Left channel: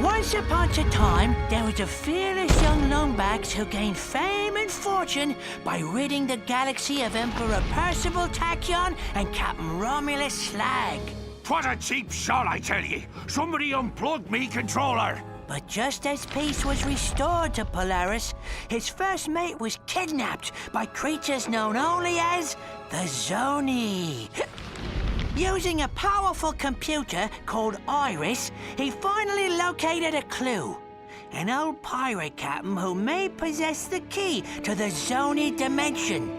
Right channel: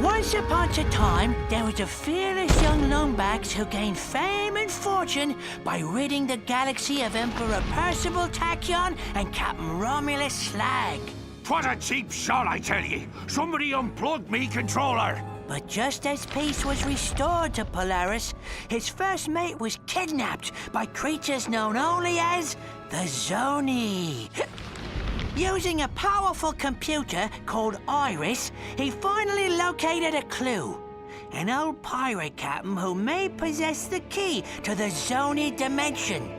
Once upon a time, there was a fearless young longbacks who gained fame and fortune by ridding the galaxy of Emperor Percival Tachyon and Captain Romulus Slag. What a cheap shot, I tell ye! Somebody unplugged me controller! But just as peace was restored to Polaris, his first mate was kidnapped by creatures known only as the Zoni. Using a powerful computer called Iris, he finally located a clue. An old pirate captain who may possess the key to the Zoni dimension.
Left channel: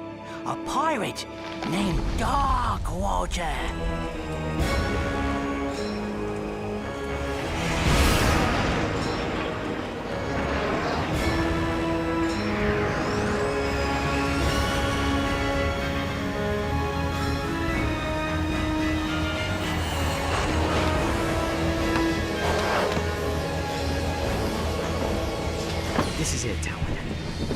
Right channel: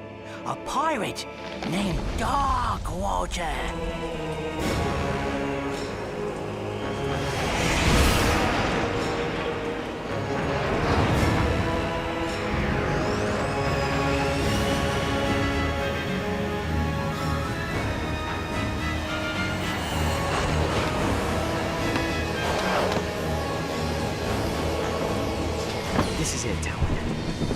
A pirate named Darkwater. This is it, Talon.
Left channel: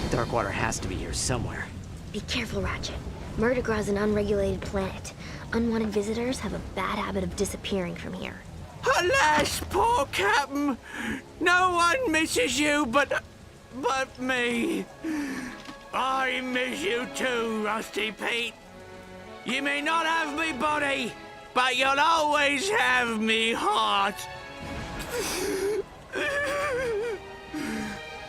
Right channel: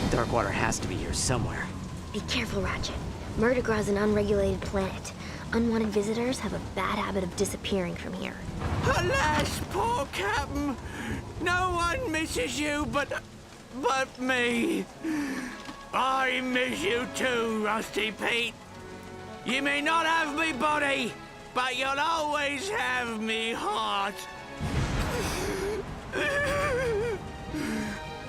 Darkwater has to be here somewhere. Be careful, Ratchet. Murdergra's an unregulated planet. Unwanted visitors have a bad habit of disappearing from here. Alas, poor Captain! No one misses you but me. I miss you too, Rusty Pete. You may not have me body, but you'll always have me heart.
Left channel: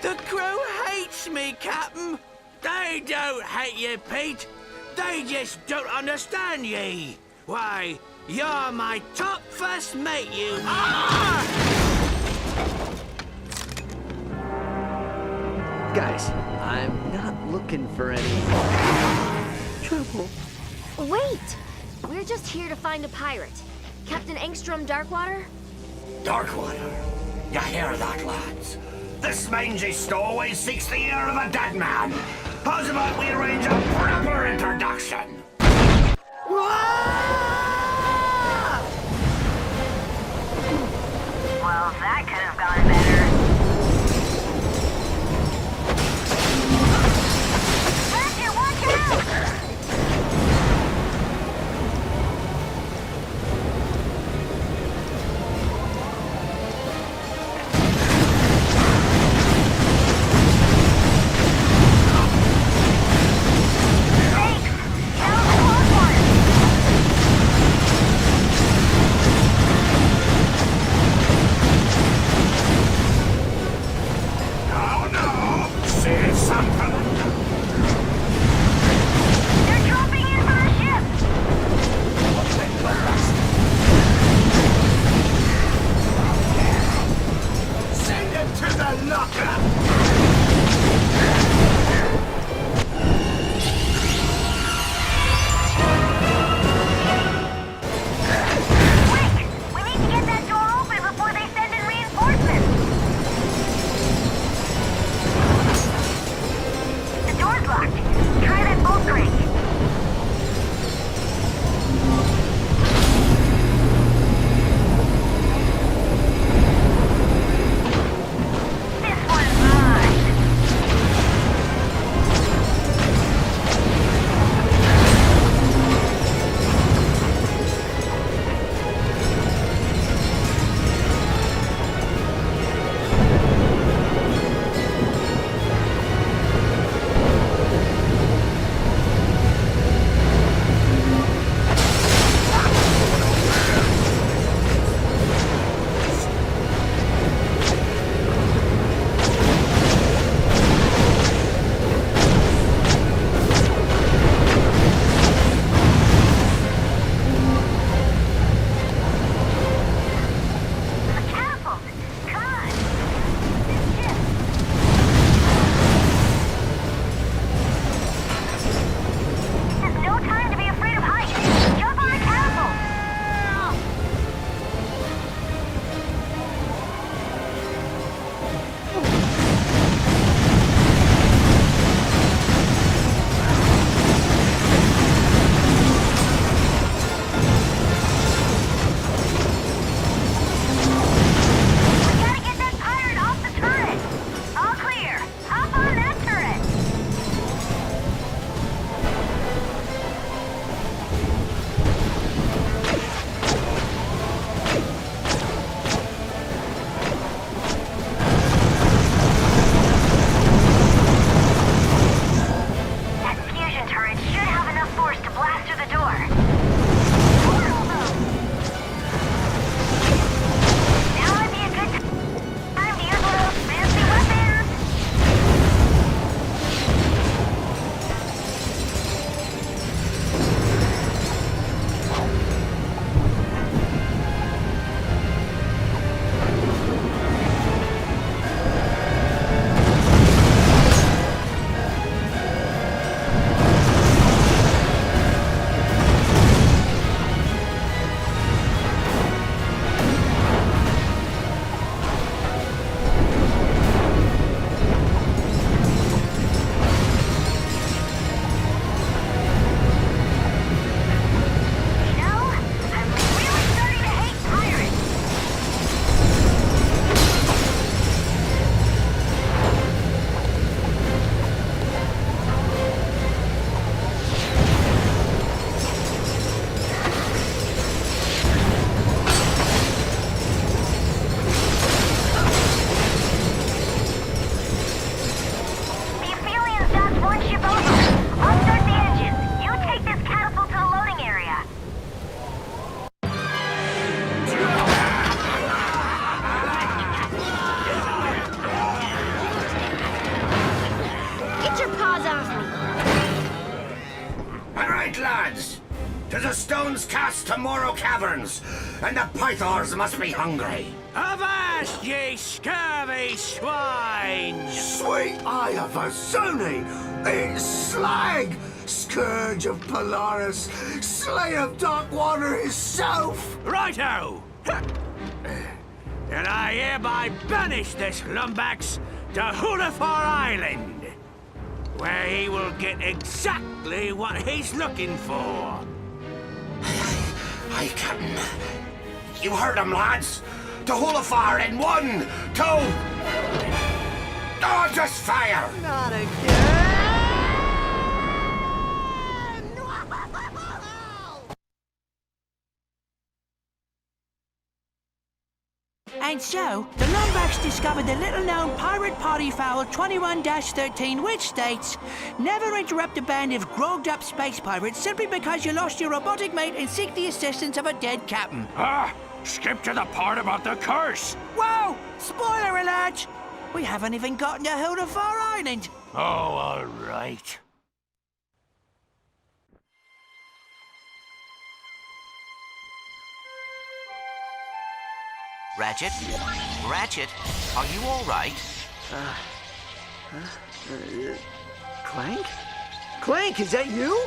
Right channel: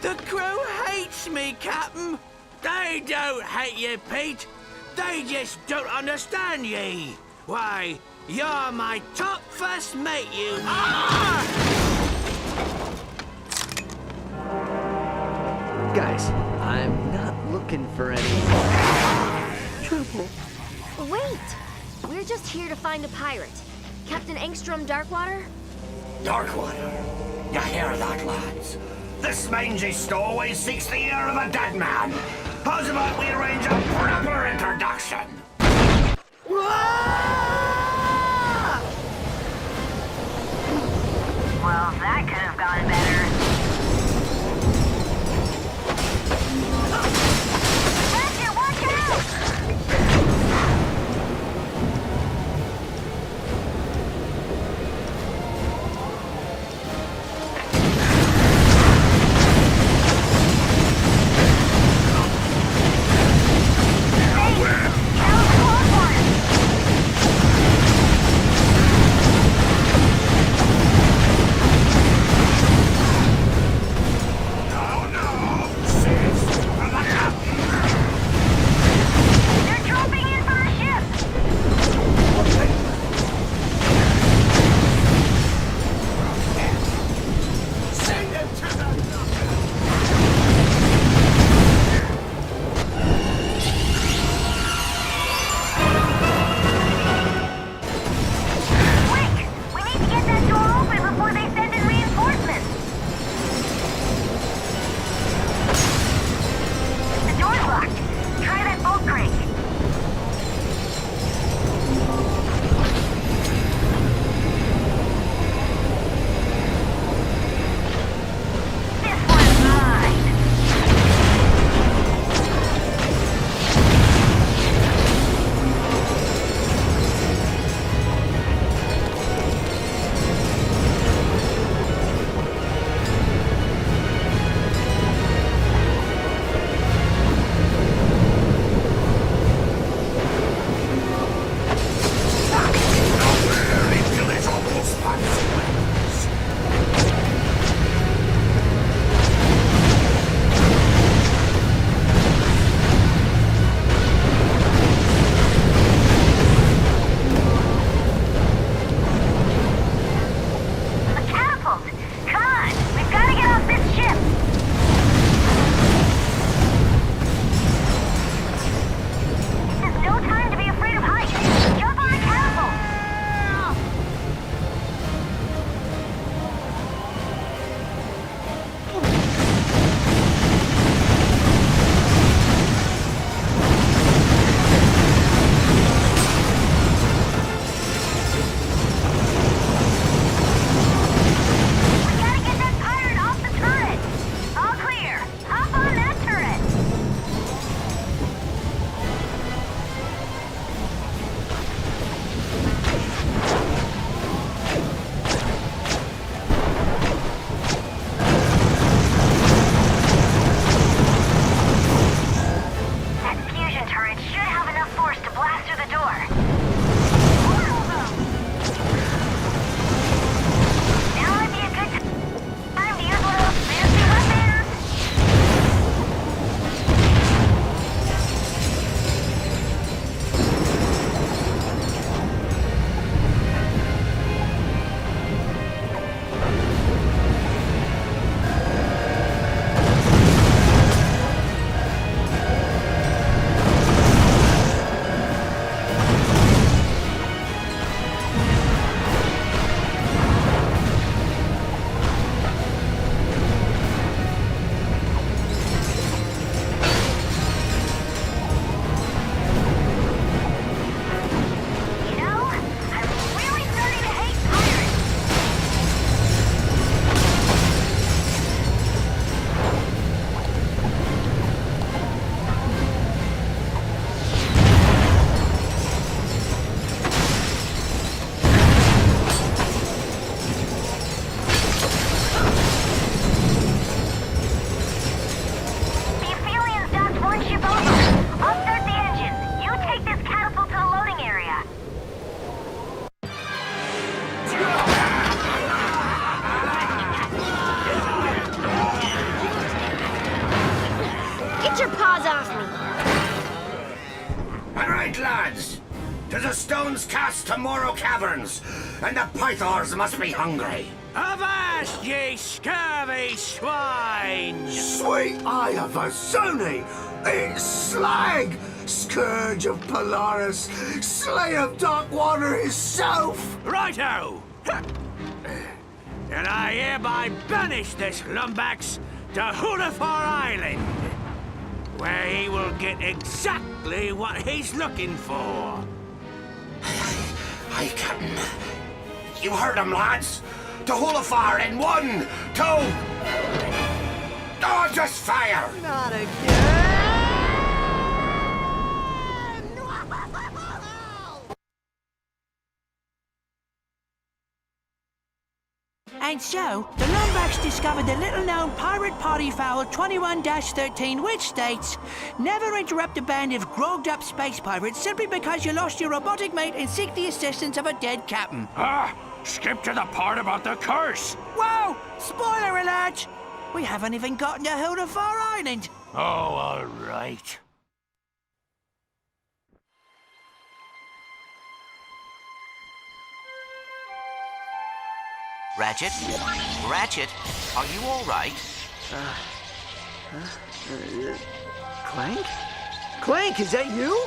The crew hates me, Captain. They don't hate you, Pete. They just don't understand ye. Why, you're my top first mate, you... Ah! Guys, I'm not looking for any... trouble. Wait! We're just here to find a pirate. Captain Engstrom Darkwater? Darkwater. You hear that, lads? This mangy stowaway seeks the ear of a dead man. How's about we arrange a proper introduction? Well, that could have gone better. Ratchet, watch out! to Morrow Caverns, and the Pythors must be hungry. Avast, ye scurvy swine! Sweet eye of a Zuni! It's Slag! Scourge of Polaris! Slay of Darkwater himself! Righto! And I hereby banish this lumbax to Hulafar Island, where he will get exactly what he's looking for. Aye, Captain. You heard him, lads. To Hulafar in 1, 2... Oh, just fire! Not again! And so, the Lombax discovered the little-known pirate party foul 21-13, which states, never interrupt a band of grogged-up space pirates simply because you lost your robotic mate and seek the assistance of a dead captain. Ah! Skip to the part about the curse! Whoa! Spoiler alert! We haven't even gotten to Hulafar Island. Oh, all right. Ratchet? Ratchet, are you all right? Clank? Clank, is that you?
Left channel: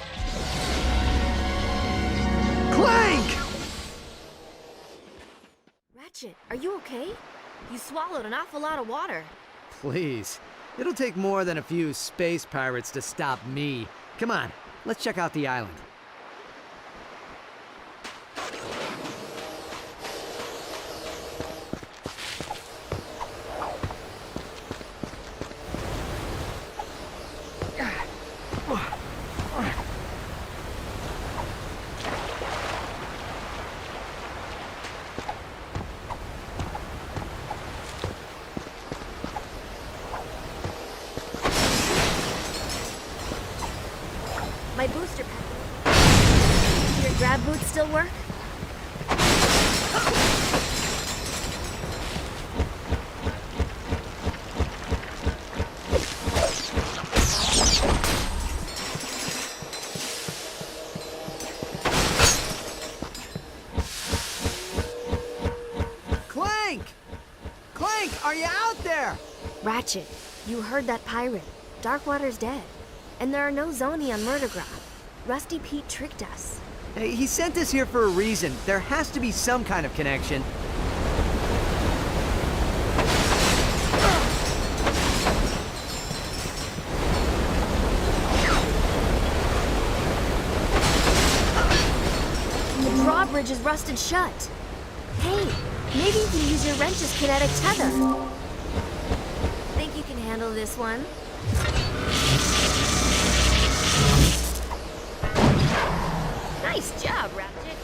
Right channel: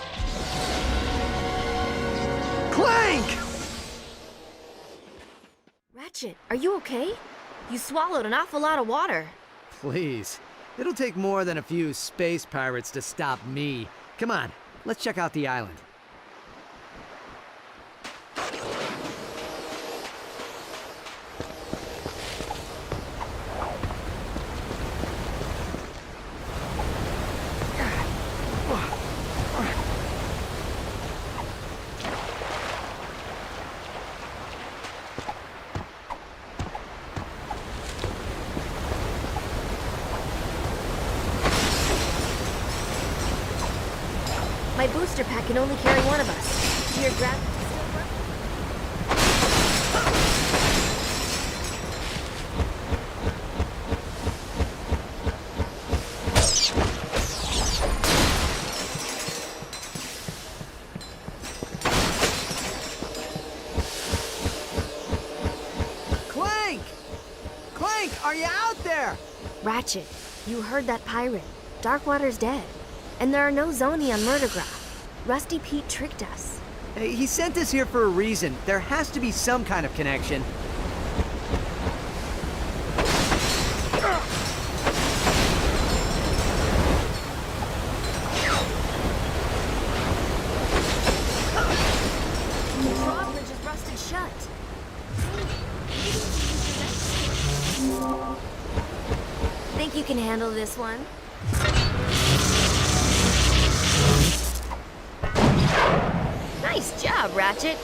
Clank! Ratchet, are you okay? You swallowed an awful lot of water. Please. It'll take more than a few space pirates to stop me. Come on, let's check out the island. My booster pack can only carry one. Do your grab boots still work? Clank! Clank, are you out there? Darkwater's dead. And there are no Zoni on Murderground. Rusty Pete tricked him. Hey, he sent us here for a reason. There has to be some kind of connection. The drawbridge is rusted shut. Hey, maybe you can use your wrench's kinetic tether. Think you can handle this one? Nice job, Ratchet.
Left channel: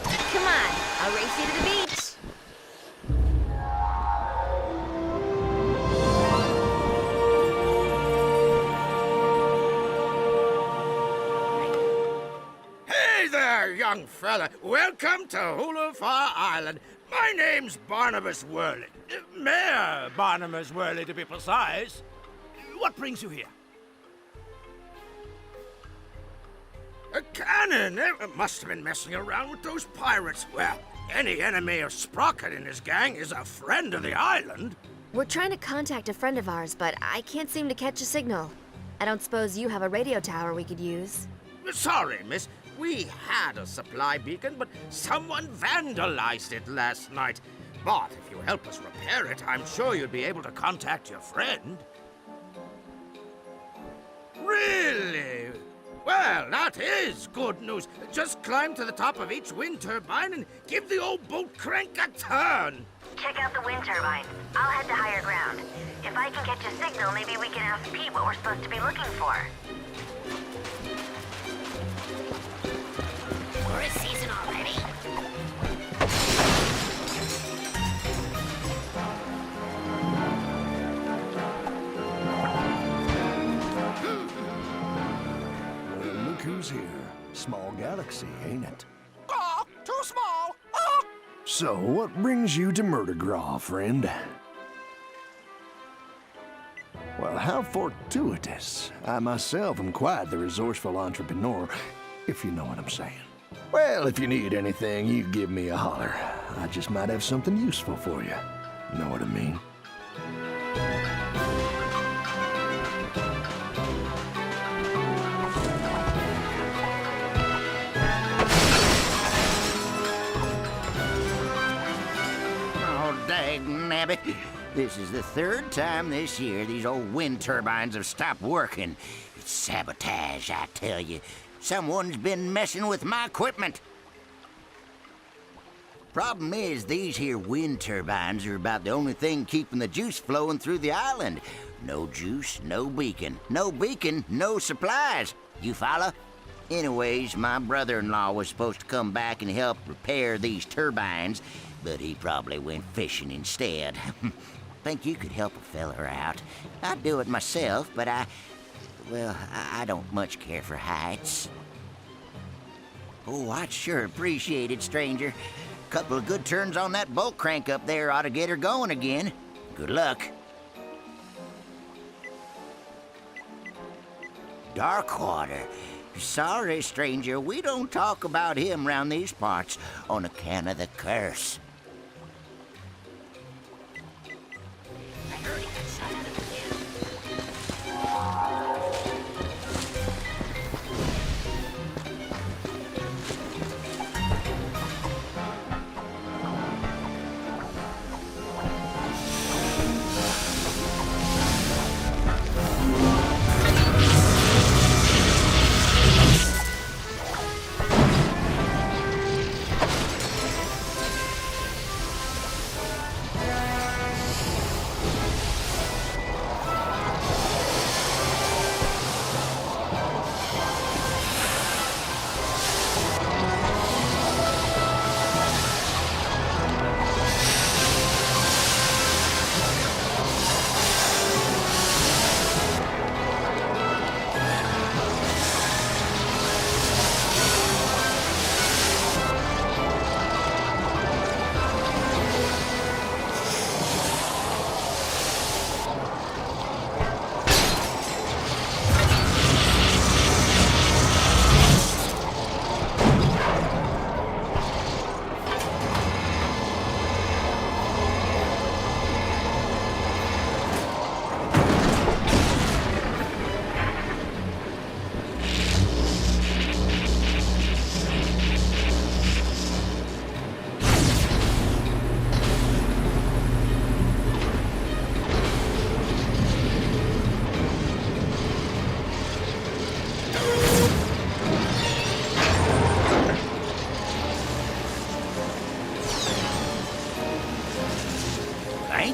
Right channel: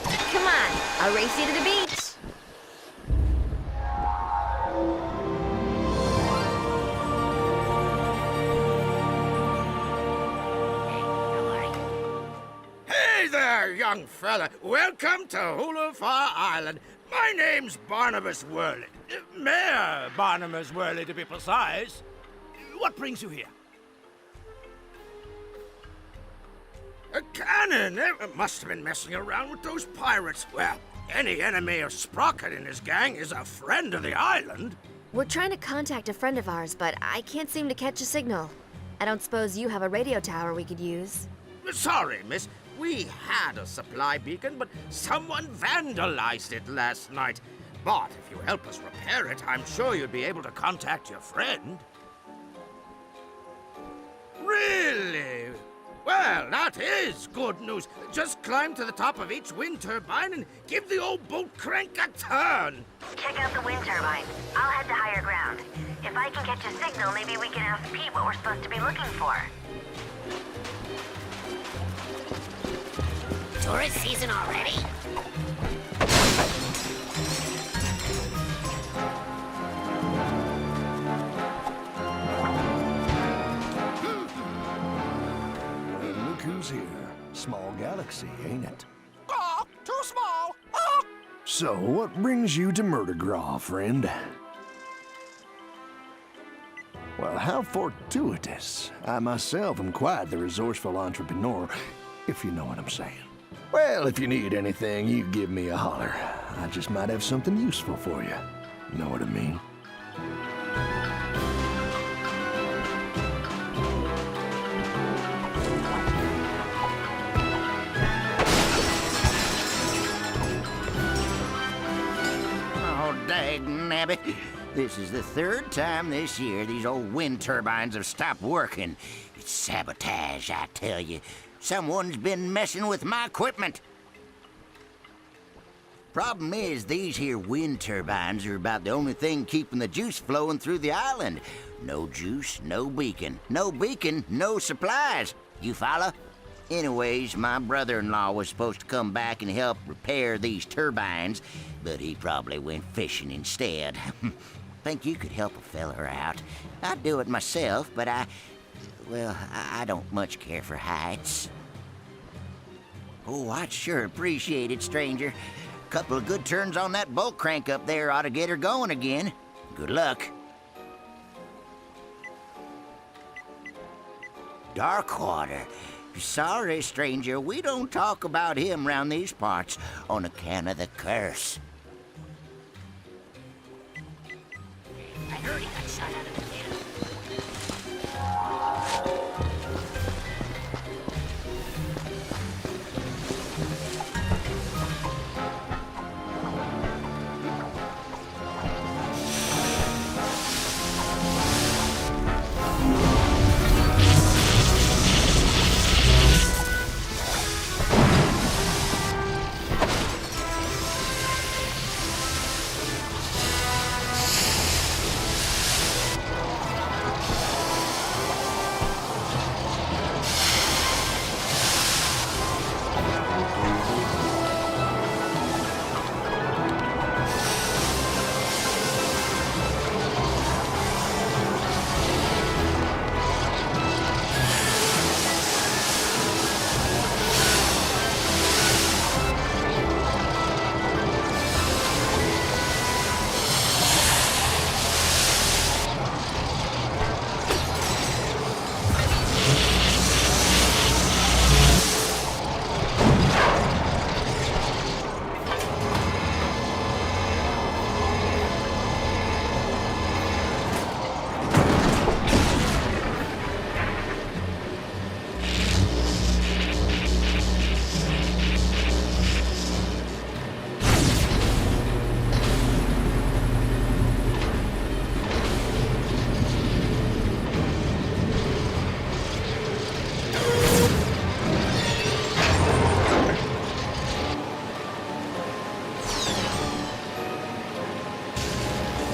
Hey there, young fella. Welcome to Hulafar Island. My name's Barnabas Worley. Mayor Barnabas Worley, to be precise. What brings you here? A cannon! Must have been messing around with those pirates. Well, any enemy of Sprocket and his gang is a friend of the island. We're trying to contact a friend of ours, but I can't seem to catch a signal. I don't suppose you have a radio tower we could use. Sorry, miss. We had a supply beacon, but someone vandalized it last night. But if you help us repair it, I'm sure you'd be able to contact your friend. Really? Well, that is good news. Just climb to the top of each wind turbine and give the old boat crank a turn. Check out the wind turbine. I'll head to higher ground. If I can catch a signal, maybe we can ask Pete what we're supposed to be looking for. Well, look who's here. Small galaxy, ain't it? Oh, too small. So, what brings you to Murdergraw, friend? Well, how fortuitous. I myself am quite the resourceful entrepreneur, if you know what I'm saying. Well, if you need anything, you give me a holler. I just might have something useful for you. Know what I mean? Oh, dang-nabbit. This is the third time this year these old wind turbines have stopped working. It's sabotage, I tell you. Someone's been messing with my equipment. Problem is, these here wind turbines are about the only thing keeping the juice flowing through the island. No juice, no beacon. No beacon, no supplies. You follow? Anyways, my brother-in-law was supposed to come back and help repair these turbines, but he probably went fishing instead. Think you could help a feller out. I'd do it myself, but I don't much care for heights. Oh, I'd sure appreciate it, stranger. Couple of good turns on that bolt crank up there ought to get her going again. Good luck. Darkwater. Sorry, stranger, we don't talk about him round these parts on account of the curse.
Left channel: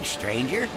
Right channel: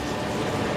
Stranger.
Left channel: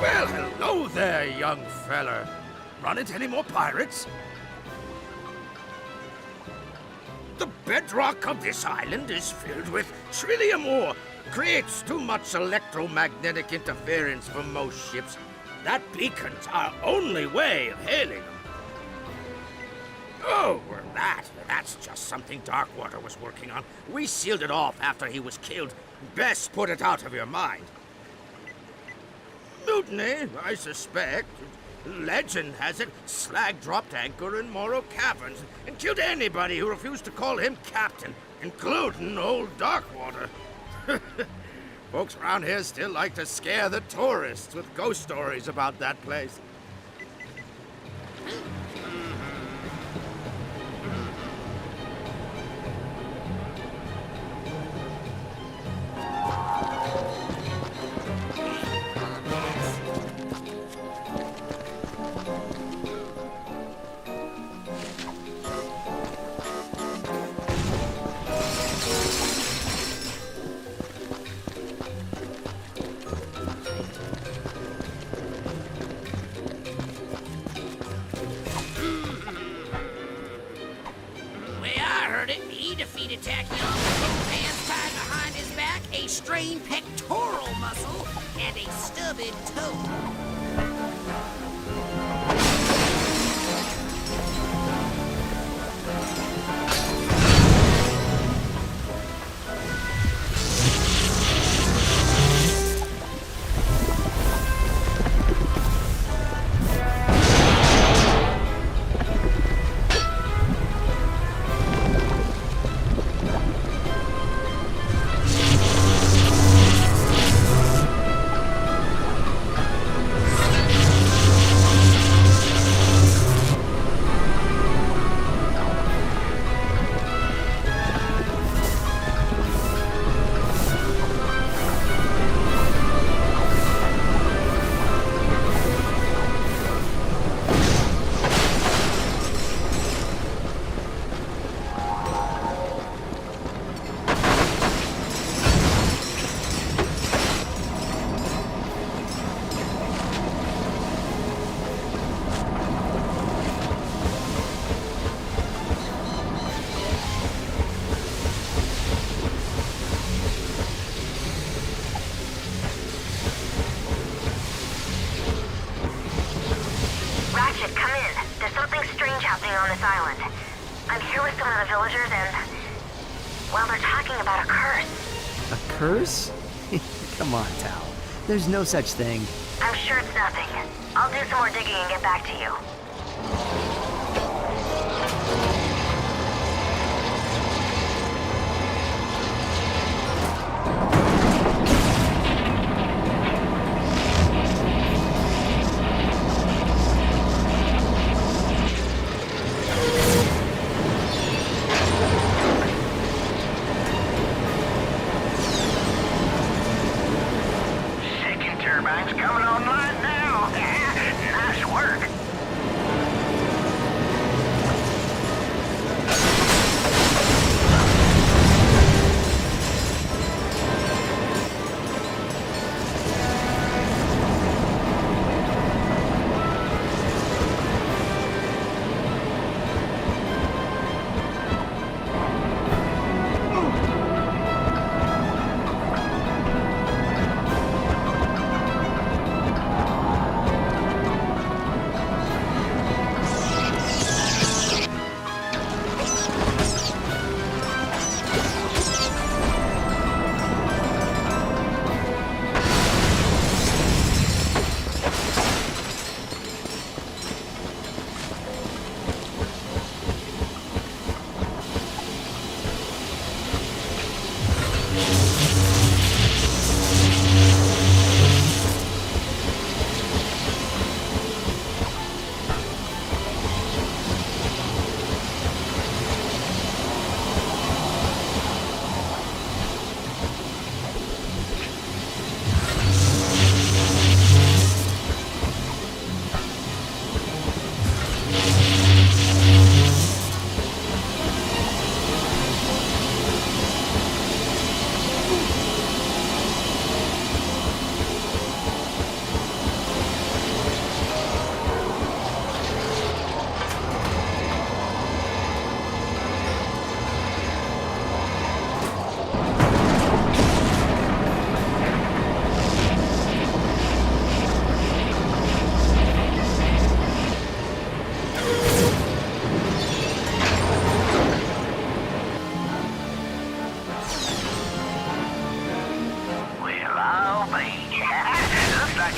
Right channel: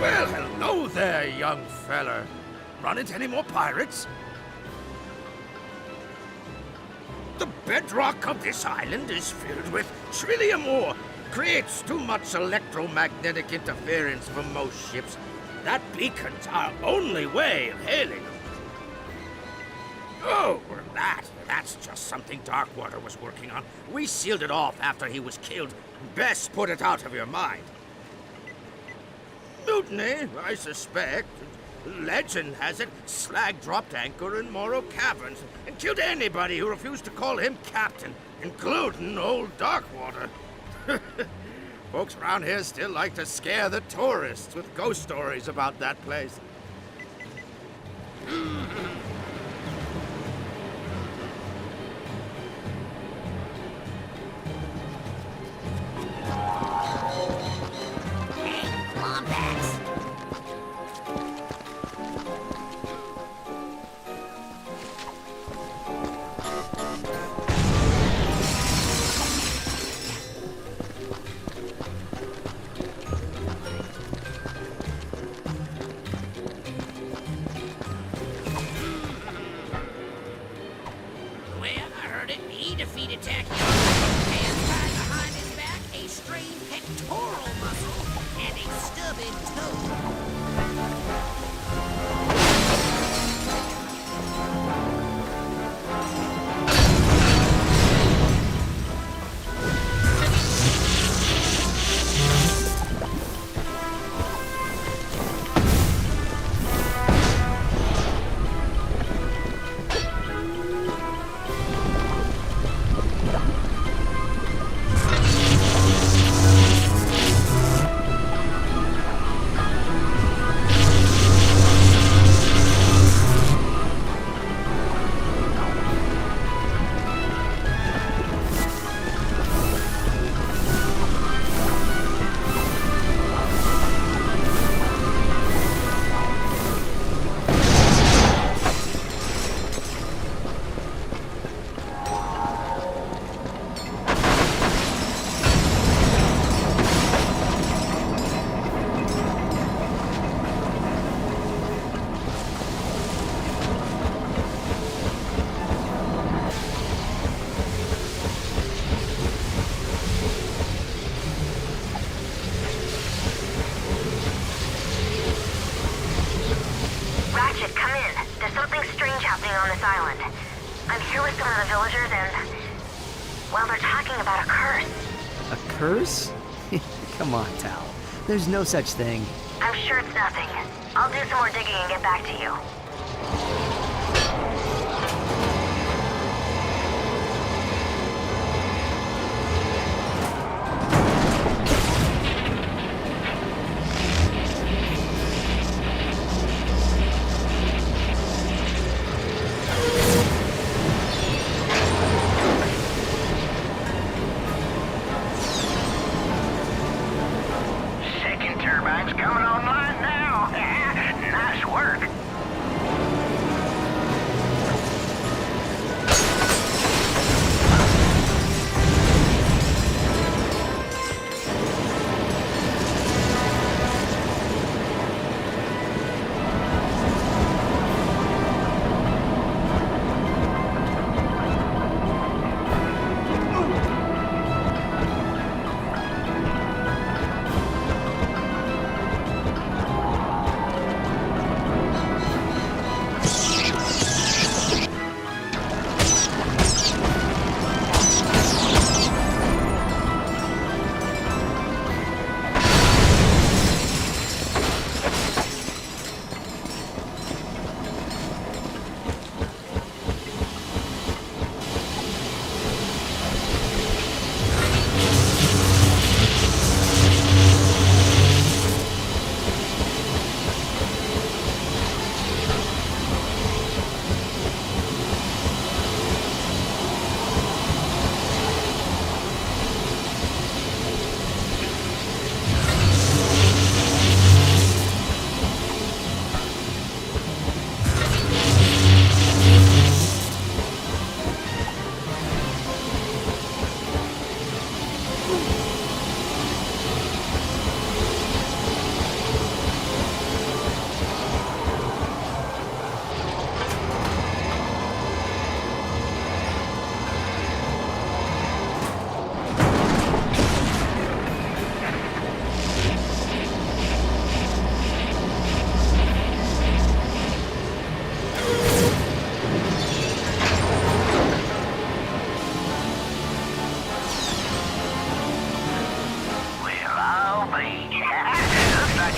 Well, hello there, young feller. Run into any more pirates? The bedrock of this island is filled with trillium ore. Creates too much electromagnetic interference for most ships. That beacon's our only way of hailing them. Oh, well, that's just something Darkwater was working on. We sealed it off after he was killed. Best put it out of your mind. Mutiny, I suspect. Legend has it, Slag dropped anchor in Morrow Caverns and killed anybody who refused to call him captain, including old Darkwater. Folks around here still like to scare the tourists with ghost stories about that place. Ratchet, come in. There's something strange happening on this island. I'm here with some of the villagers and... well, they're talking about a curse. A curse? Come on, Tal. There's no such thing. I'm sure it's nothing. I'll do some more digging and get back to you. Second turbine's coming online now. Nice work.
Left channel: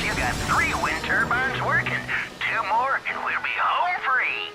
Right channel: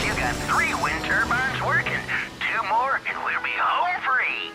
You got 3 wind turbines working. 2 more and we'll be home free.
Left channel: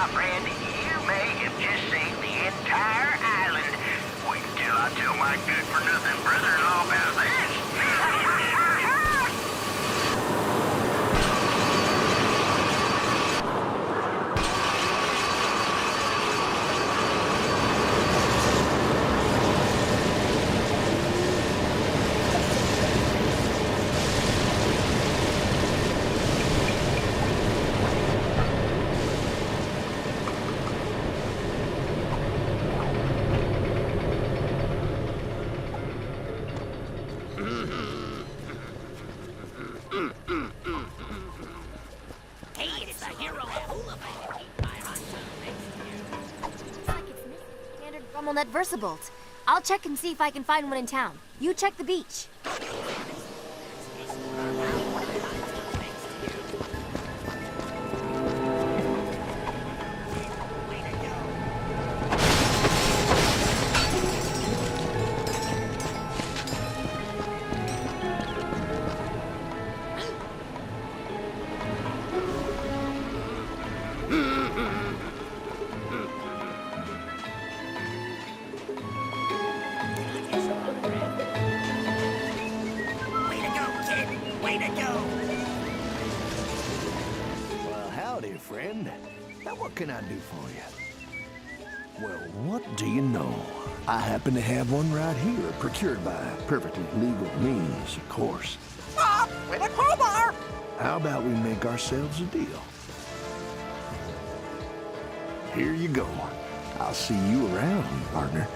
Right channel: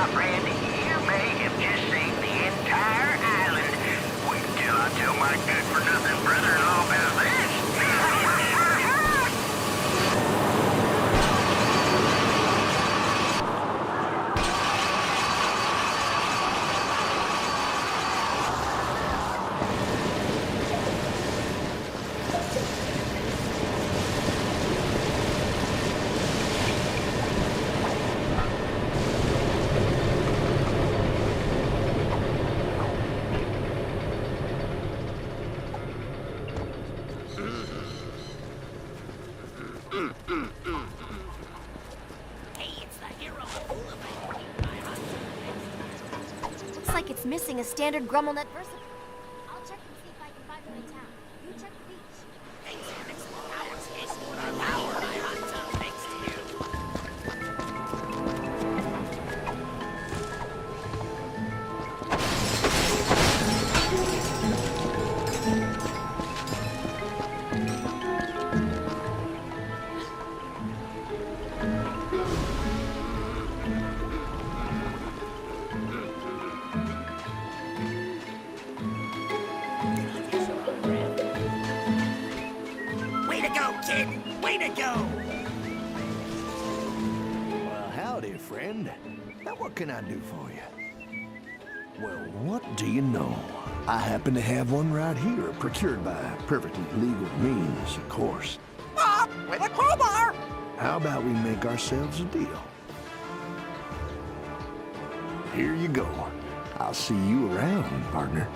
My friend, you may have just seen the entire island. Wait until I tell my good-for-nothing brother-in-law about this. Looks like it's missing a standard Grummelnet Versabolt. I'll check and see if I can find one in town. You check the beach. Well, howdy, friend. Now, what can I do for you? Well, what do you know? I happen to have one right here, procured by perfectly legal means, of course. With a crowbar! How about we make ourselves a deal? Here you go. I'll see you around, partner.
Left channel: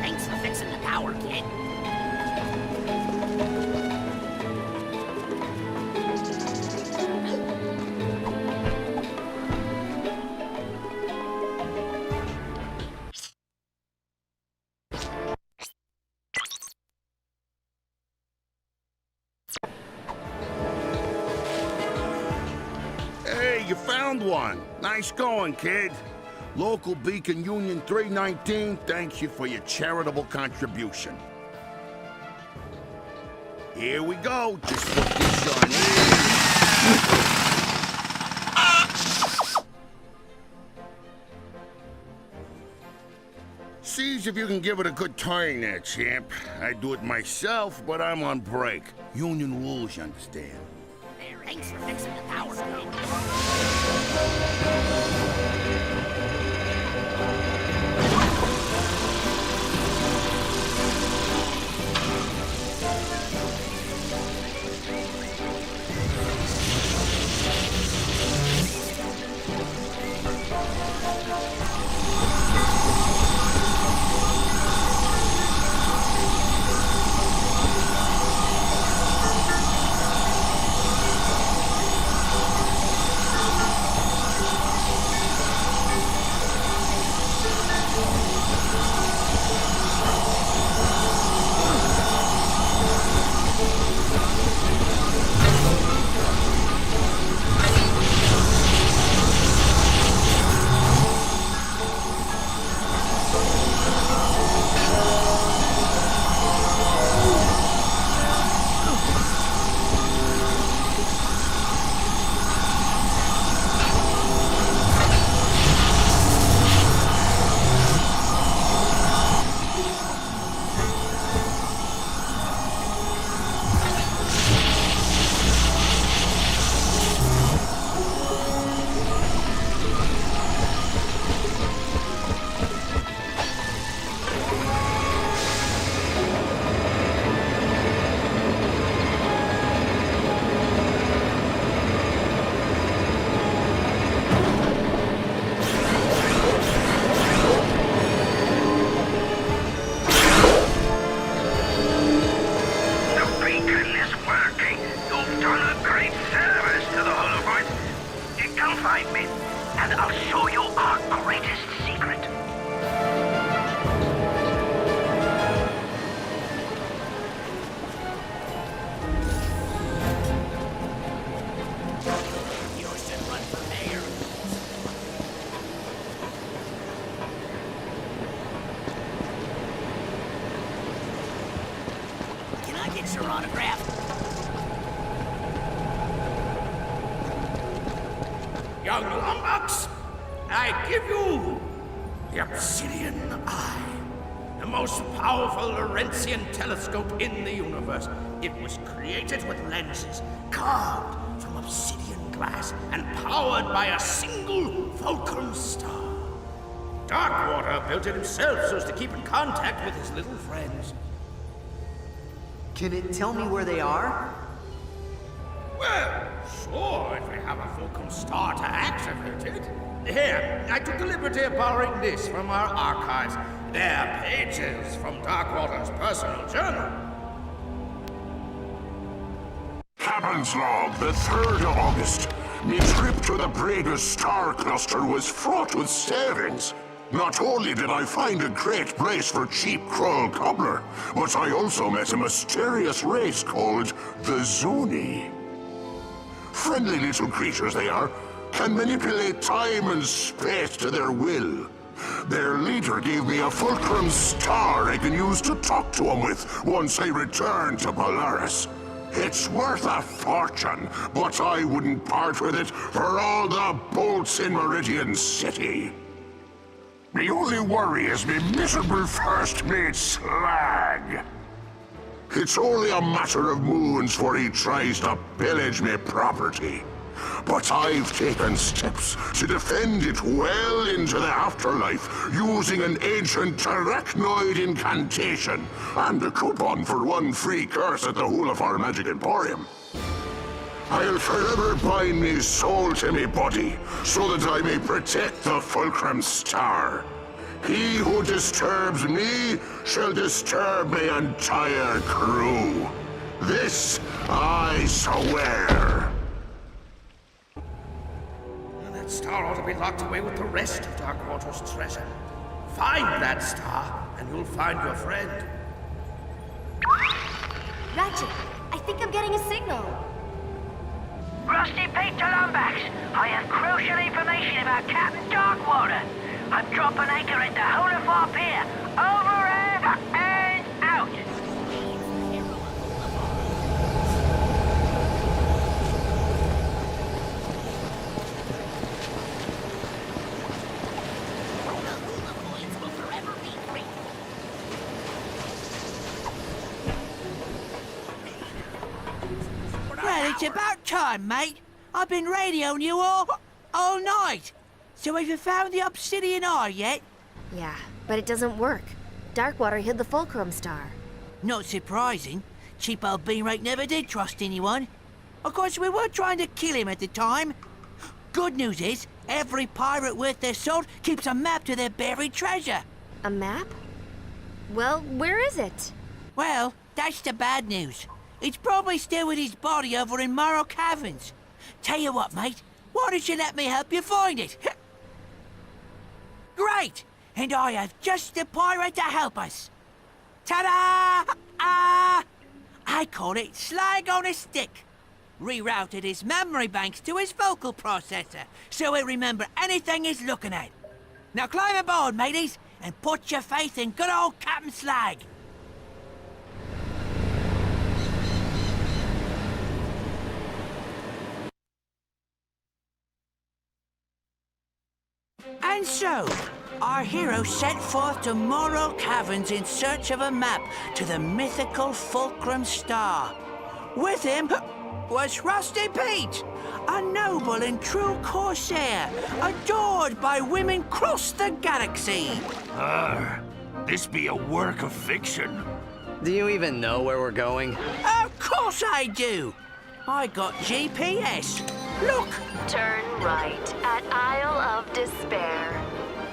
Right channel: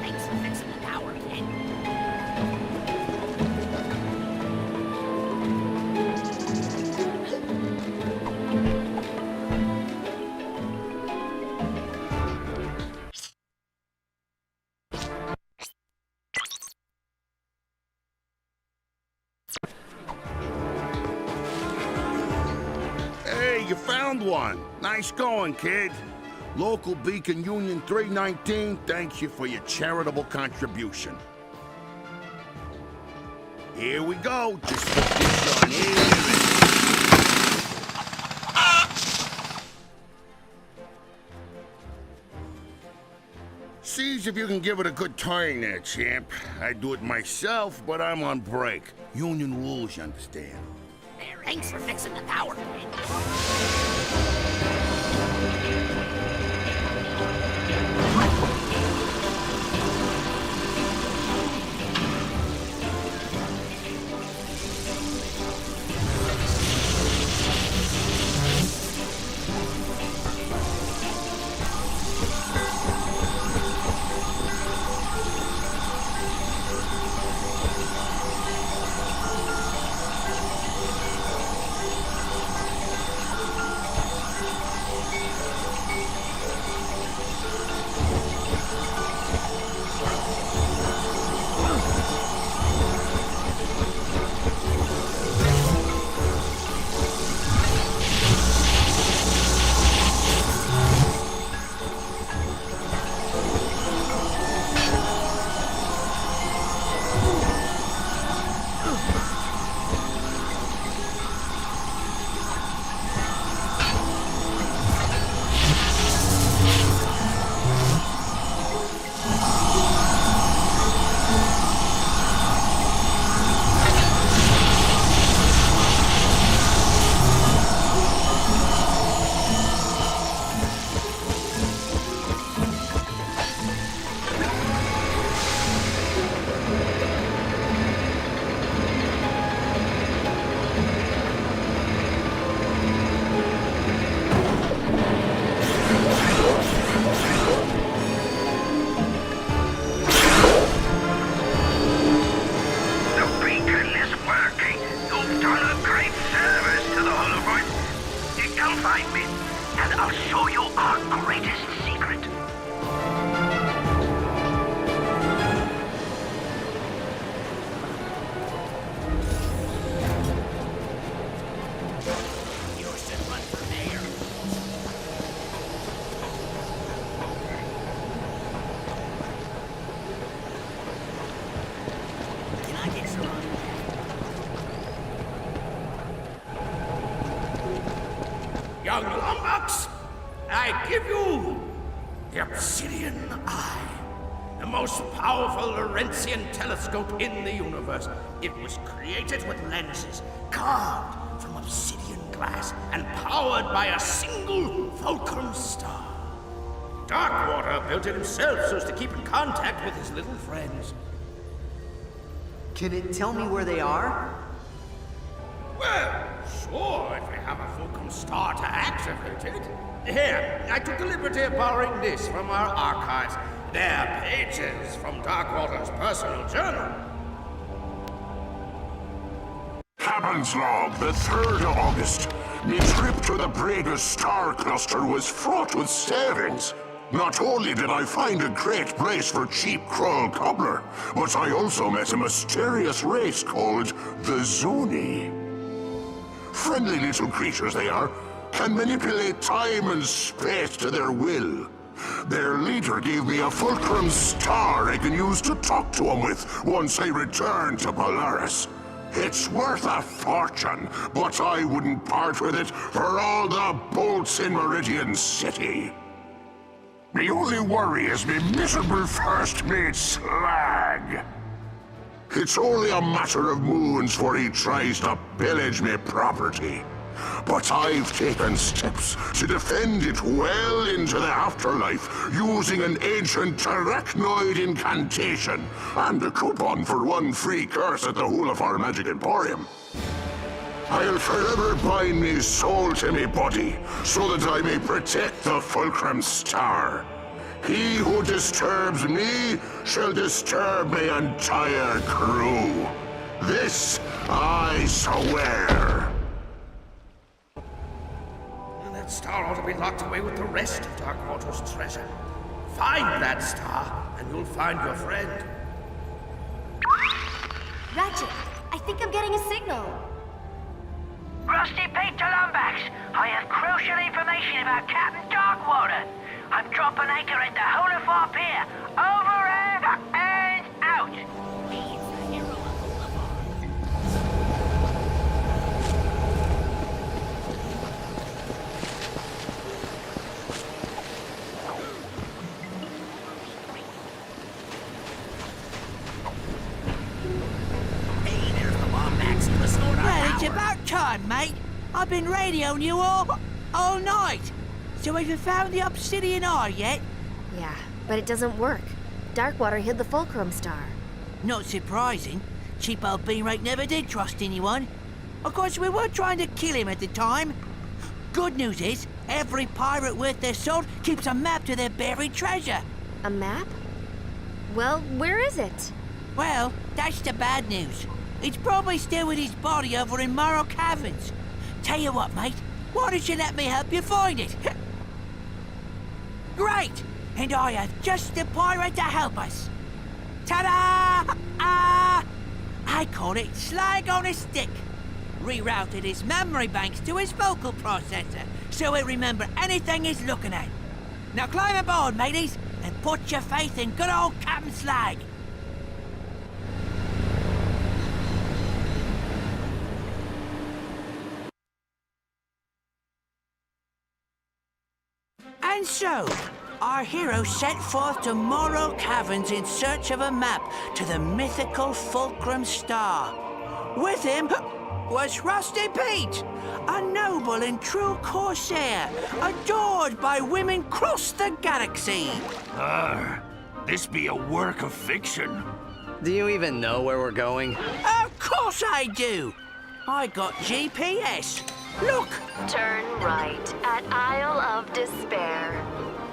Thanks for fixing the power, kid. Hey, you found one. Nice going, kid. Local Beacon Union 319 thanks you for your charitable contribution. Here we go. Just put this on here and... Sees if you can give it a good turn there, champ. I'd do it myself, but I'm on break. Union rules, you understand. Thanks for fixing the power, kid. secret. Can I get your autograph? Young lummox, I give you the Obsidian Eye, the most powerful Laurentian telescope in the universe. It was created with lenses carved from obsidian glass and powered by a single fulcrum star. Darkwater built it himself so as to keep in contact with his little friends. Can it tell me where they are? Well, sure, if we have a fulcrum star to activate it. Here, I took the liberty of borrowing this from our archives. They're pages from Darkwater's personal journal. Captain's log, the 3rd of August. My trip to the Braga star cluster was fraught with savings. Not only did I find a great place for cheap Krull cobbler, but I also met a mysterious race called the Zoni. Friendly little creatures they are, can manipulate time and space to their will. Their leader gave me a fulcrum star I can use to talk to him with once I return to Polaris. It's worth a fortune, but I wouldn't part with it for all the bolts in Meridian City. The only worry is me miserable first mate Slag. It's only a matter of moons before he tries to pillage me property. But I've taken steps to defend it well into the afterlife using an ancient arachnoid incantation and a coupon for 1 free curse at the Hulafar Magic Emporium. I'll forever bind me soul to me body so that I may protect the Fulcrum Star. He who disturbs me shall disturb my entire crew. This I swear. That star ought to be locked away with the rest of Darkwater's treasure. Find that star, and you'll find your friend. Ratchet, I think I'm getting a signal. Rusty Pete to Lumbax. I have crucial information about Captain Darkwater. I'm dropping anchor at the Hulafar Pier. Over and out. Well, it's about time, mate. I've been radioing you all night. So have you found the Obsidian Eye yet? Yeah, but it doesn't work. Darkwater hid the Fulcrum Star. Not surprising. Cheap old Beanrake never did trust anyone. Of course, we were trying to kill him at the time. Good news is, every pirate worth their salt keeps a map to their buried treasure. A map? Well, where is it? Well, that's the bad news. It's probably still with his body over in Morrow Caverns. Tell you what, mate, why don't you let me help you find it? Great! And I have just the pirate to help us. Ta-da! I call it Slag on a Stick. Rerouted his memory banks to his vocal processor, so he'll remember anything he's looking at. Now climb aboard, mateys, and put your faith in good old Captain Slag. And so, our hero set forth to Morrow Caverns in search of a map to the mythical Fulcrum Star. With him was Rusty Pete, a noble and true corsair, adored by women across the galaxy. This be a work of fiction. Do you even know where we're going? Of course I do. I got GPS. Look. Turn right at Isle of Despair.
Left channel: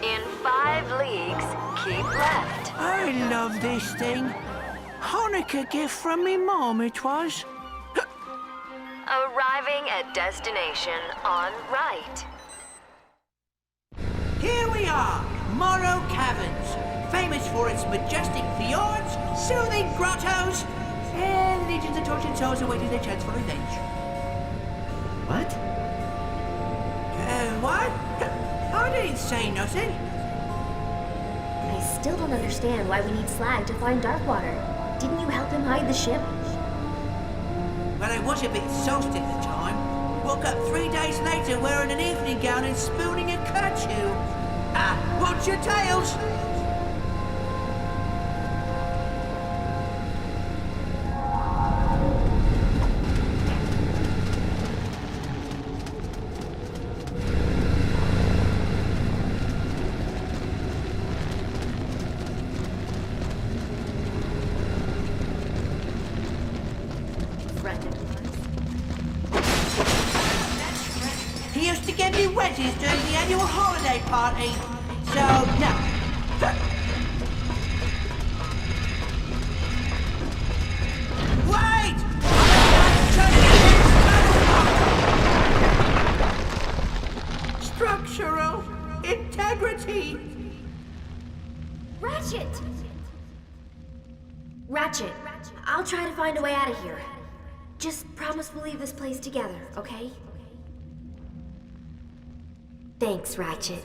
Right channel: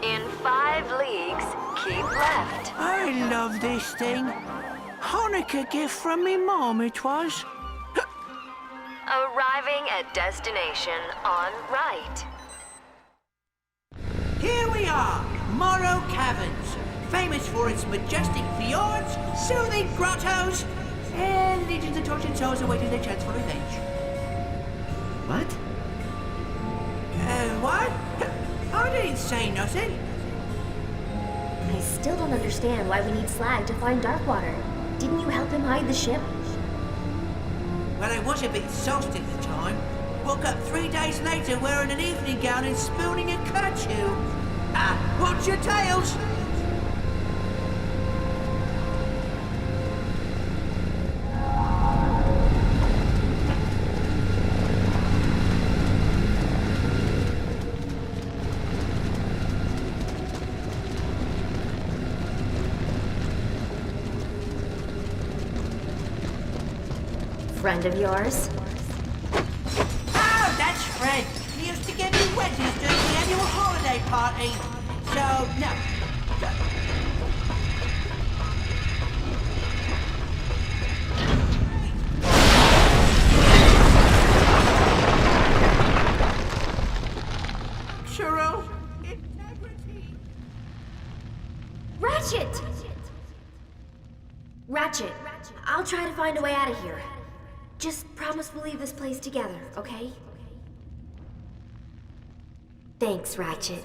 In 5 leagues, keep left. I love this thing. Hanukkah gift from me mom it was. Arriving at destination on right. Here we are, Morrow Caverns, famous for its majestic fjords, soothing grottos, and legions of tortured souls awaiting their chance for revenge. What? What? I didn't say nothing. I still don't understand why we need Slag to find Darkwater. Didn't you help him hide the ship? Well, I was a bit sauced at the time. Woke up 3 days later wearing an evening gown and spooning a kerchew. Ah, watch your tails! Friend of yours? Oh, that's Fred. He used to get me wet. Wait! Structural integrity. Ratchet! Ratchet, I'll try to find a way out of here. Just promise we'll leave this place together, okay? Thanks, Ratchet.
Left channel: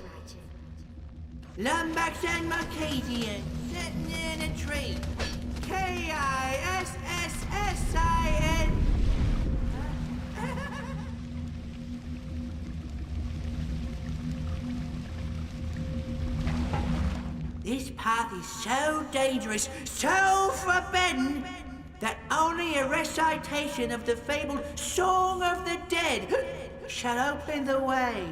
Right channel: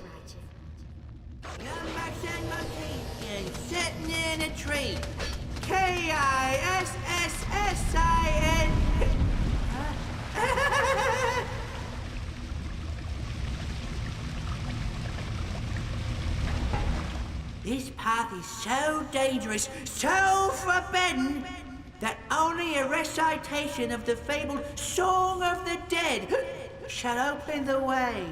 Lumberjacks and Malkavians sitting in a tree. K-I-S-S-S-I-N. This path is so dangerous, so forbidden, that only a recitation of the fabled Song of the Dead shall open the way.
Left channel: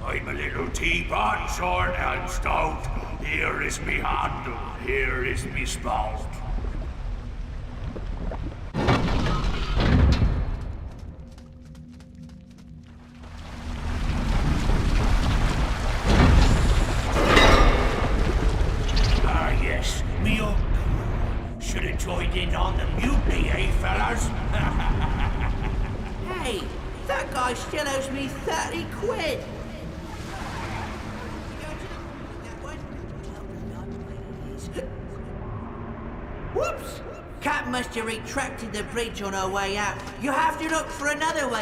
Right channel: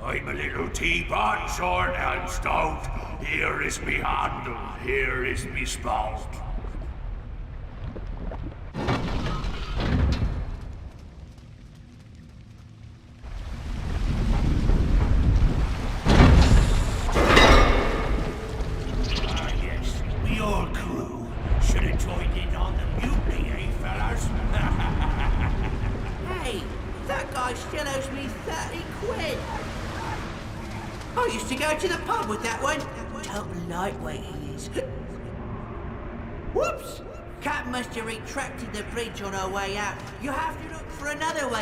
I'm a little teapot, short and stout. Here is me handle, here is me spout. Ah yes, me old crew. Joined in on the mutiny, eh, fellas? Hey, that guy still owes me 30 quid. I used to go to the pub with that one. Total lightweight. Cat must have retracted the bridge on our way out. You have to look for another one.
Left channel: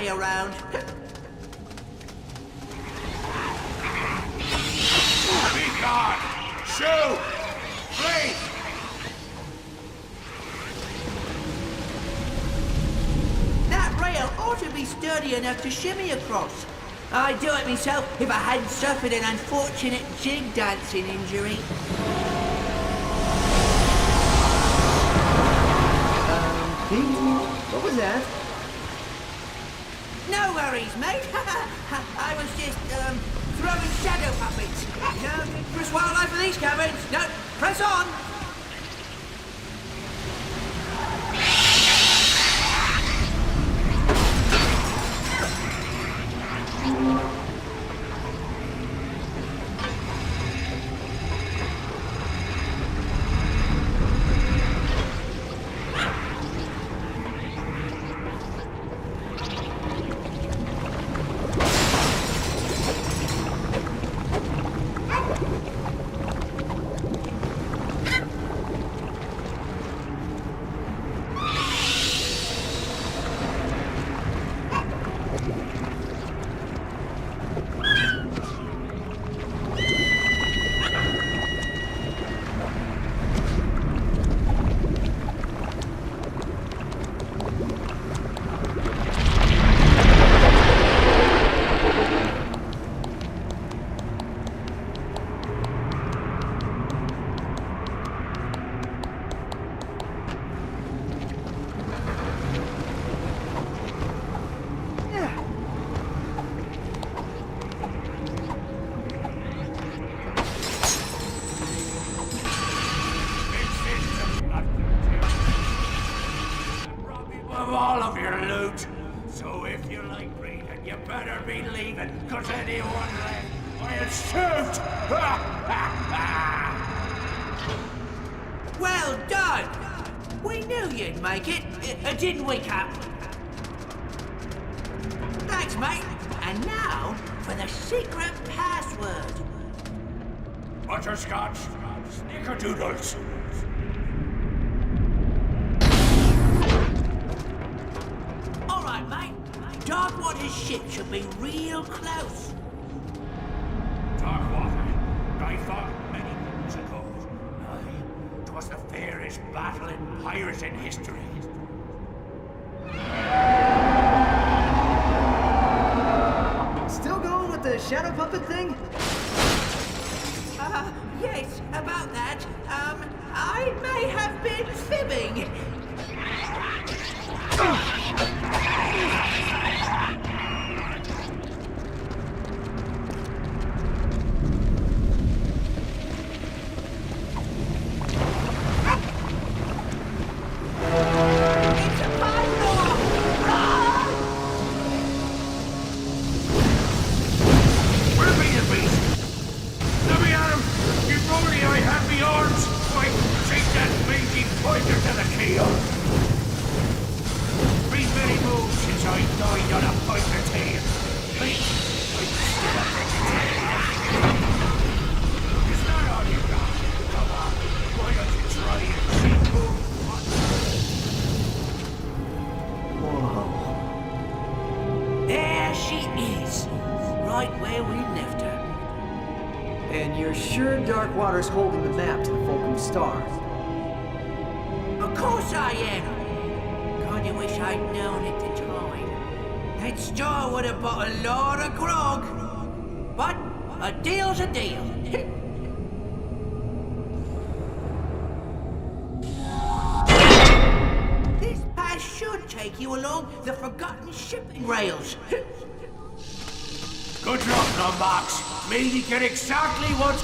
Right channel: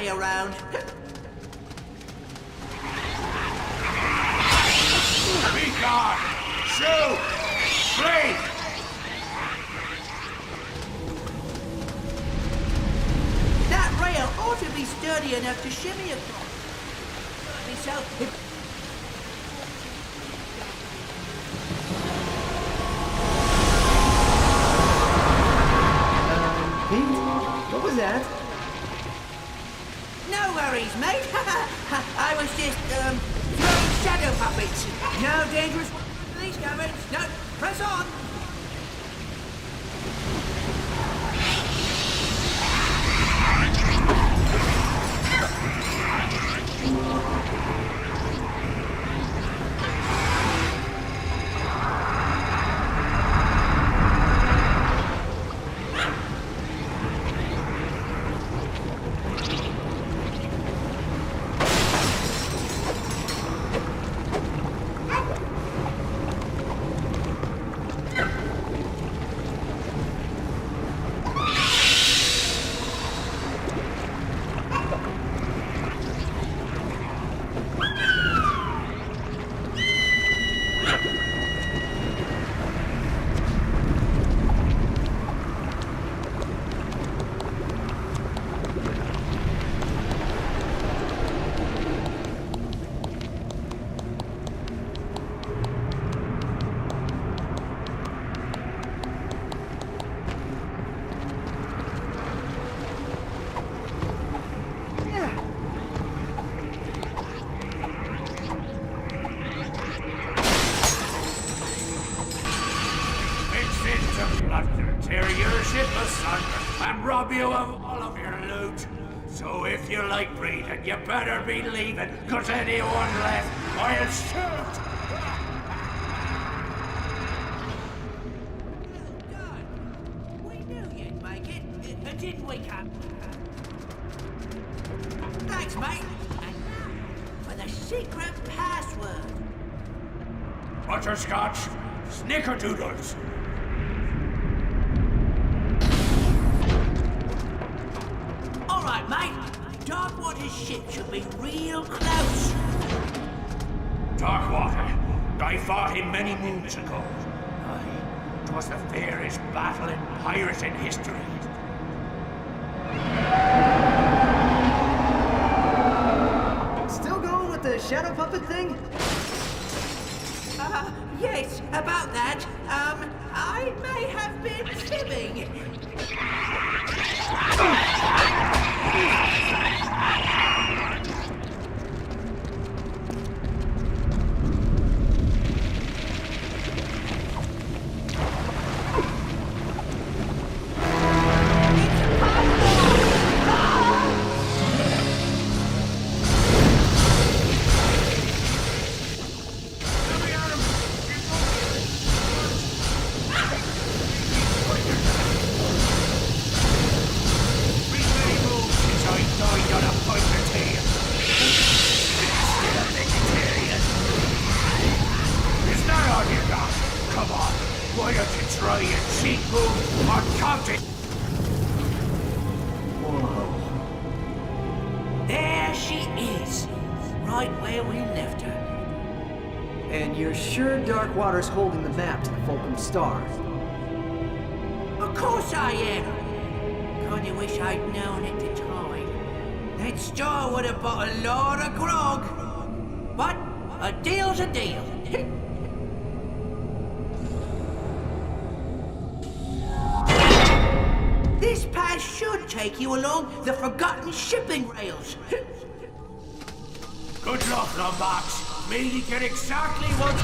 I'd do it myself if I hadn't suffered an unfortunate jig dancing injury. Pete? What was that? No, I was just, puppets. No dangerous wildlife in these caverns. No, press on. You of all of your loot. So if you like breathing, you better be leaving, cause anyone left, I'll shoot! Well done! We knew you'd make it, didn't we, Cap? Thanks, mate. And now for the secret password. butterscotch, snickerdoodles. All right, mate. Darkwater's ship should be real close. Darkwater, I fought him many moons ago. It was the fiercest battle in pirate in history. Still going with the shadow puppet thing? Yes, about that. I may have been fibbing. It's a puzzle! Where be you, beast? Let me at him! If only I had the arms! Why, take that blinking pointer to the tail! Whoa. There she is, right where we left her. And you're sure Darkwater's holding the map to the Fulcrum Star? Of course I am. Kinda wish I'd known at the time. That star would have bought a lot of grog. But a deal's a deal. This path should take you along the forgotten shipping rails. Good one, Box. Maybe get exactly what...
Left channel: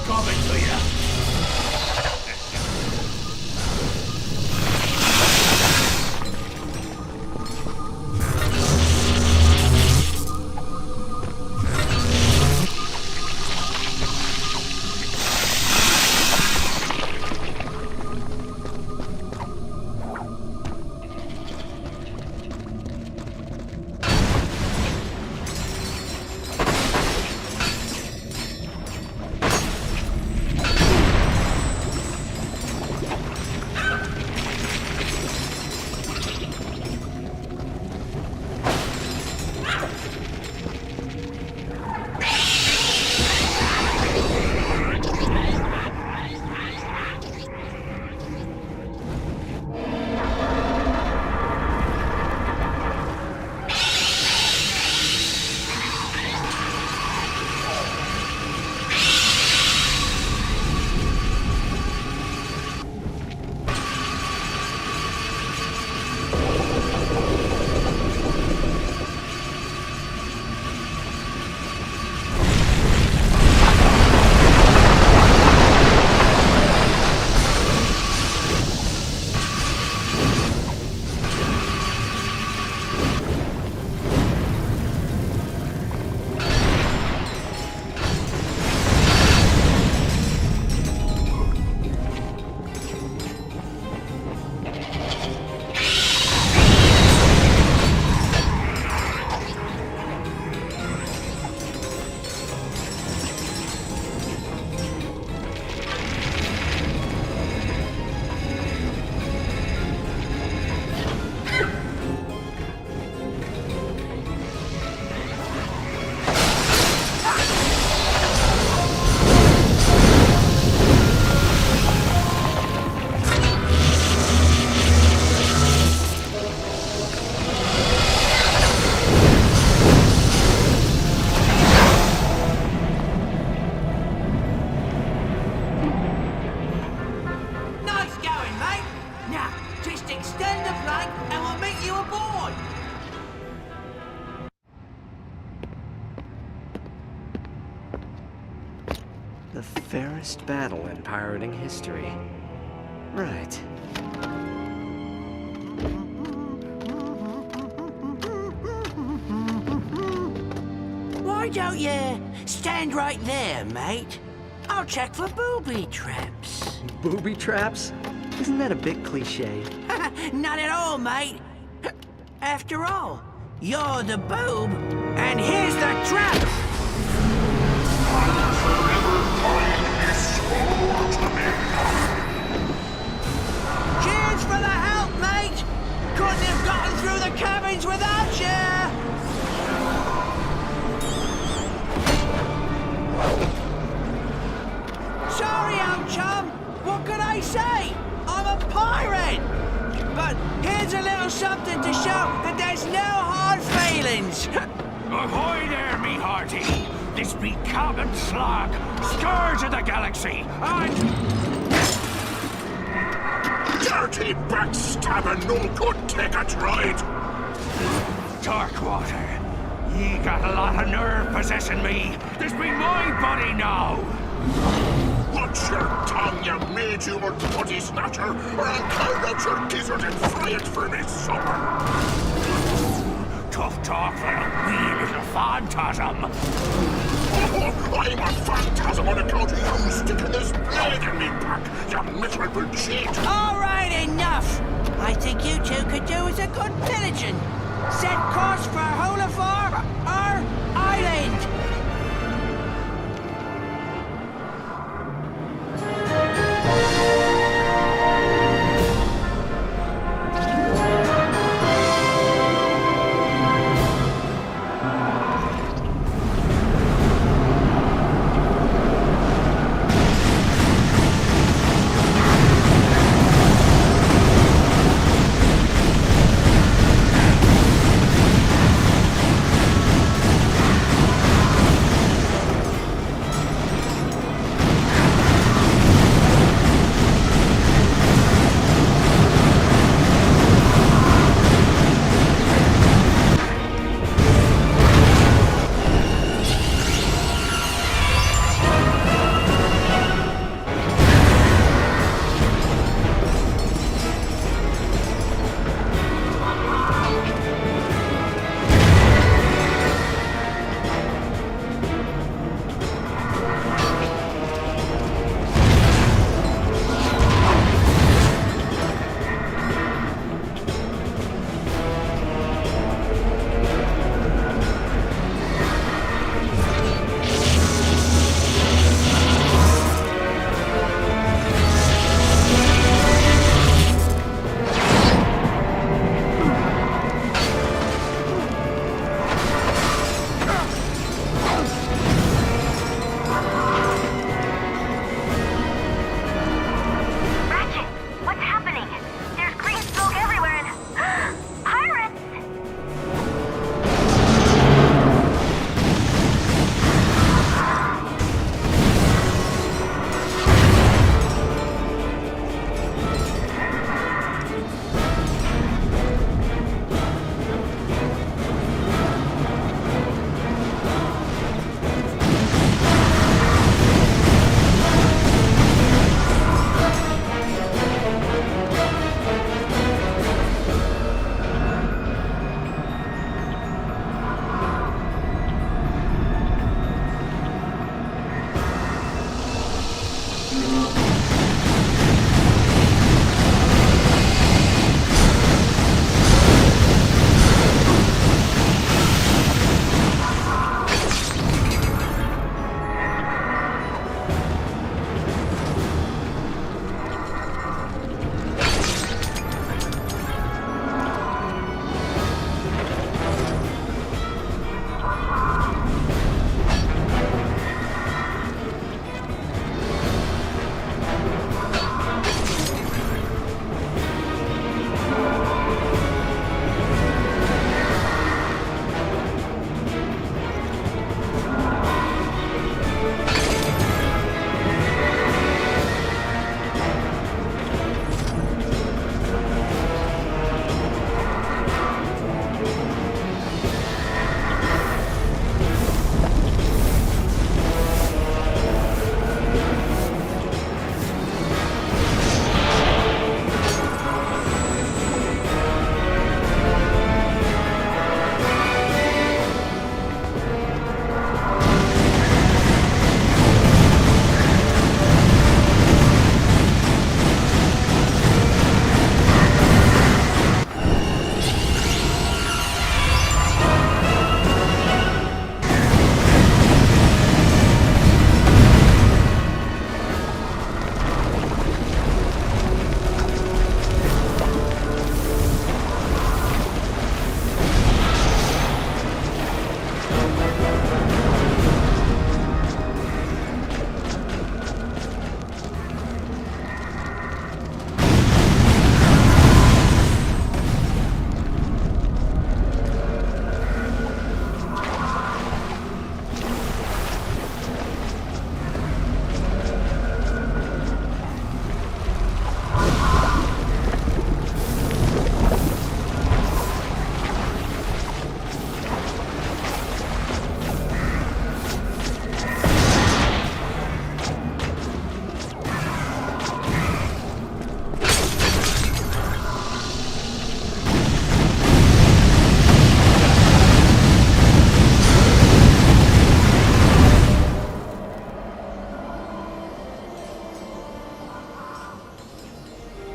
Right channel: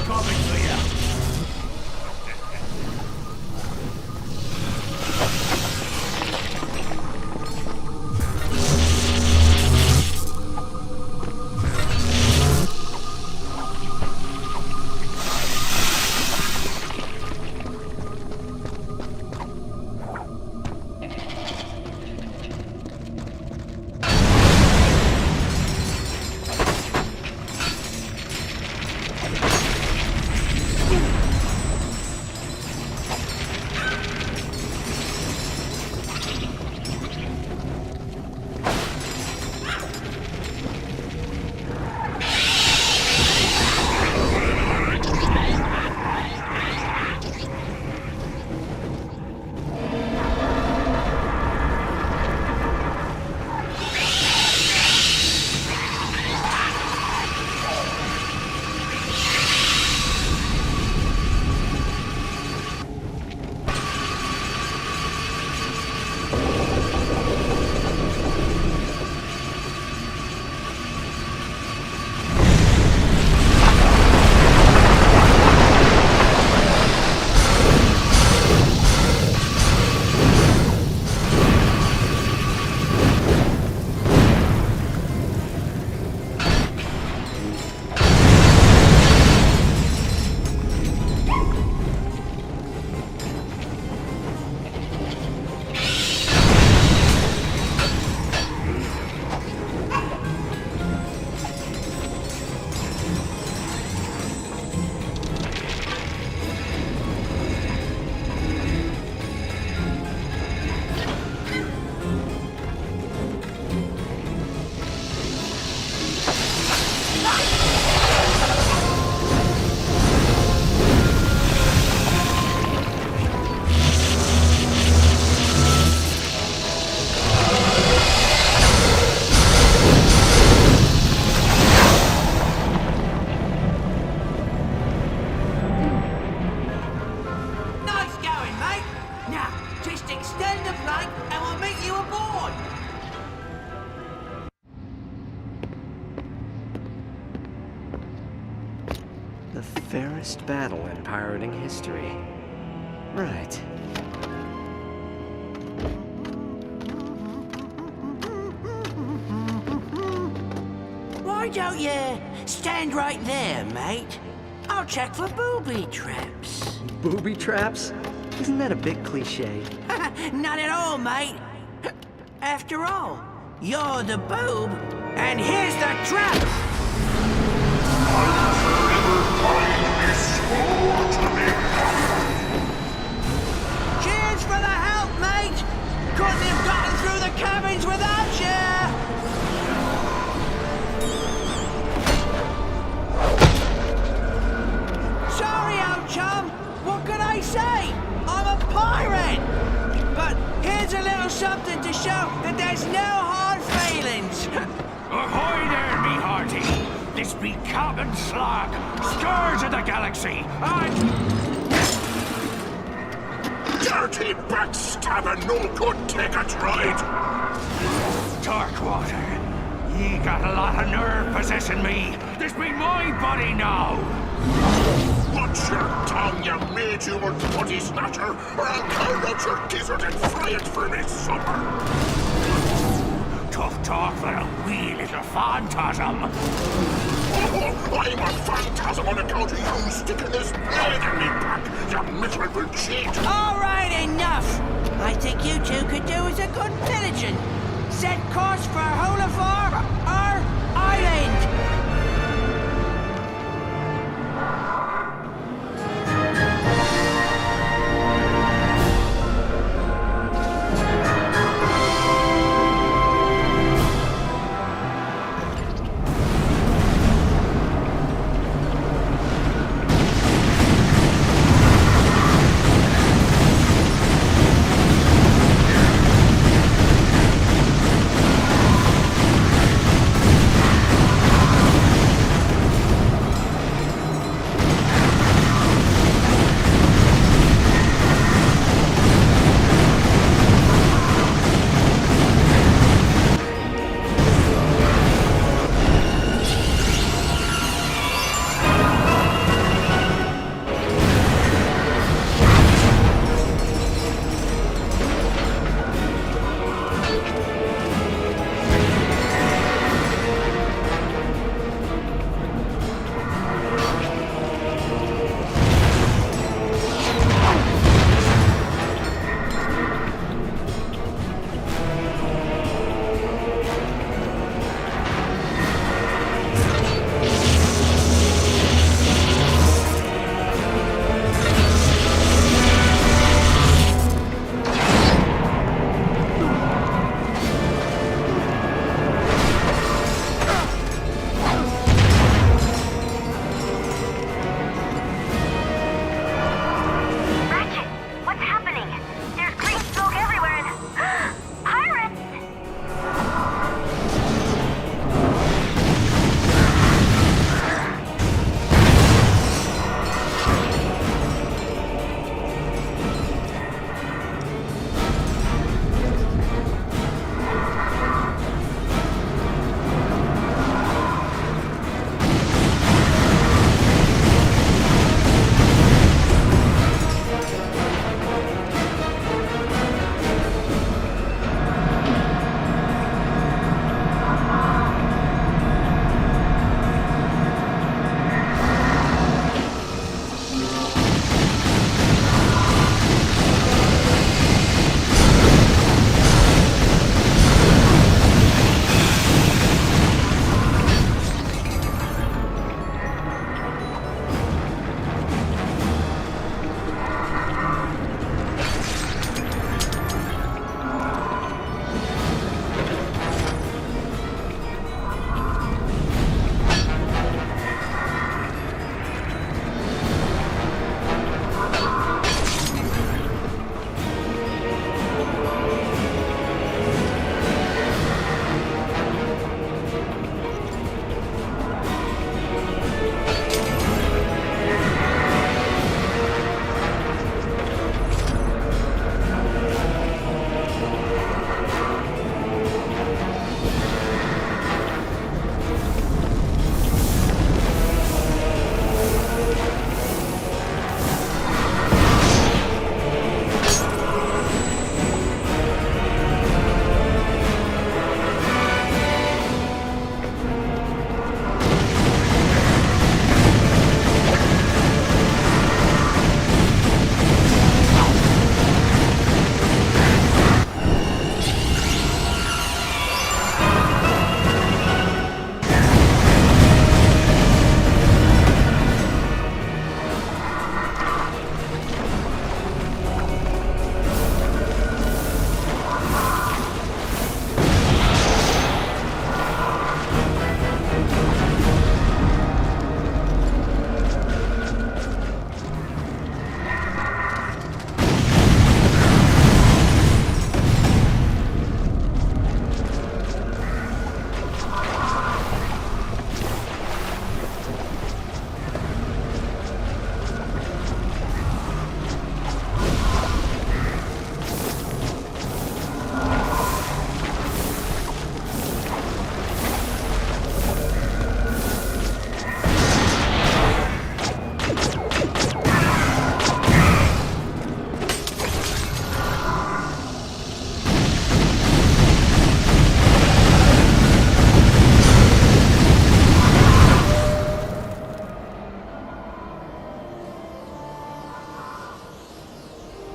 The fairest battle in pirating history. Right. Why don't you stand right there, mate? I'll check for booby traps. Booby traps? Isn't that a bit cliche? Not at all, mate. After all, you're the boob, and here's the trap! I'll forever find this sorry, old chum. What can I say? I'm a pirate. But here's a little something to show that there's no hard feelings. Ahoy there, me hearty! This be Captain Slog, Scourge of the Galaxy, and... Dirty backstabbing, no good take a ride! Darkwater, ye got a lot of nerve possessing me. This be my body now. Watch your tongue, you made-humoured putty snatcher, or I'll carve out your gizzard and fry it for me supper! Tough talk for a wee little phantasm. Oh, I'm a phantasm on account of you sticking this blade in me back, you miserable cheat! All right, enough. I think you two could do us a good pillaging. Set course for Holafar, our island.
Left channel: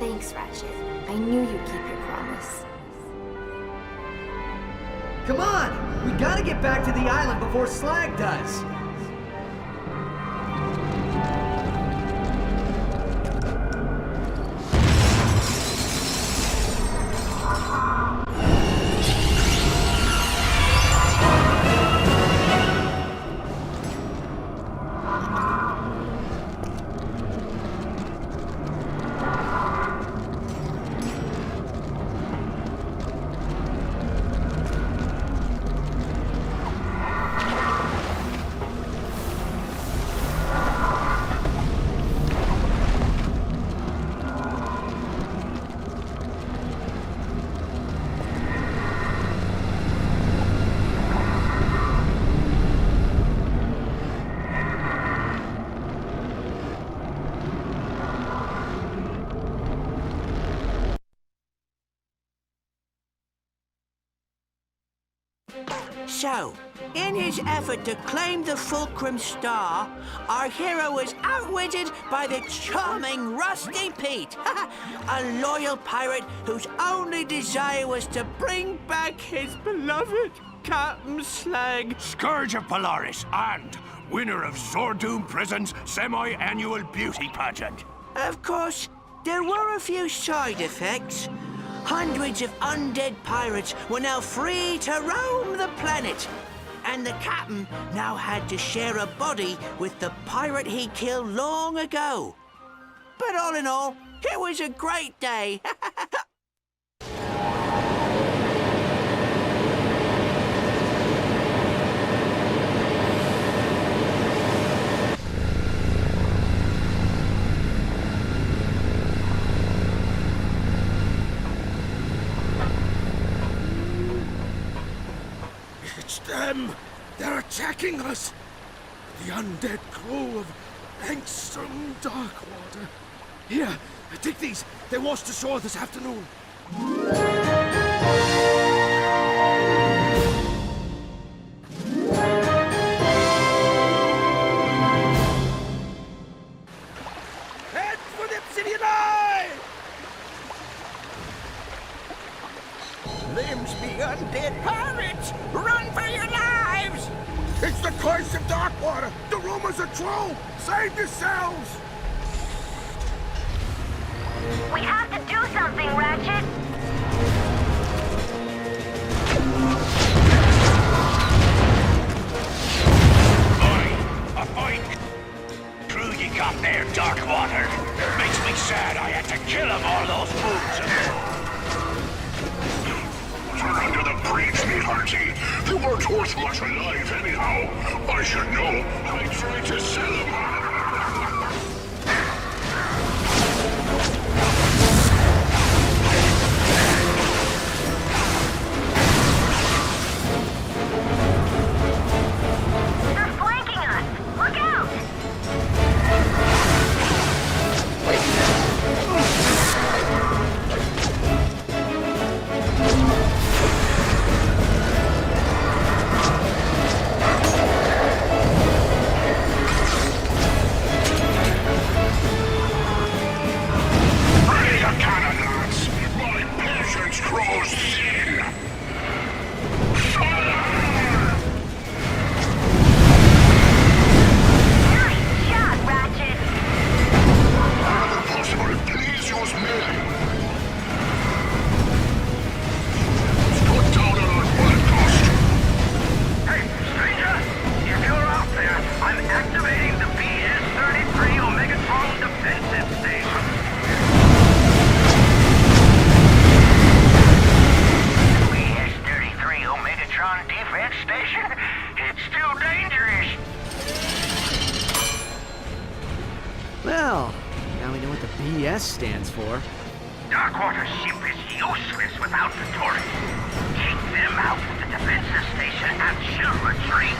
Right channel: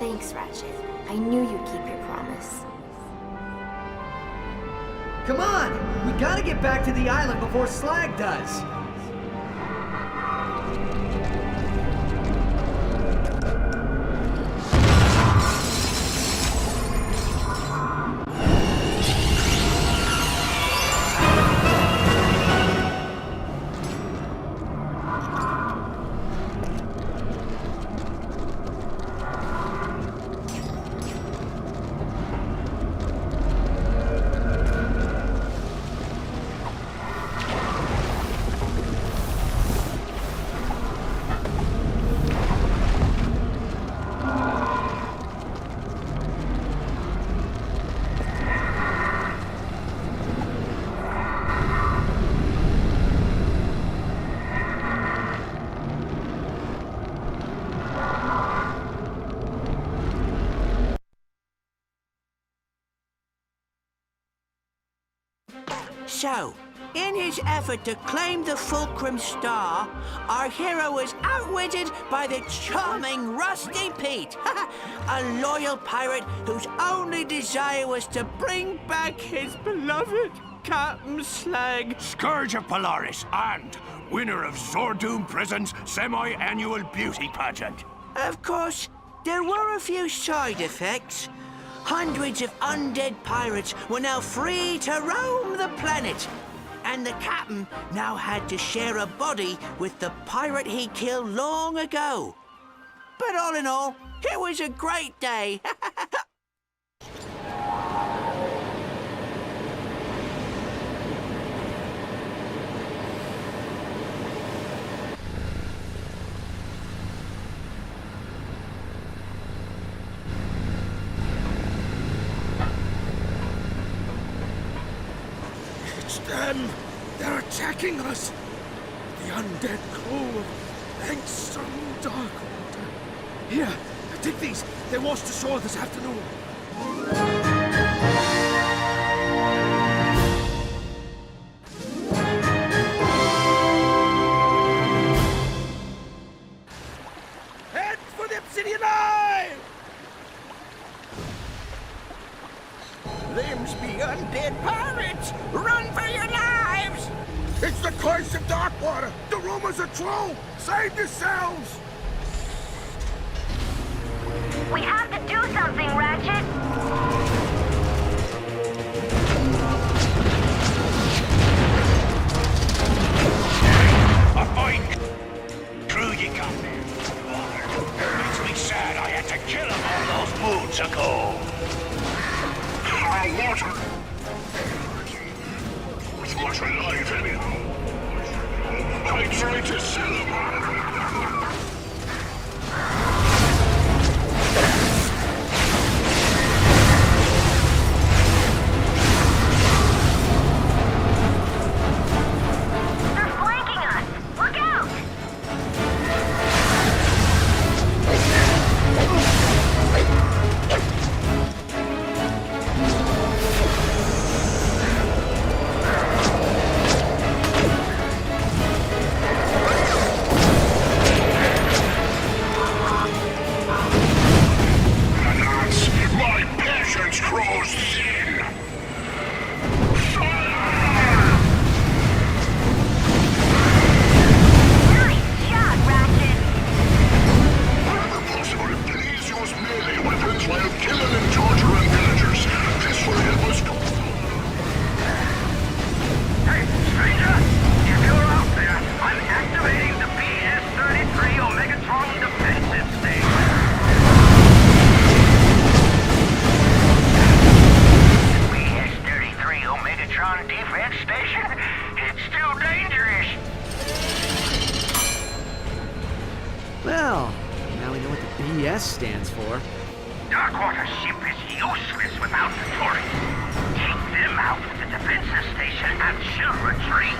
Thanks, Ratchet. I knew you'd keep your promise. Come on! We gotta get back to the island before Slag does! So, in his effort to claim the Fulcrum Star, our hero was outwitted by the charming Rusty Pete, a loyal pirate whose only desire was to bring back his beloved Captain Slag. Scourge of Polaris and winner of Zordoom Prison's semi-annual beauty pageant. Of course, there were a few side effects. Hundreds of undead pirates were now free to roam the planet. And the captain now had to share a body with the pirate he killed long ago. But all in all, it was a great day. It's them! They're attacking us! The undead crew of Angstrom Darkwater. Here, take these. They washed ashore this afternoon. Head for the Obsidian Eye! Them's be undead pirates! Run for your lives! It's the curse of Darkwater! The rumors are true! Save yourselves! We have to do something, Ratchet! A fine crew you got there, Darkwater. Makes me sad I had to kill them all those moons ago. Water under the bridge, me hearty. They weren't worth much alive anyhow. I should know. I tried to sell them. They're flanking us! Look out! My patience grows thin! Fire! Nice shot, Ratchet! Whenever possible, please use melee weapons while killing and torturing villagers. This will help us cut down on Hey, stranger! If you're out there, I'm activating the BS-33 Omegatron defensive station. BS-33 Omegatron defense station? It's too dangerous. Well, now we know what the BS stands for. Darkwater's ship is useless without the turrets. Take them out with the defensive station and she'll retreat.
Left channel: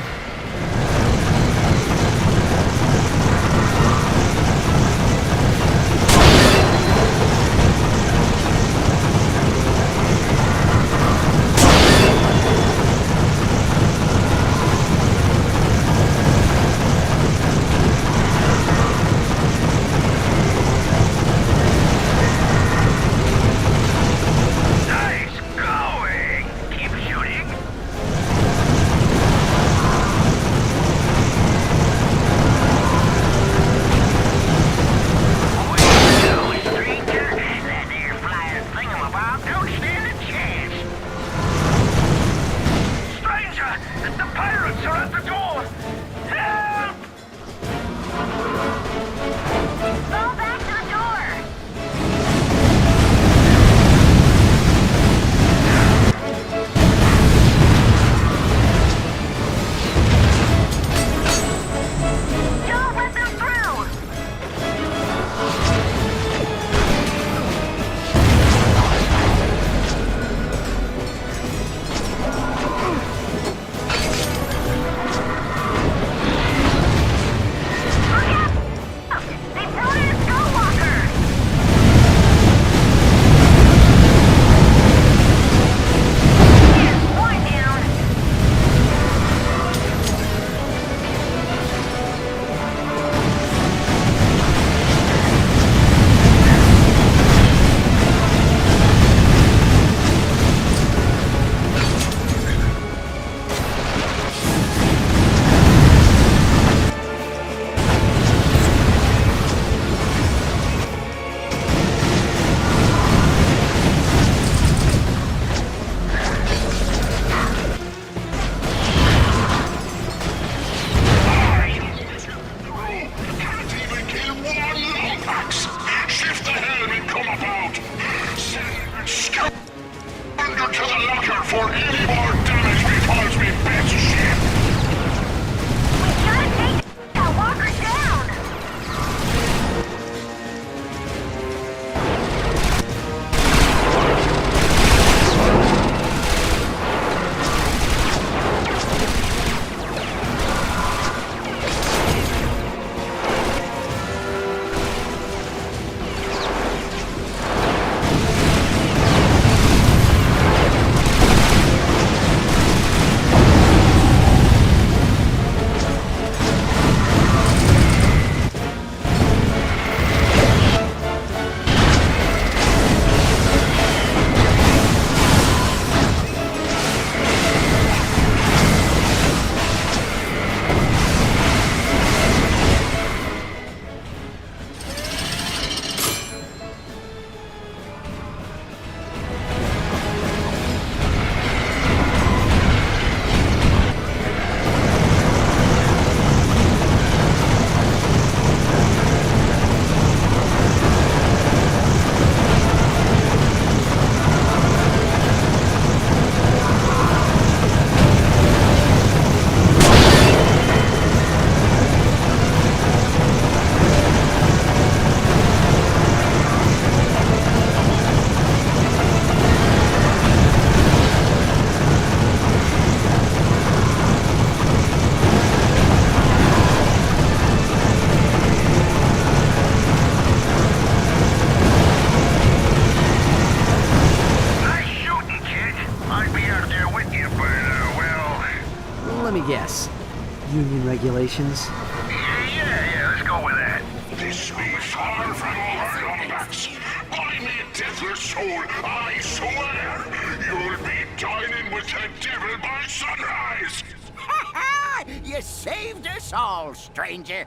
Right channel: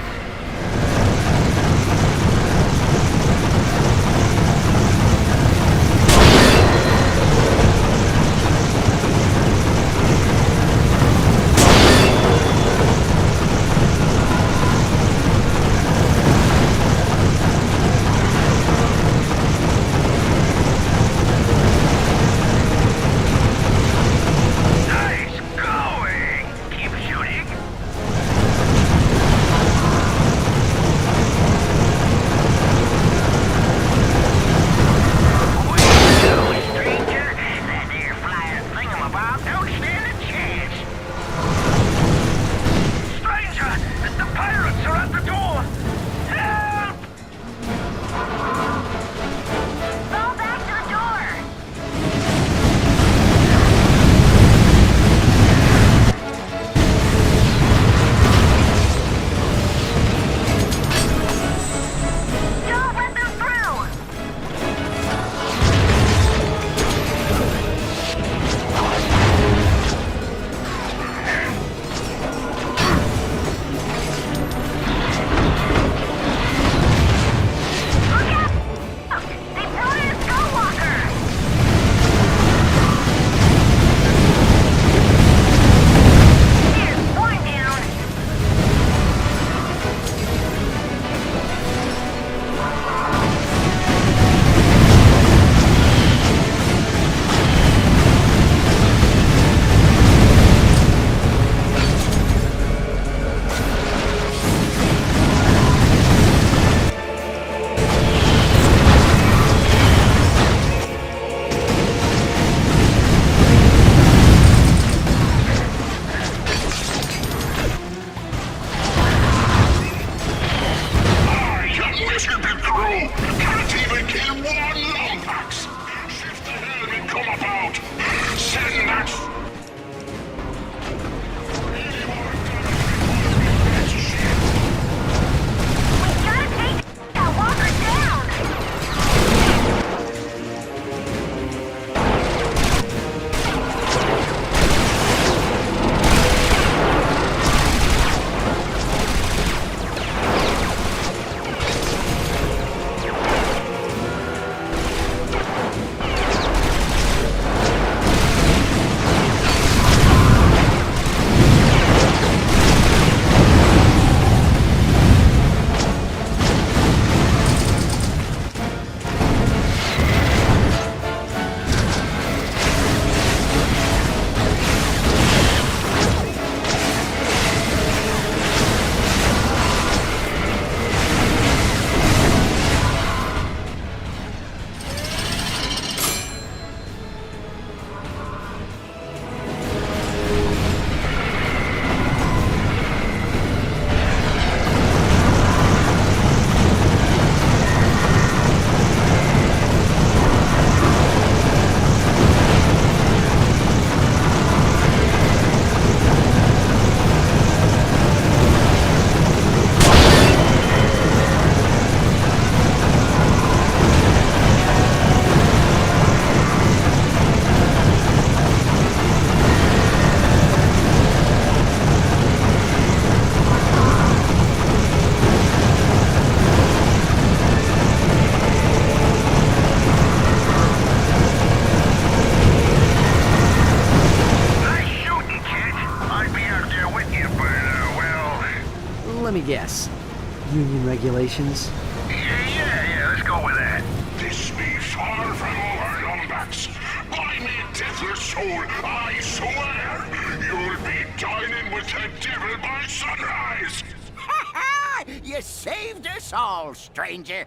union regulations? Yeah, let's go with that. This be far from over, Lombax. By me deathless soul, I swear, you'll be dining with the devil by sunrise! Ha ha! You saved us all, stranger.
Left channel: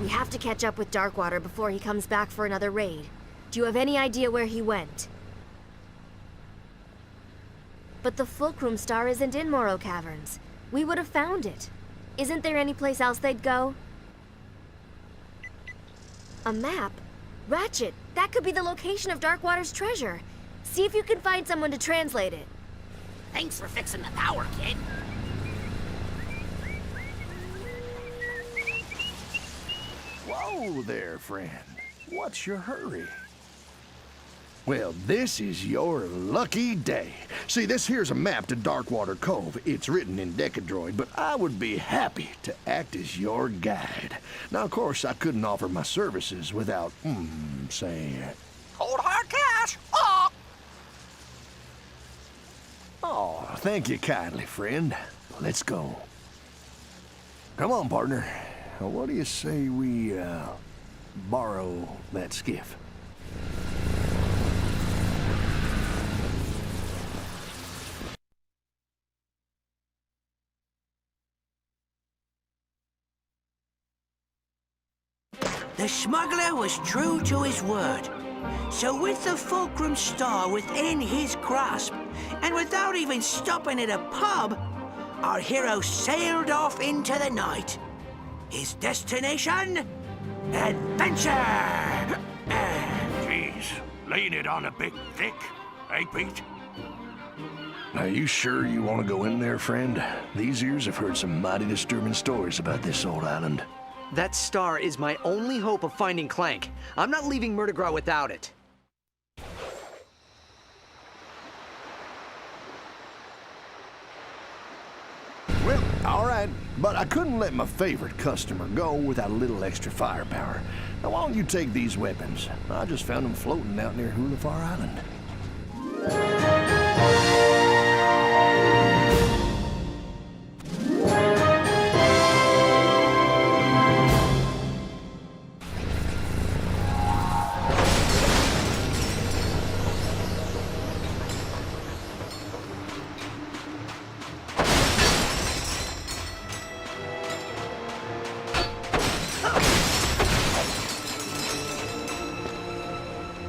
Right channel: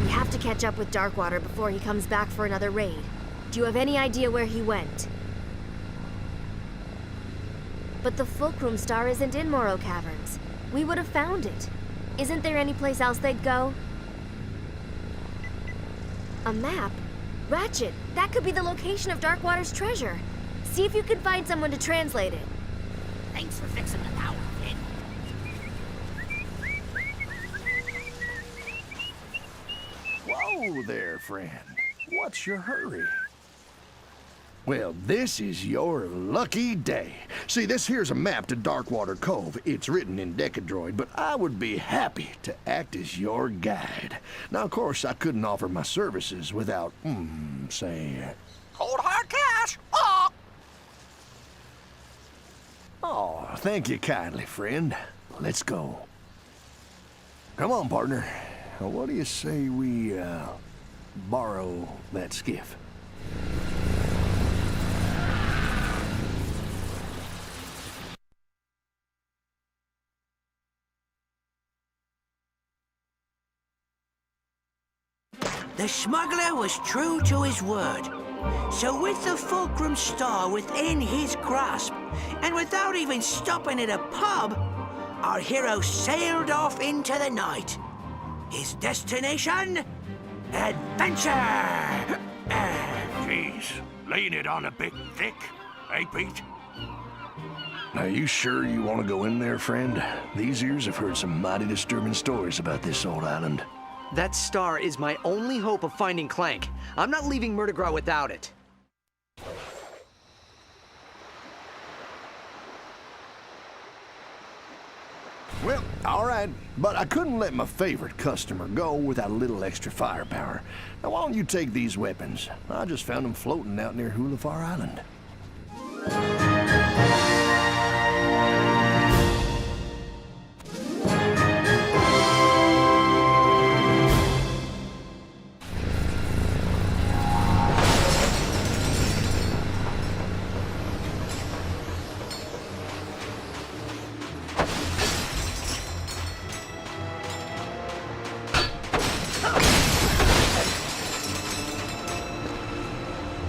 We have to catch up with Darkwater before he comes back for another raid. Do you have any idea where he went? But the Fulcrum Star isn't in Morrow Caverns. We would have found it. Isn't there any place else they'd go? A map? Ratchet, that could be the location of Darkwater's treasure. See if you can find someone to translate it. Thanks for fixing the power, kid. Whoa there, friend. What's your hurry? Well, this is your lucky day. See, this here's a map to Darkwater Cove. It's written in Decadroid, but I would be happy to act as your guide. Now, of course, I couldn't offer my services without, say... Cold hard cash. Oh, thank you kindly, friend. Let's go. Come on, partner. What do you say we, borrow that skiff? The smuggler was true to his word. So with the Fulcrum Star within his grasp, and without even stopping at a pub, our hero sailed off into the night. His destination? Adventure! Jeez, laying it on a bit thick, eh, Pete? Are you sure you want to go in there, friend? These ears have heard some mighty disturbing stories about this old island. That star is my only hope of finding Clank. I'm not leaving Murdergraw without it. Well, all right, but I couldn't let my favorite customer go without a little extra firepower. Now, why don't you take these weapons? I just found them floating out near Hulafar Island.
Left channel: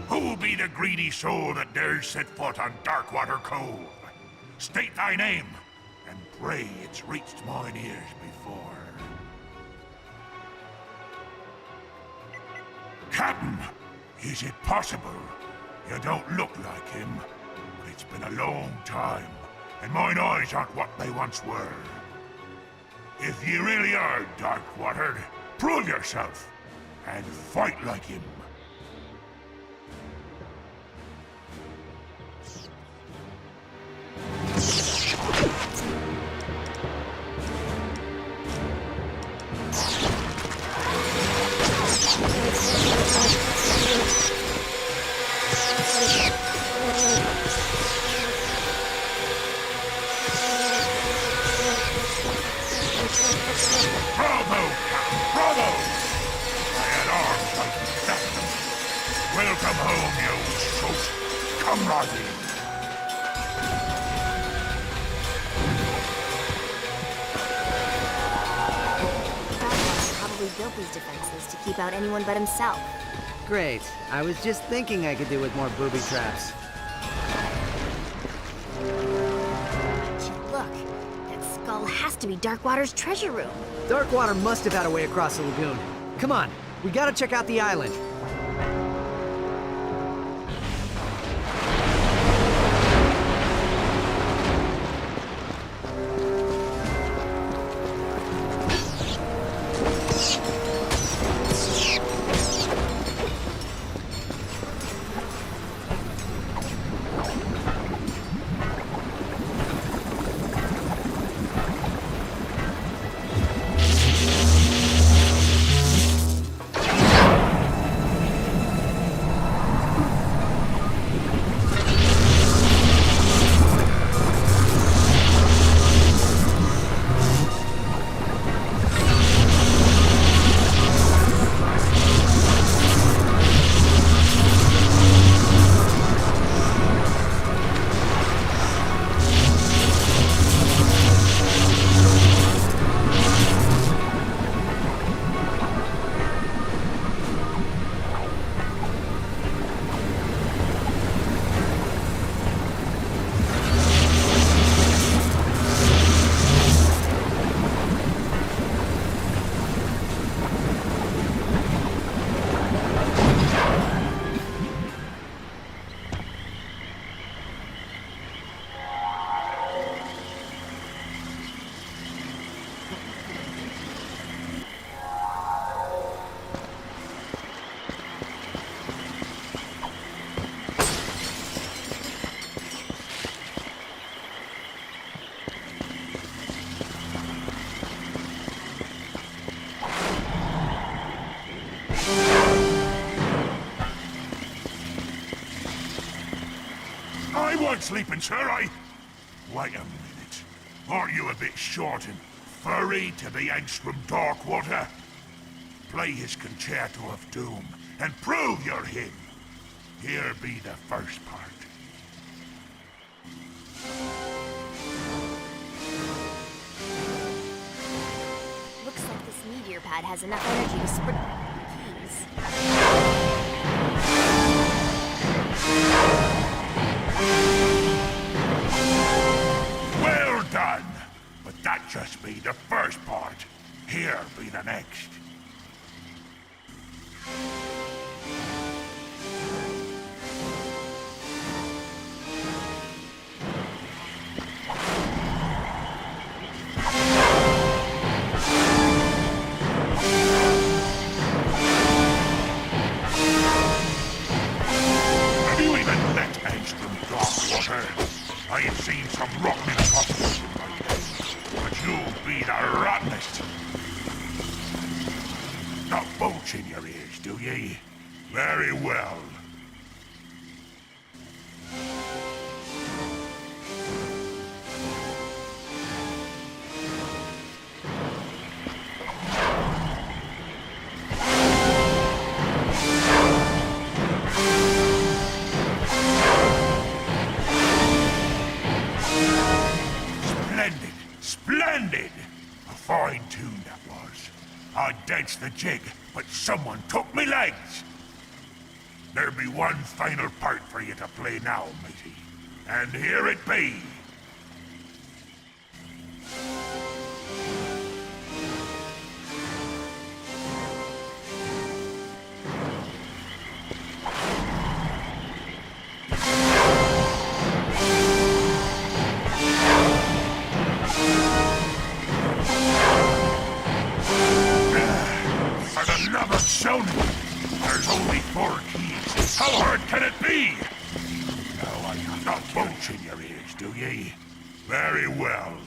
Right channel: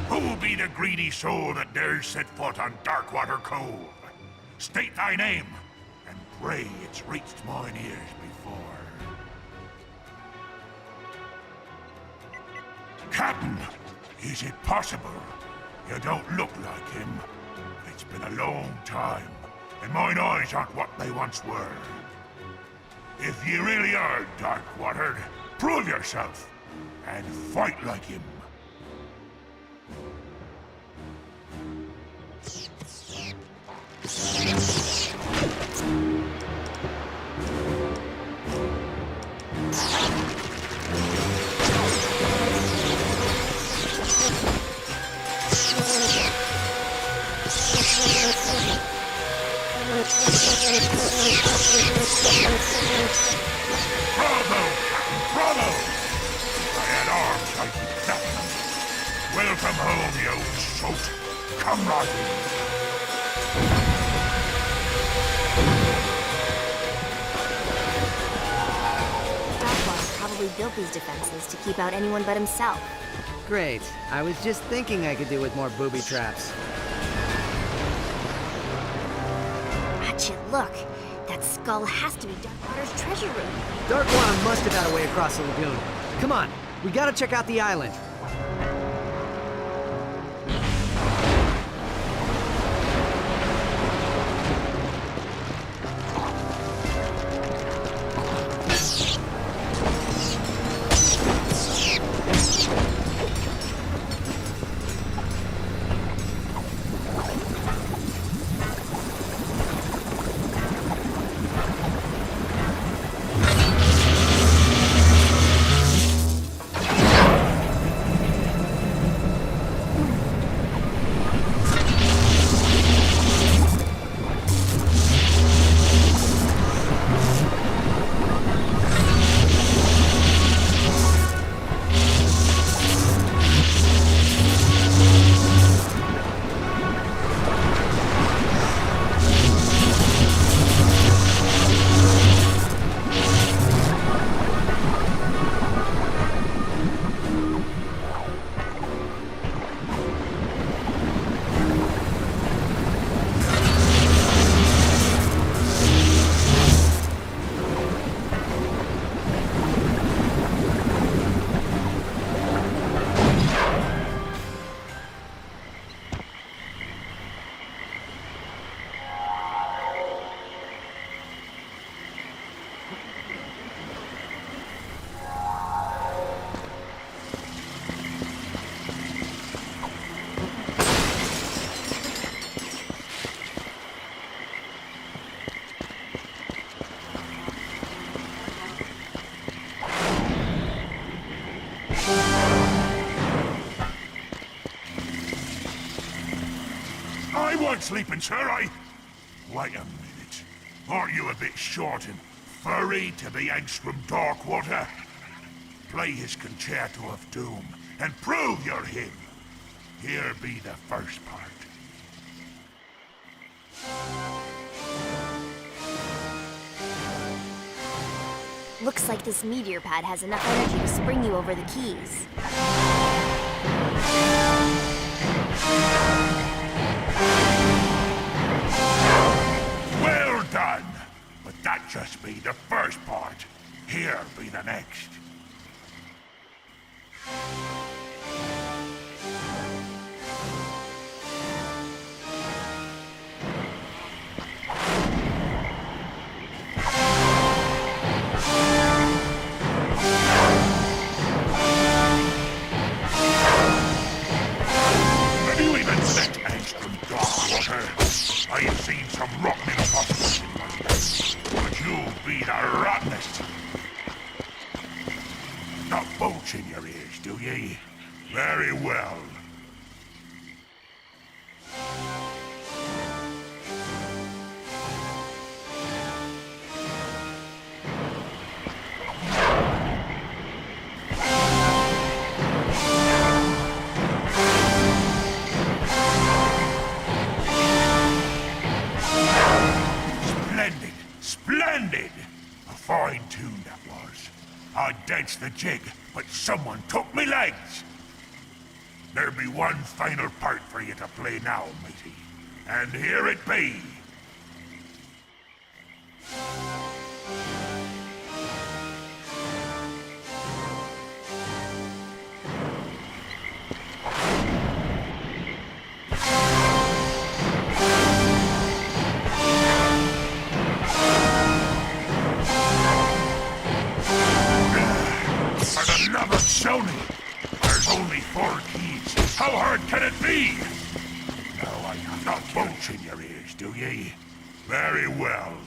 Who be the greedy soul that dares set foot on Darkwater Cove? State thy name, and pray it's reached mine ears before. Captain, is it possible? You don't look like him, but it's been a long time, and mine eyes aren't what they once were. If you really are Darkwatered, prove yourself, and fight like him. Bravo, Captain, bravo! If I had arms, I'd be backing them. Welcome home, you old sot. Come right in. Great. I was just thinking I could do with more booby traps. Ratchet, look. That skull has to be Darkwater's treasure. Darkwater must have had a way across the lagoon. Come on, we gotta check out the island. I won't sleeping, sir. Wait a minute. Aren't you a bit short and furry to be Angstrom Darkwater? Play his Concerto of Doom and prove you're him. Here be the first part. Looks like this meteor pad has enough to bring you over the keys. Well done! But that just be the first part. Here be the next. Have you even met Angstrom Darkwater? I have seen some rotten imposters in my day, but you'll be the rottenest. Got bolts in your ears, do ye? Very well. Splendid! Splendid! A fine tune that was. I danced the jig, but someone took me legs! There be one final part for you to play now, matey. And here it be. For the love of Sony, there's only 4 keys. How hard can it be? No, I have not bolts in your ears, do ye? Very well.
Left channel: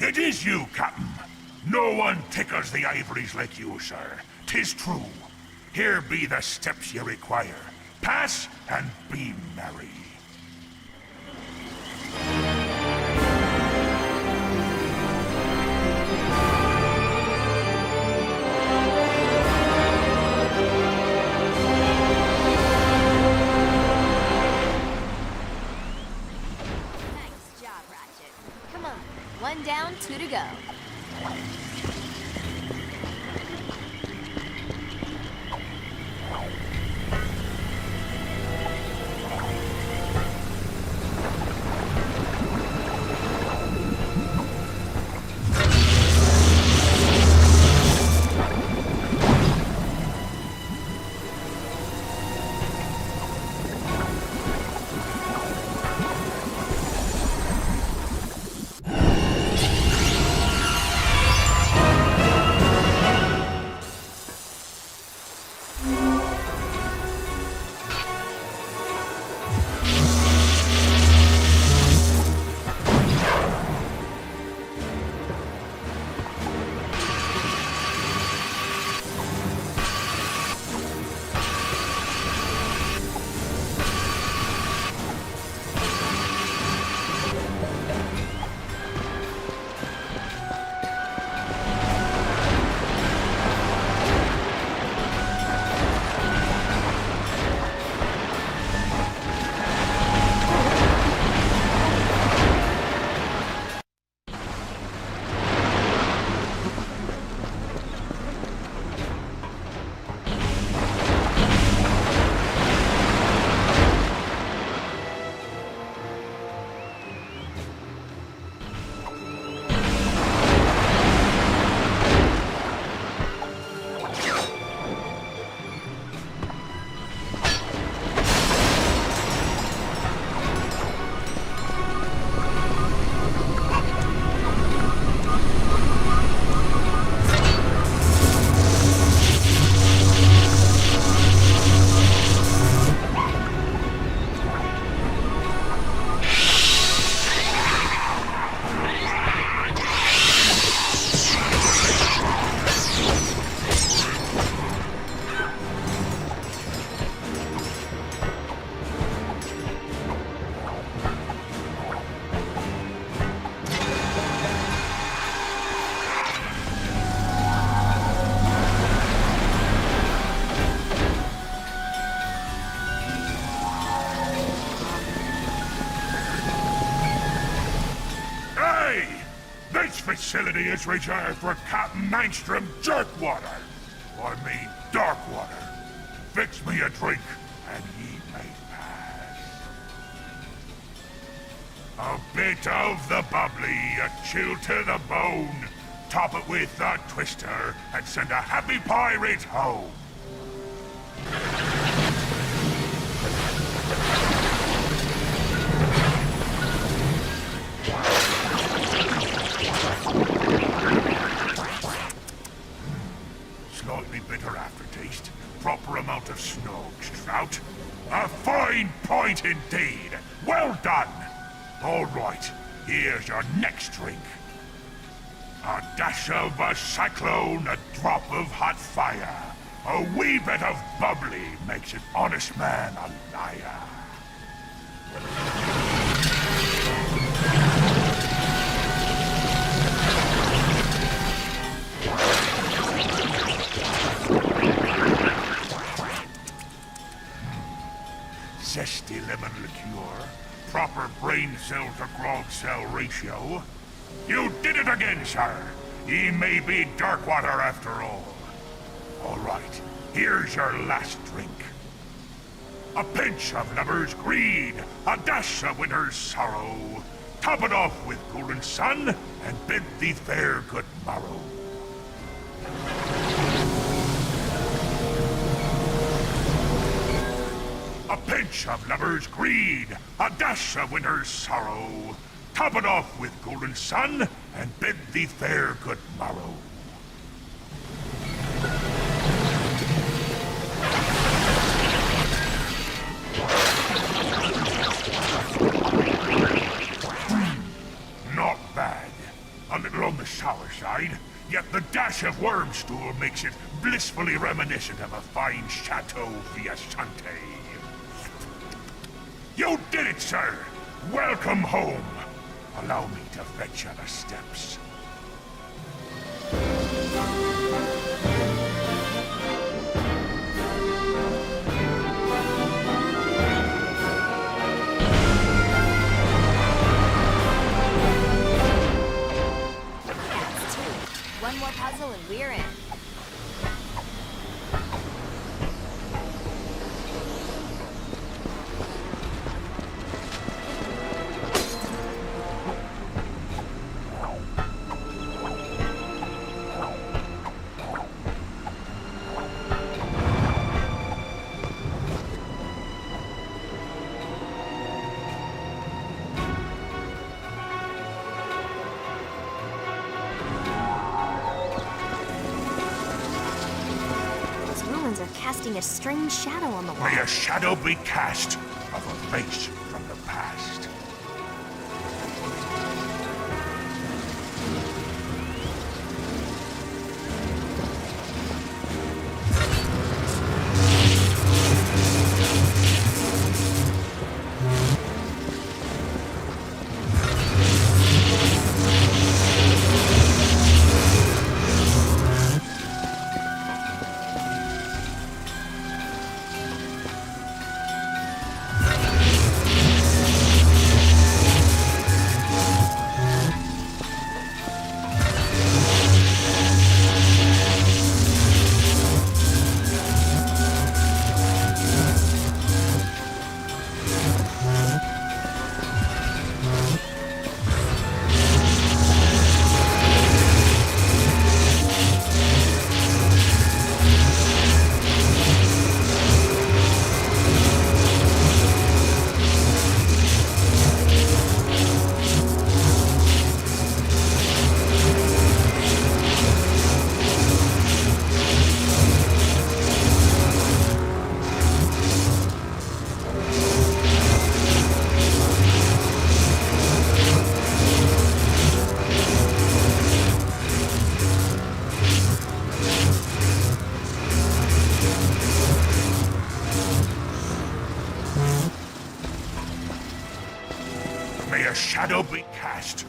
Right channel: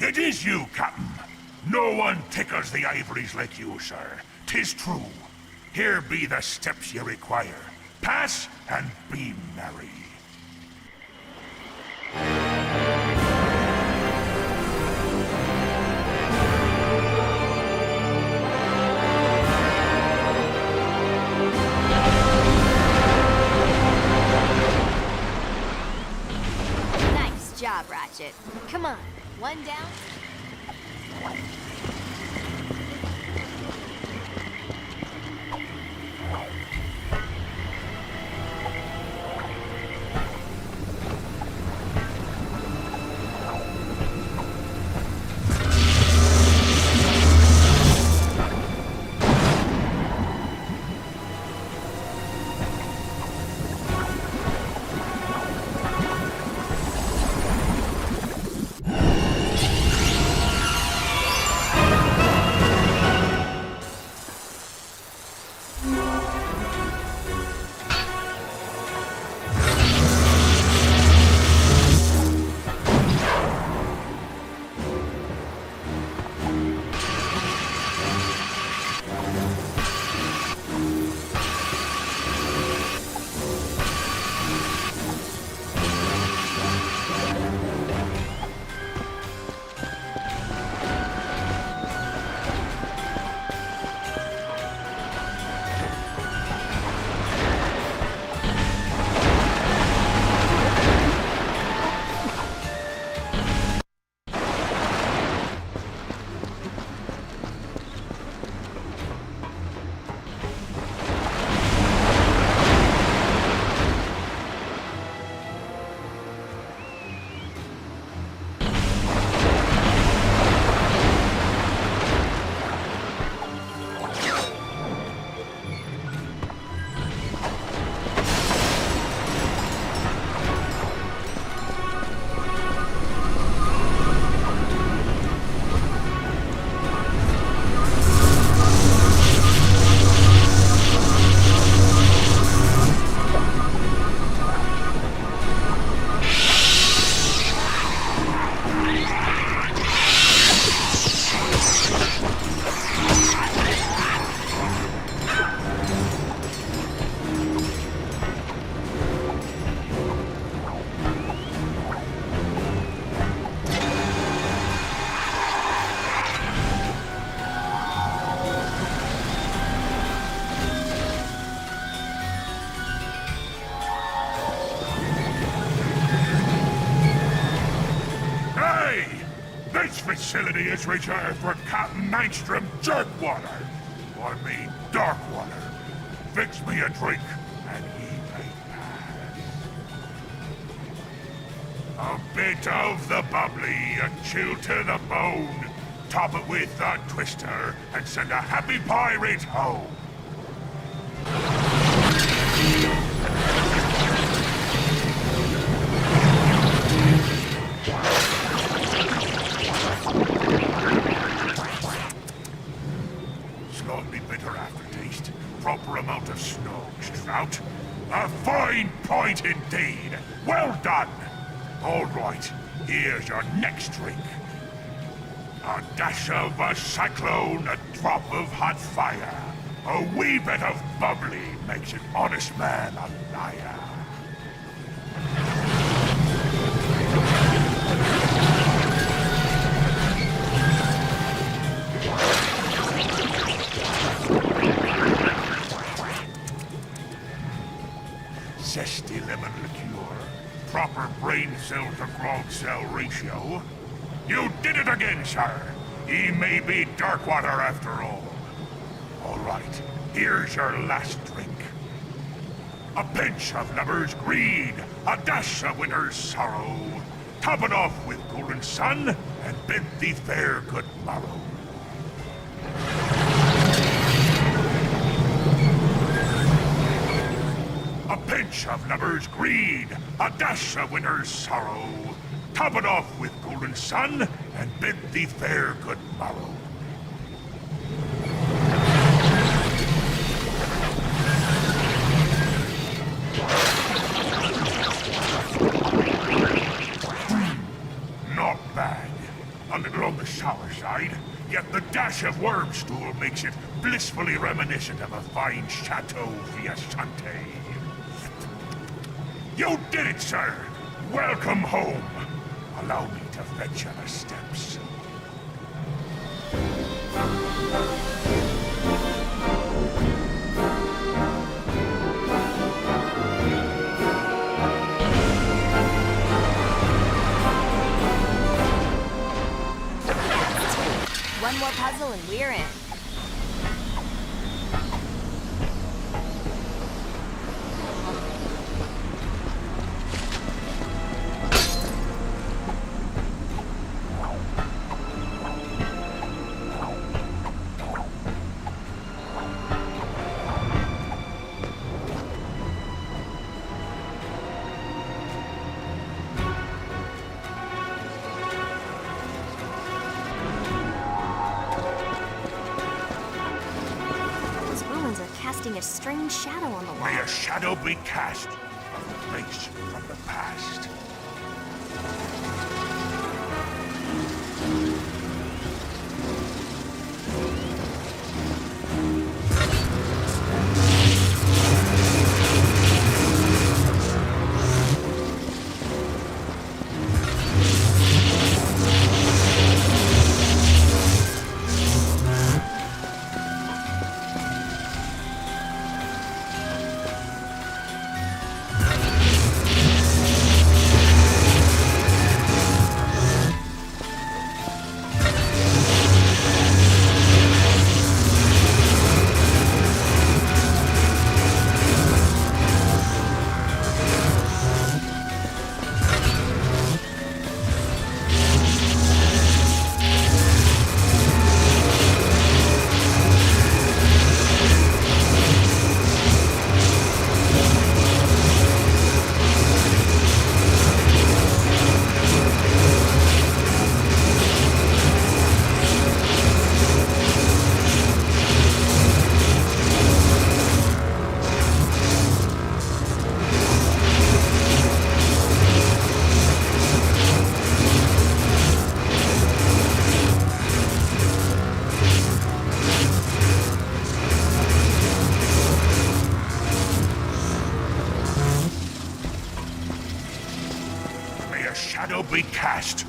It is you, Captain. No one tickles the ivories like you, sir. 'Tis true. Here be the steps you require. Pass and be merry. Nice job, Ratchet. Come on, 1 down, 2 to go. facility is reserved for Captain Mangstrom Jerkwater. I mean Darkwater. Fix me a drink, and ye may pass. A bit of the bubbly, a chill to the bone. Top it with a twister, and send a happy pirate home. Slightly bitter aftertaste. Proper amount of snogs, Trout. A fine point indeed. Well done. All right, here's your next drink. A dash of a cyclone, a drop of hot fire. A wee bit of bubbly makes an honest man a liar. Zesty lemon liqueur, proper brain cell to grog cell ratio. You did it again, sir. He may be Darkwater after all. All right, here's your last drink. A pinch of lover's greed, a dash of winter's sorrow. Top it off with golden sun, and bid thee fair good morrow. A pinch of lover's greed, a dash of winter's sorrow. Top it off with golden sun, and bid thee fair good morrow. Not bad. A little on the sour side, yet the dash of worm stool makes it blissfully reminiscent of a fine Chateau Fiasante. You did it, sir! Welcome home! Allow me to fetch you the steps. May a shadow be cast. Face. May a shadow be cast.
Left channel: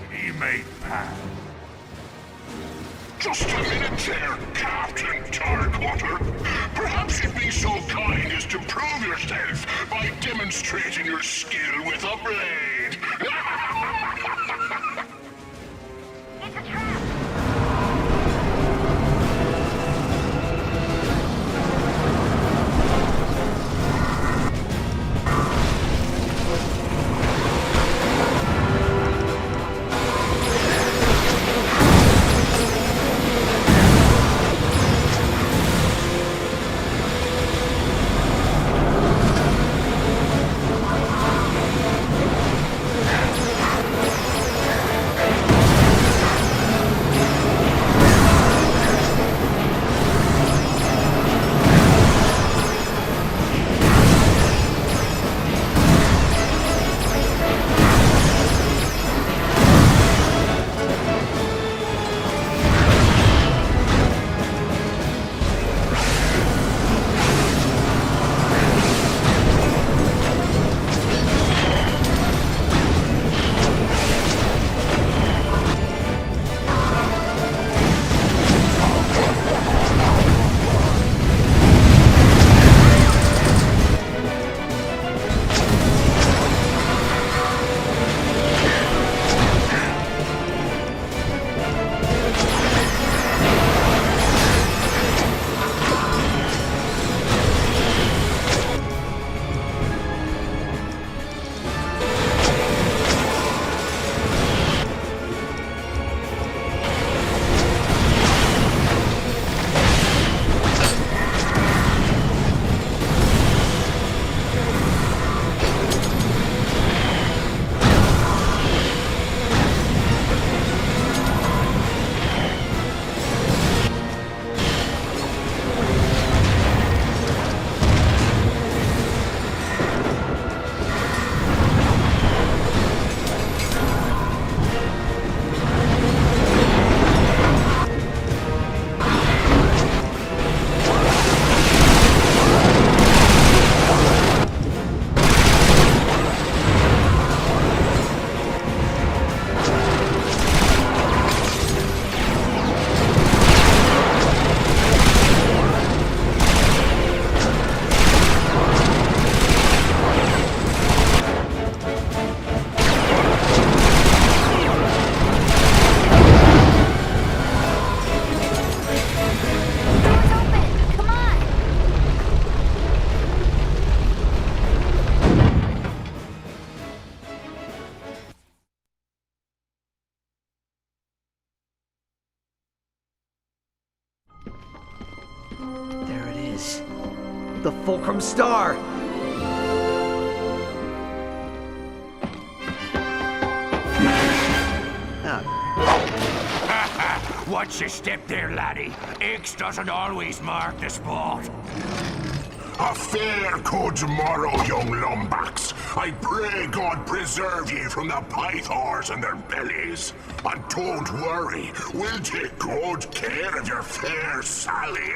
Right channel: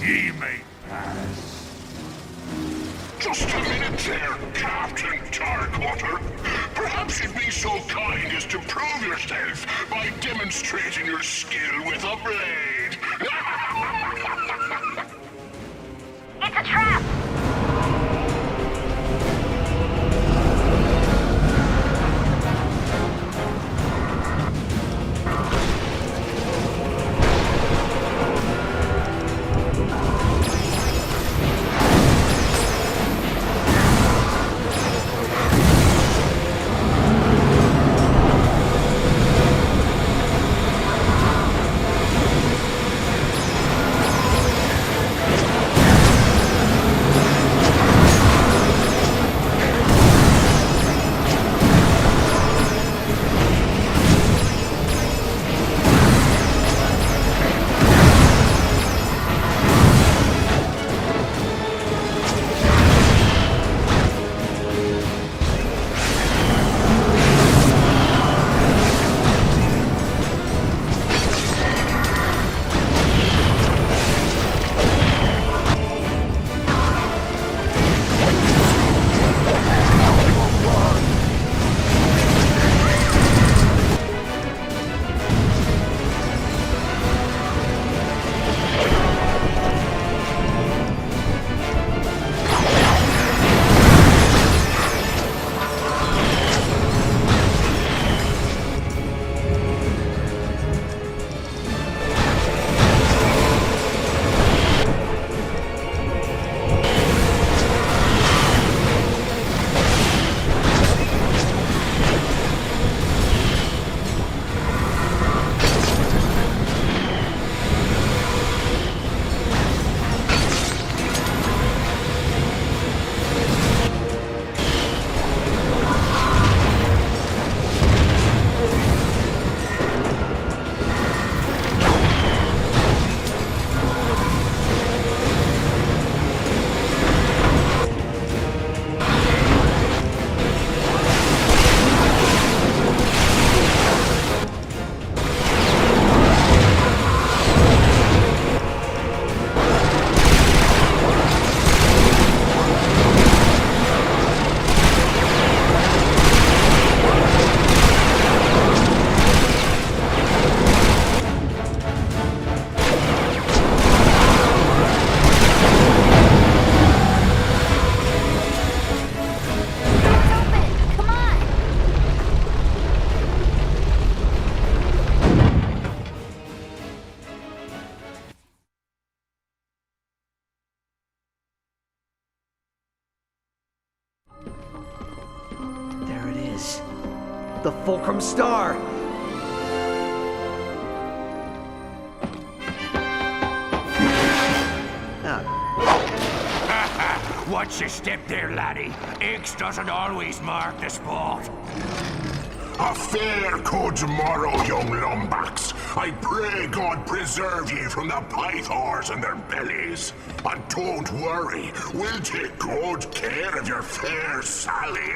Ye may pass. Just a minute there, Captain Darkwater. Perhaps you'd be so kind as to prove yourself by demonstrating your skill with a blade. It's a trap! The Fulcrum Star! Watch your step there, laddie. X doesn't always mark the spot. A fair good morrow, young lumbax. I pray God preserve ye from the pythors and their bellies. And don't worry, we'll take good care of your fair Sally.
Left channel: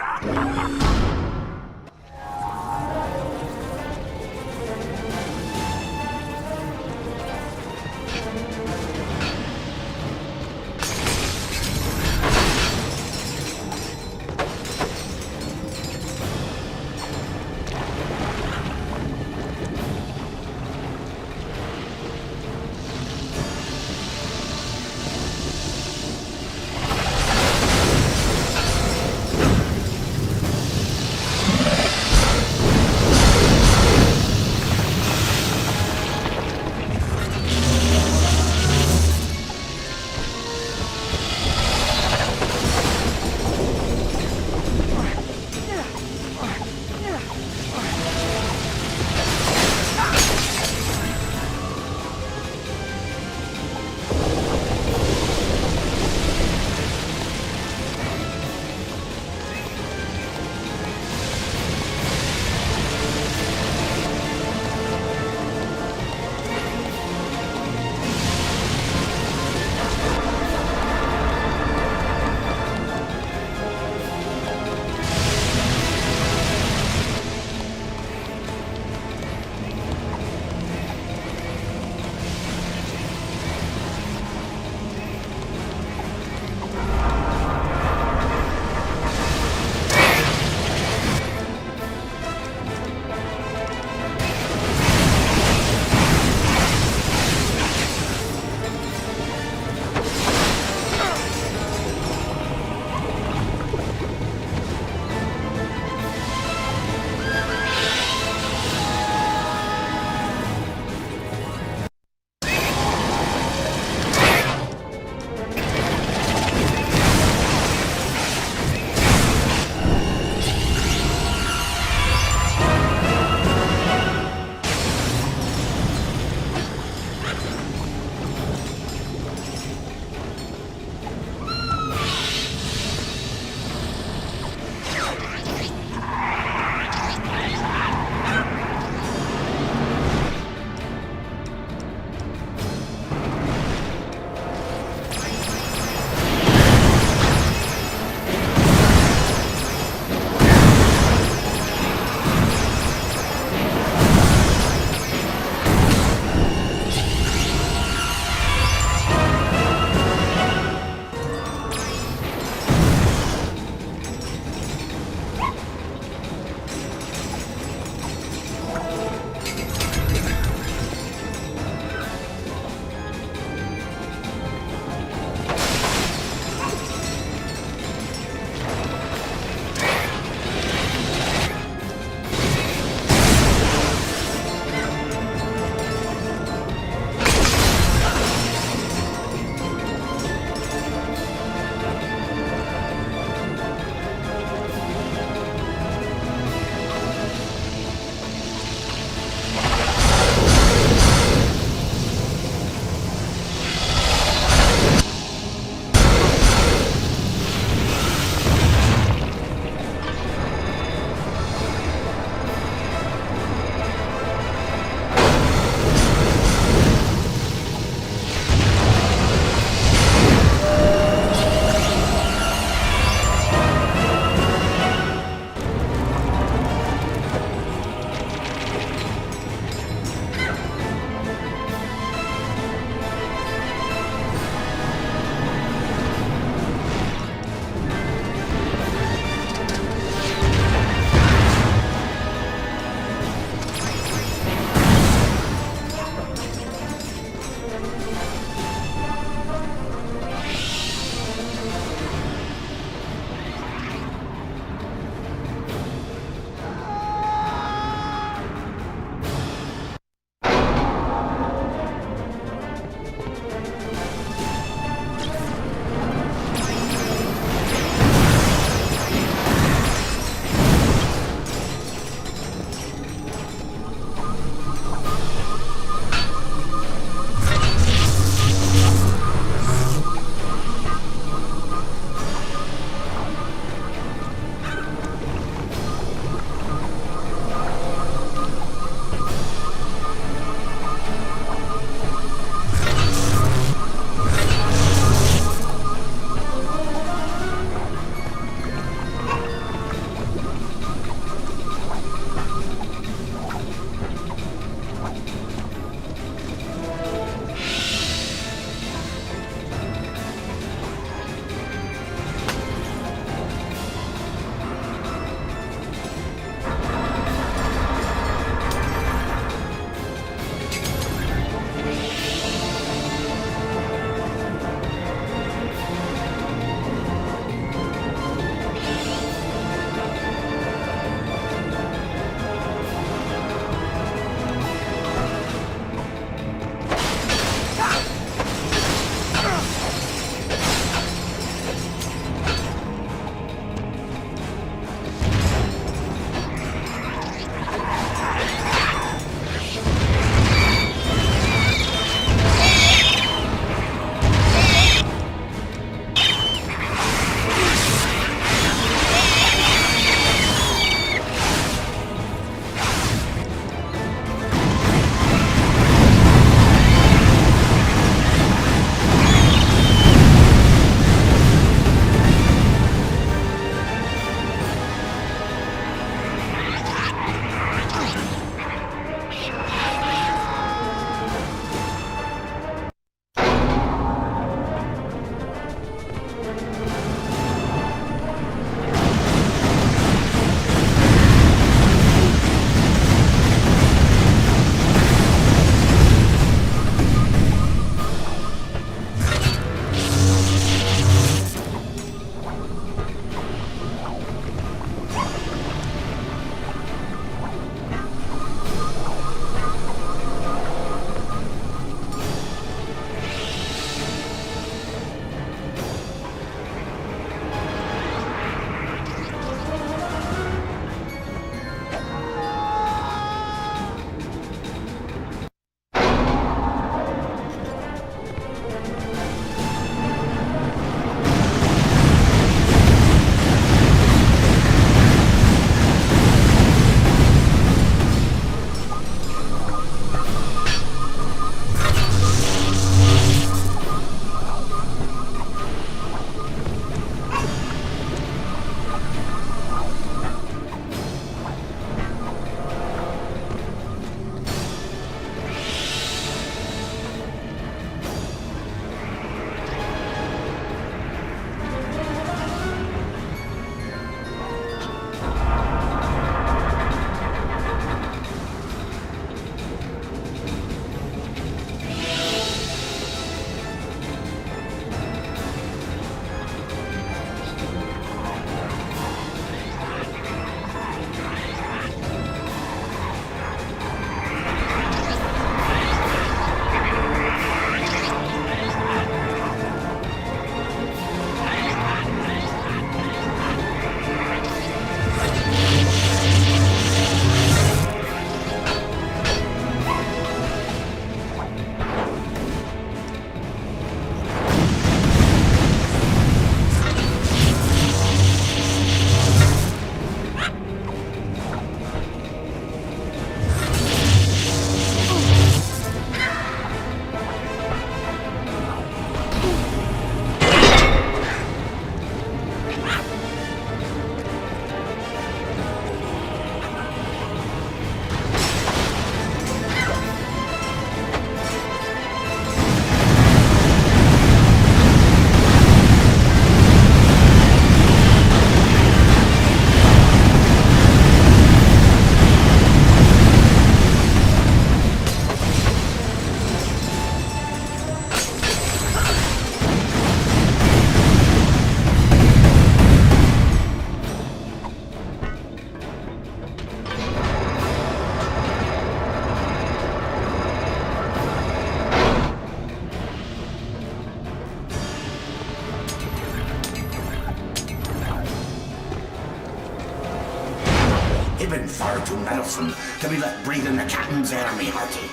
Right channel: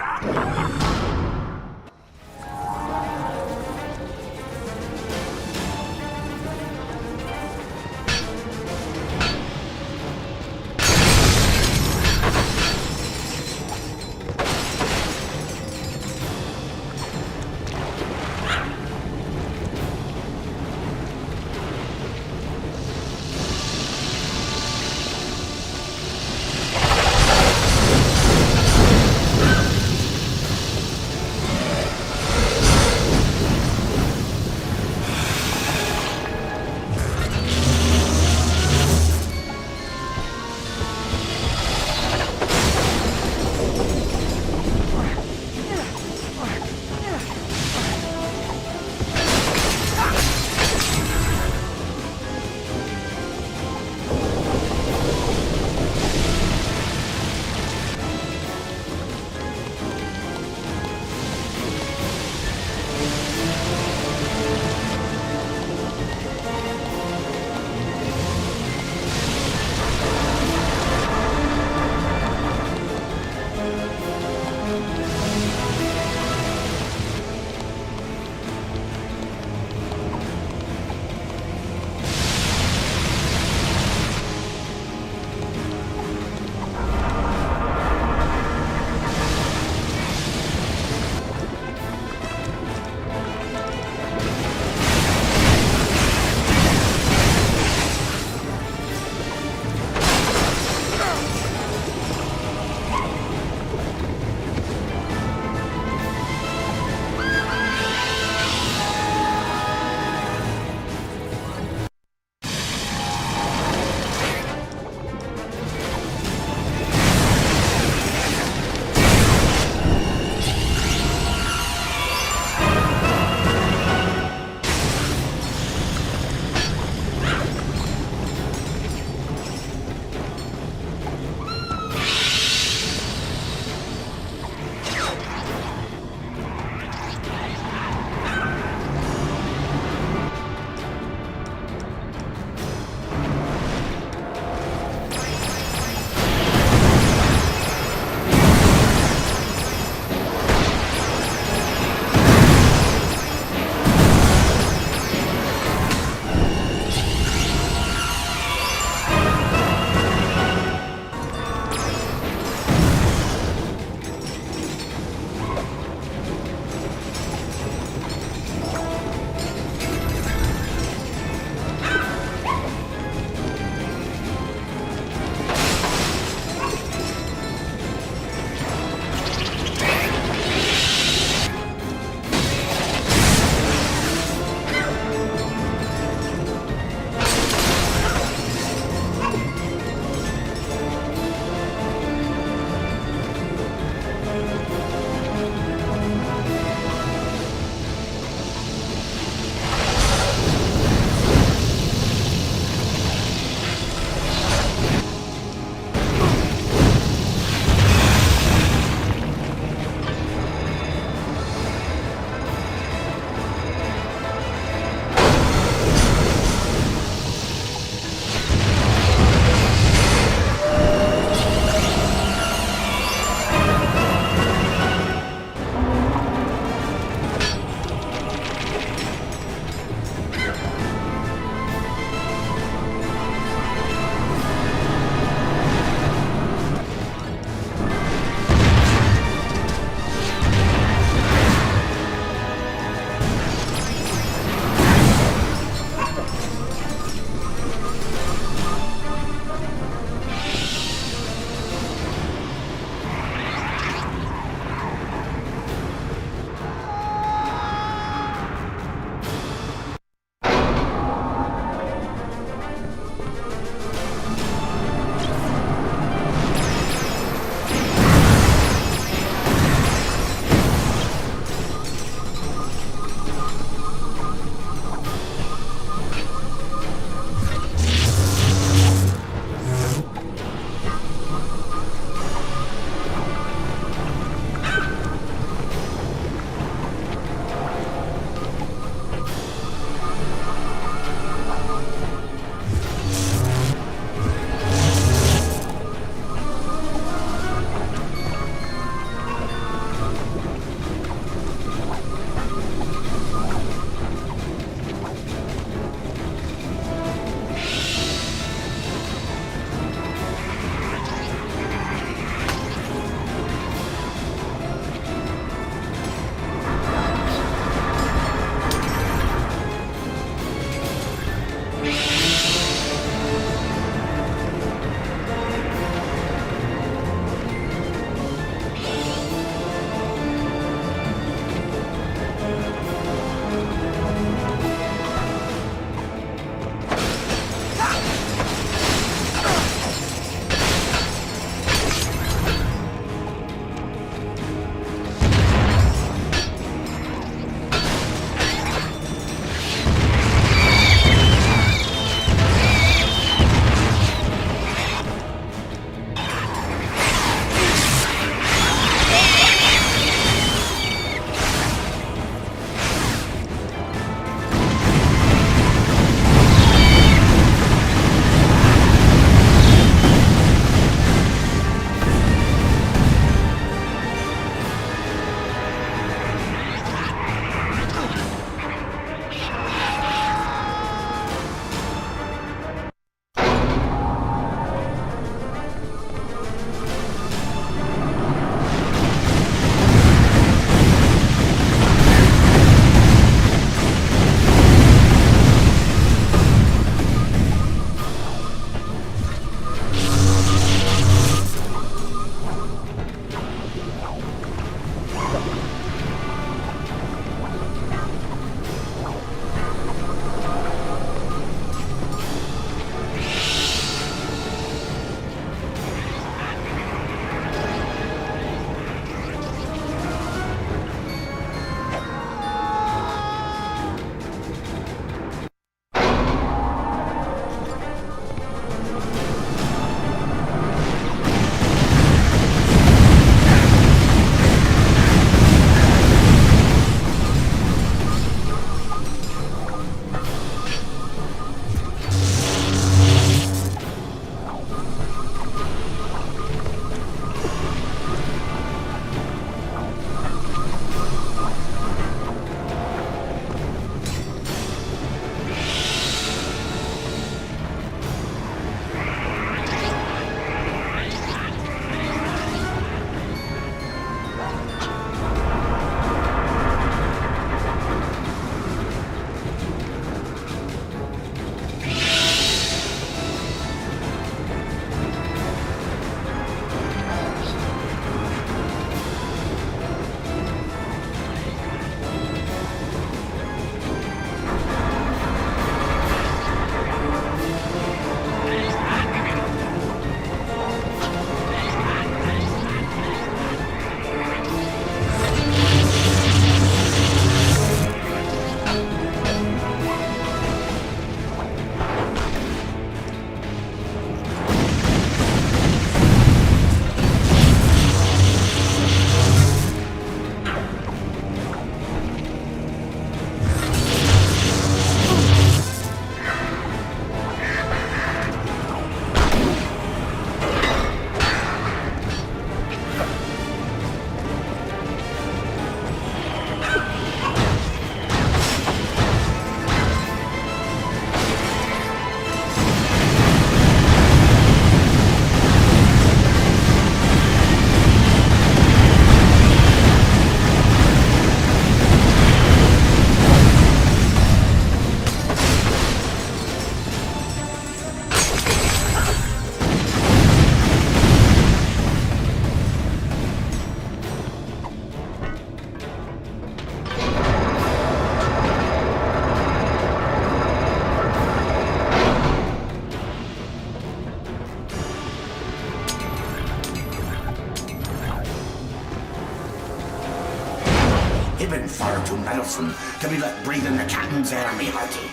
You've been far too meddlesome to be left breathing the captain's air, me hearty.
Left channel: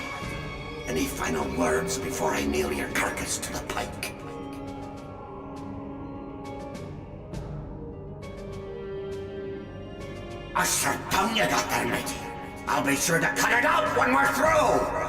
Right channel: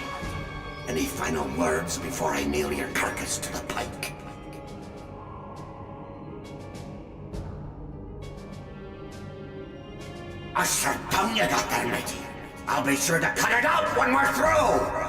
Any final words before I nail your carcass to the pike? A sharp tongue you got there, matey. I'll be sure to cut it out when we're through!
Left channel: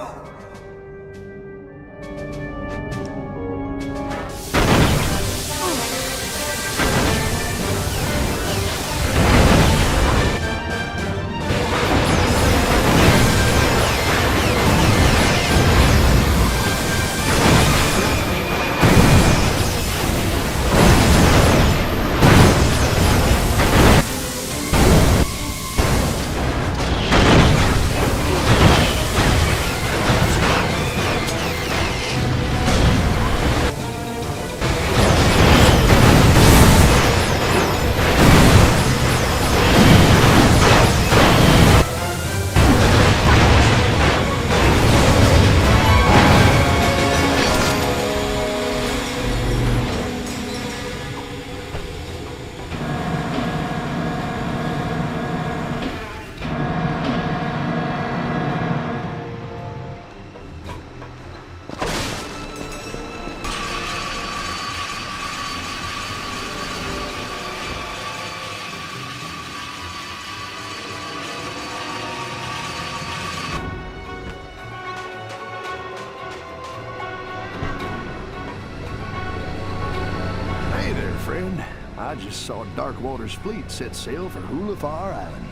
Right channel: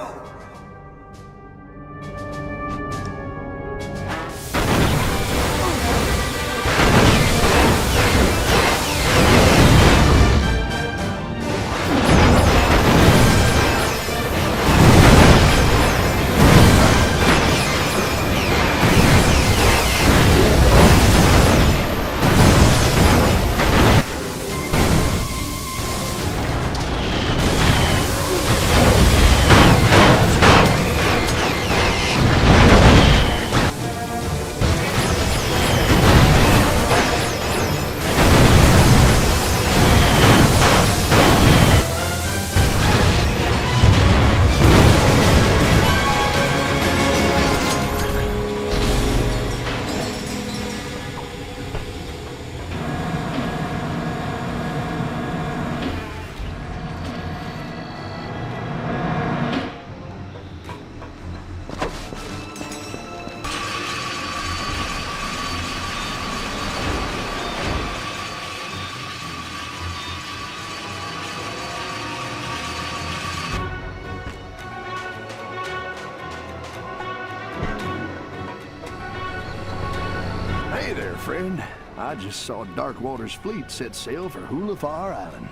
Hey there, friend. I just saw Darkwater's fleet set sail for Hulafar Island.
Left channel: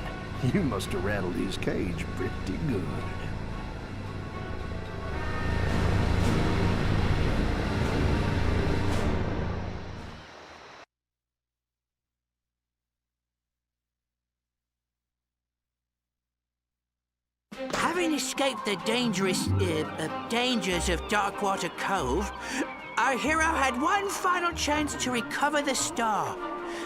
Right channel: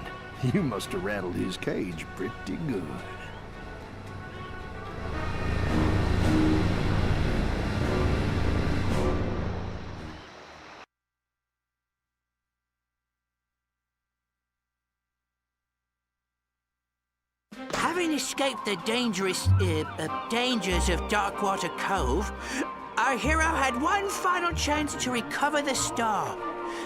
You must have rattled his cage pretty good. Having escaped the dangers of Darkwater Cove, our hero had one final chance to recover the star.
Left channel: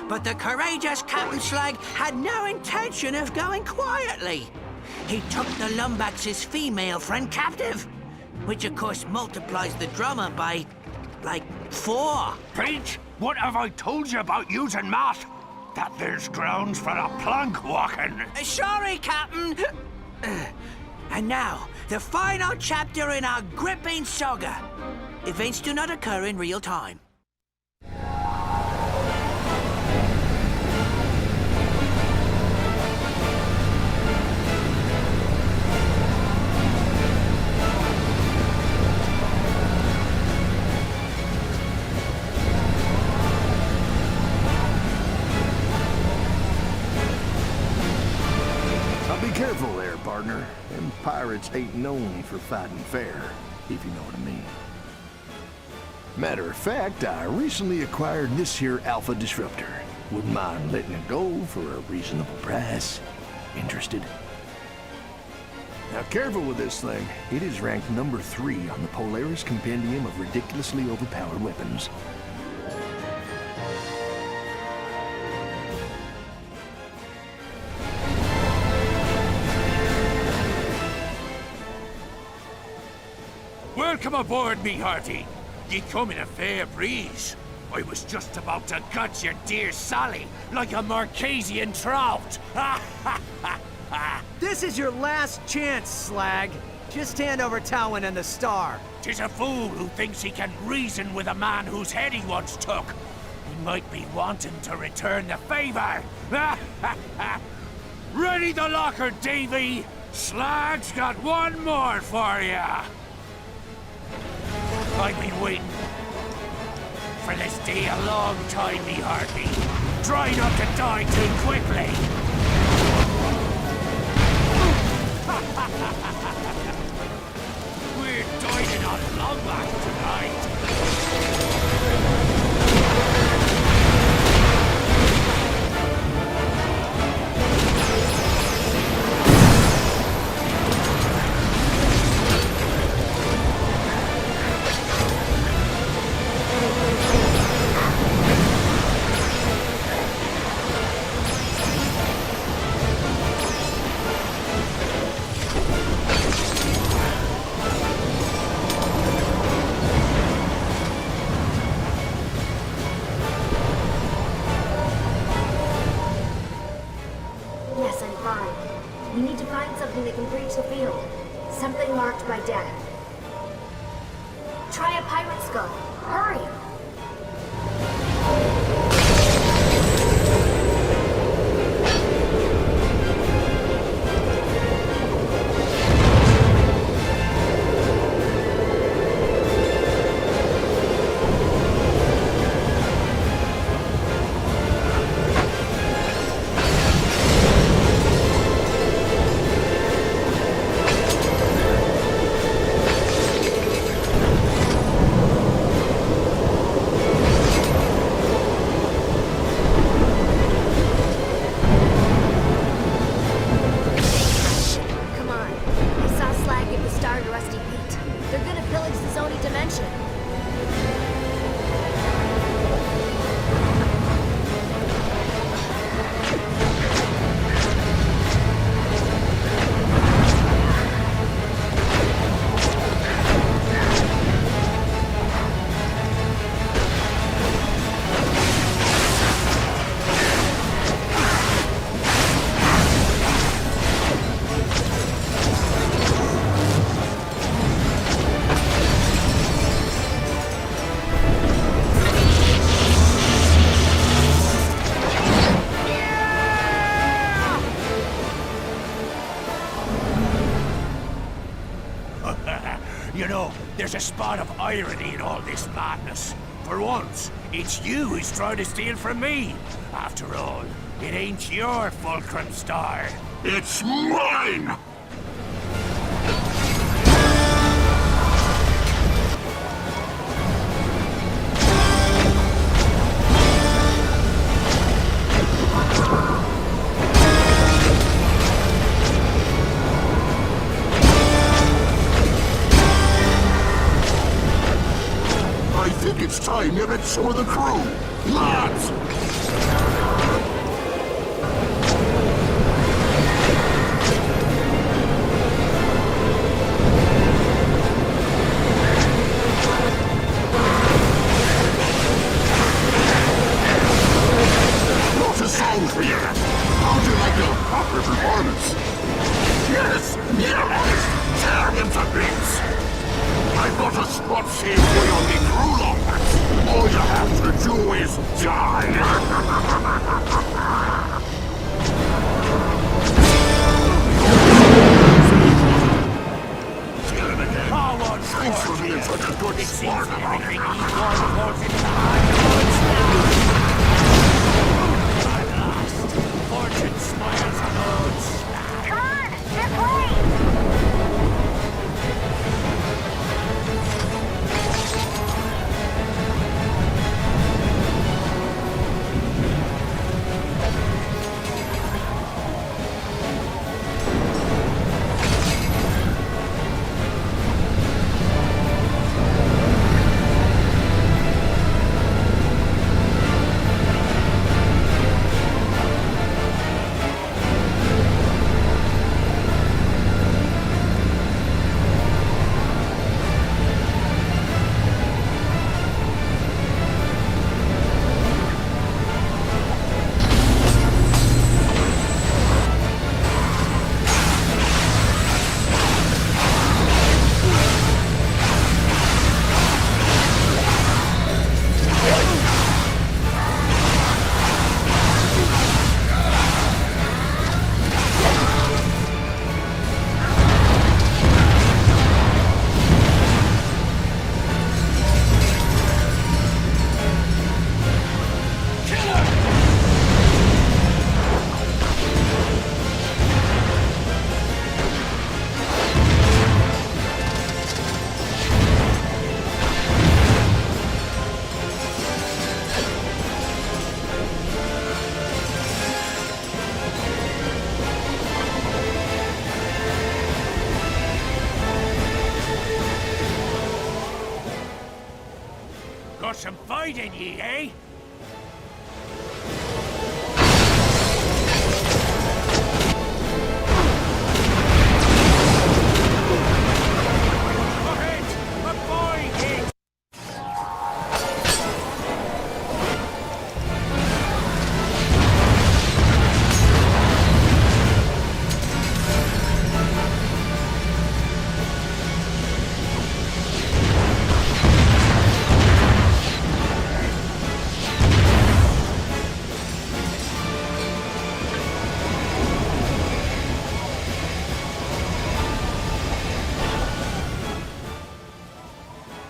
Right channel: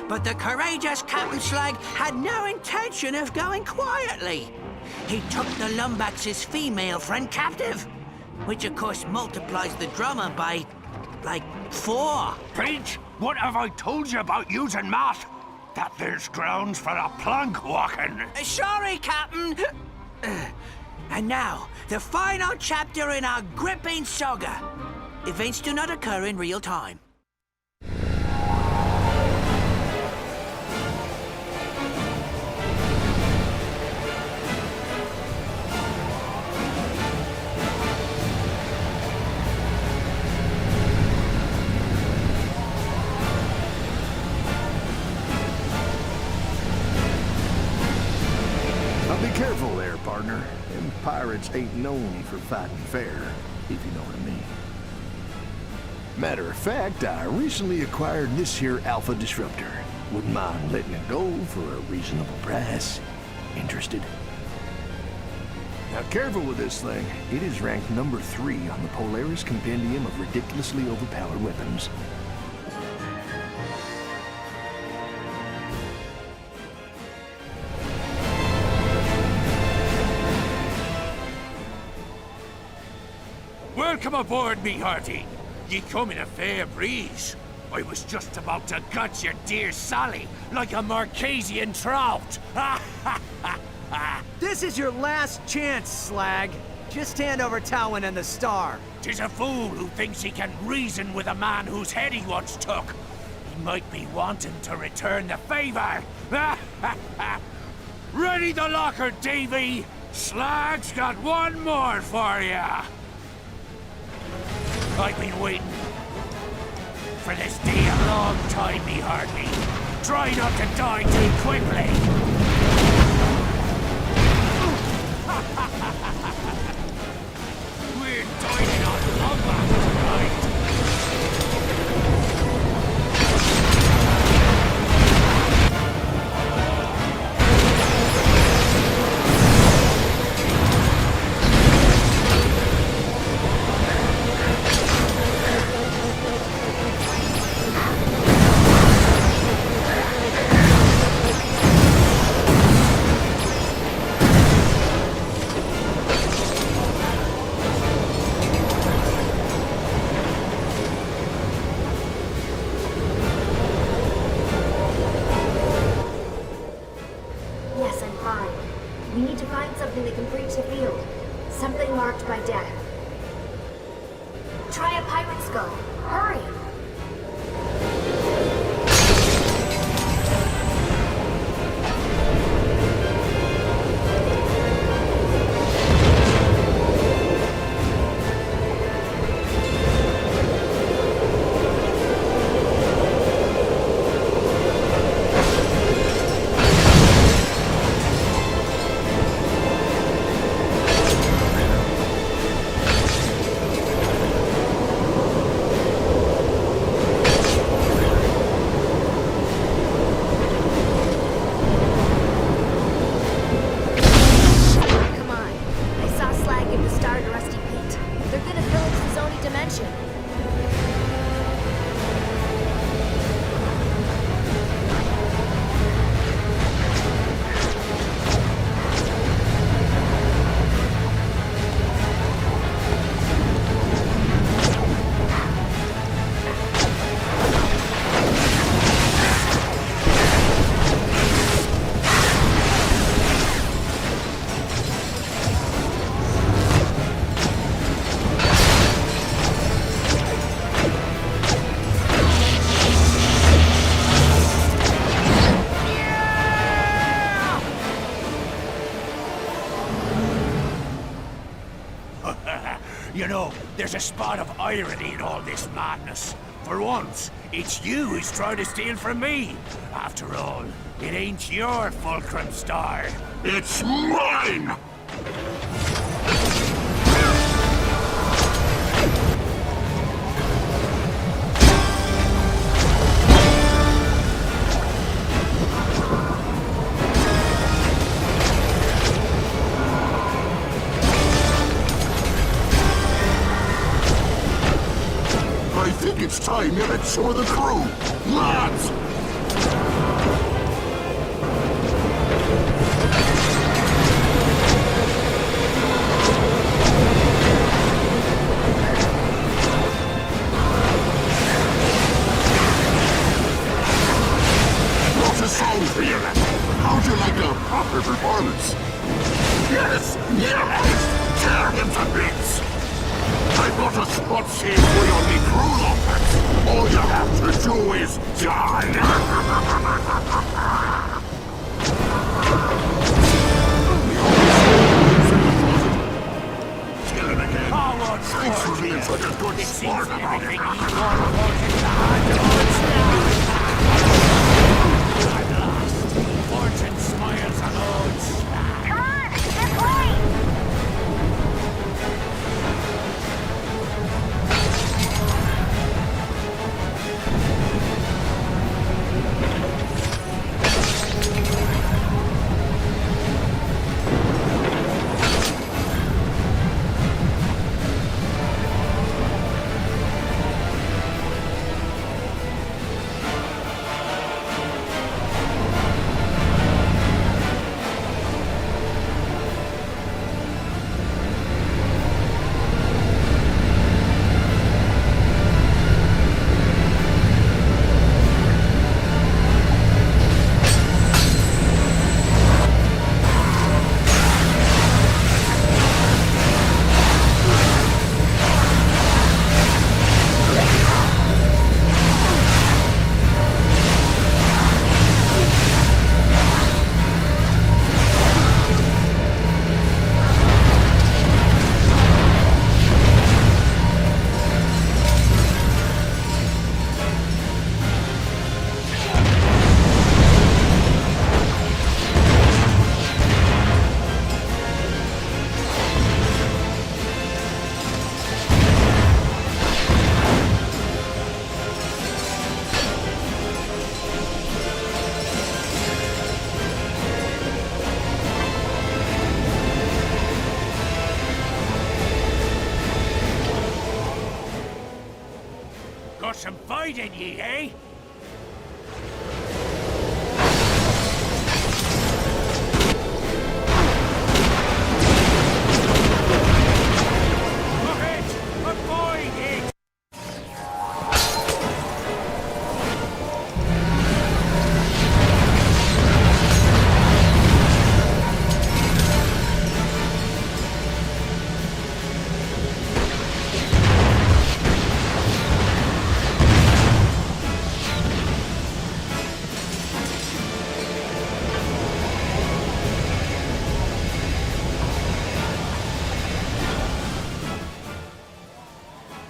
But the courageous Captain Slag had no intention of going quietly. He took the Lumbax's female friend captive, which of course multiplies the drummer by, like, 4. Pete, what have I told you about using math? That there's grounds for a plank walking. Sorry, Captain. And now, the final chapter in our gripping saga. Events do not occur in real time. Now be careful there, partner. Them pirates ain't known for fighting fair, if you know what I mean. Matter of fact, I recently acquired this here Alpha Disruptor. Wouldn't mind letting it go for a reasonable price. Interested? Now careful with this thing. It is ranked number 3 on the Polaris Compendium of ridiculously overpowered weapons. Welcome aboard, me hearty. Ye come in a fair breeze. I was just about to gut your dear Sally like a Marquesian trout. This is your last chance, Slag. Just hand over Towin and the star. 'Tis a fool who thinks he can reason with a man whose head he once took. He might be wanting to return the favor. Ready the locker, Davy. Slag's got one more for ya. I've been waiting. for this day a long time, me hearty. Try not to die too quickly. We're dining on Lombax tonight. Yes, I'm fine. We need to find something that can breach the field. Something marked by death. Try a pirate skull. Hurry! Come on. I saw Slag give the star to Rusty Pete. They're gonna pillage the Zoni dimension. You know, there's a spot of irony in all this madness. For once, it's you who's trying to steal from me. After all, it ain't your fulcrum star. It's mine! I think it's time you met some of the crew. Lads! What's a song for you? How'd you like a proper performance? Yes! Yes! Tear him to bits! I've got a spot saved for you on the crew, Lombax. All you have to do is die. Kill him again. Thanks for being such a good sport about it. At last, fortune smiles on old Slag. Come on, this way! Got some fight in ye, eh? Ahead! Avoid it!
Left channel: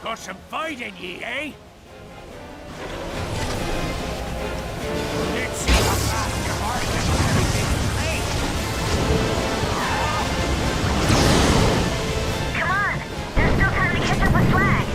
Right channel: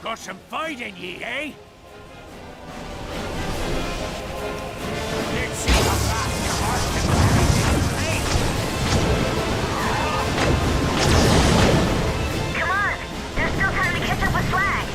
Got some fight in ye, eh? Let's see how fast your heart can carry this plate. Come on! There's still time to catch up with Slag!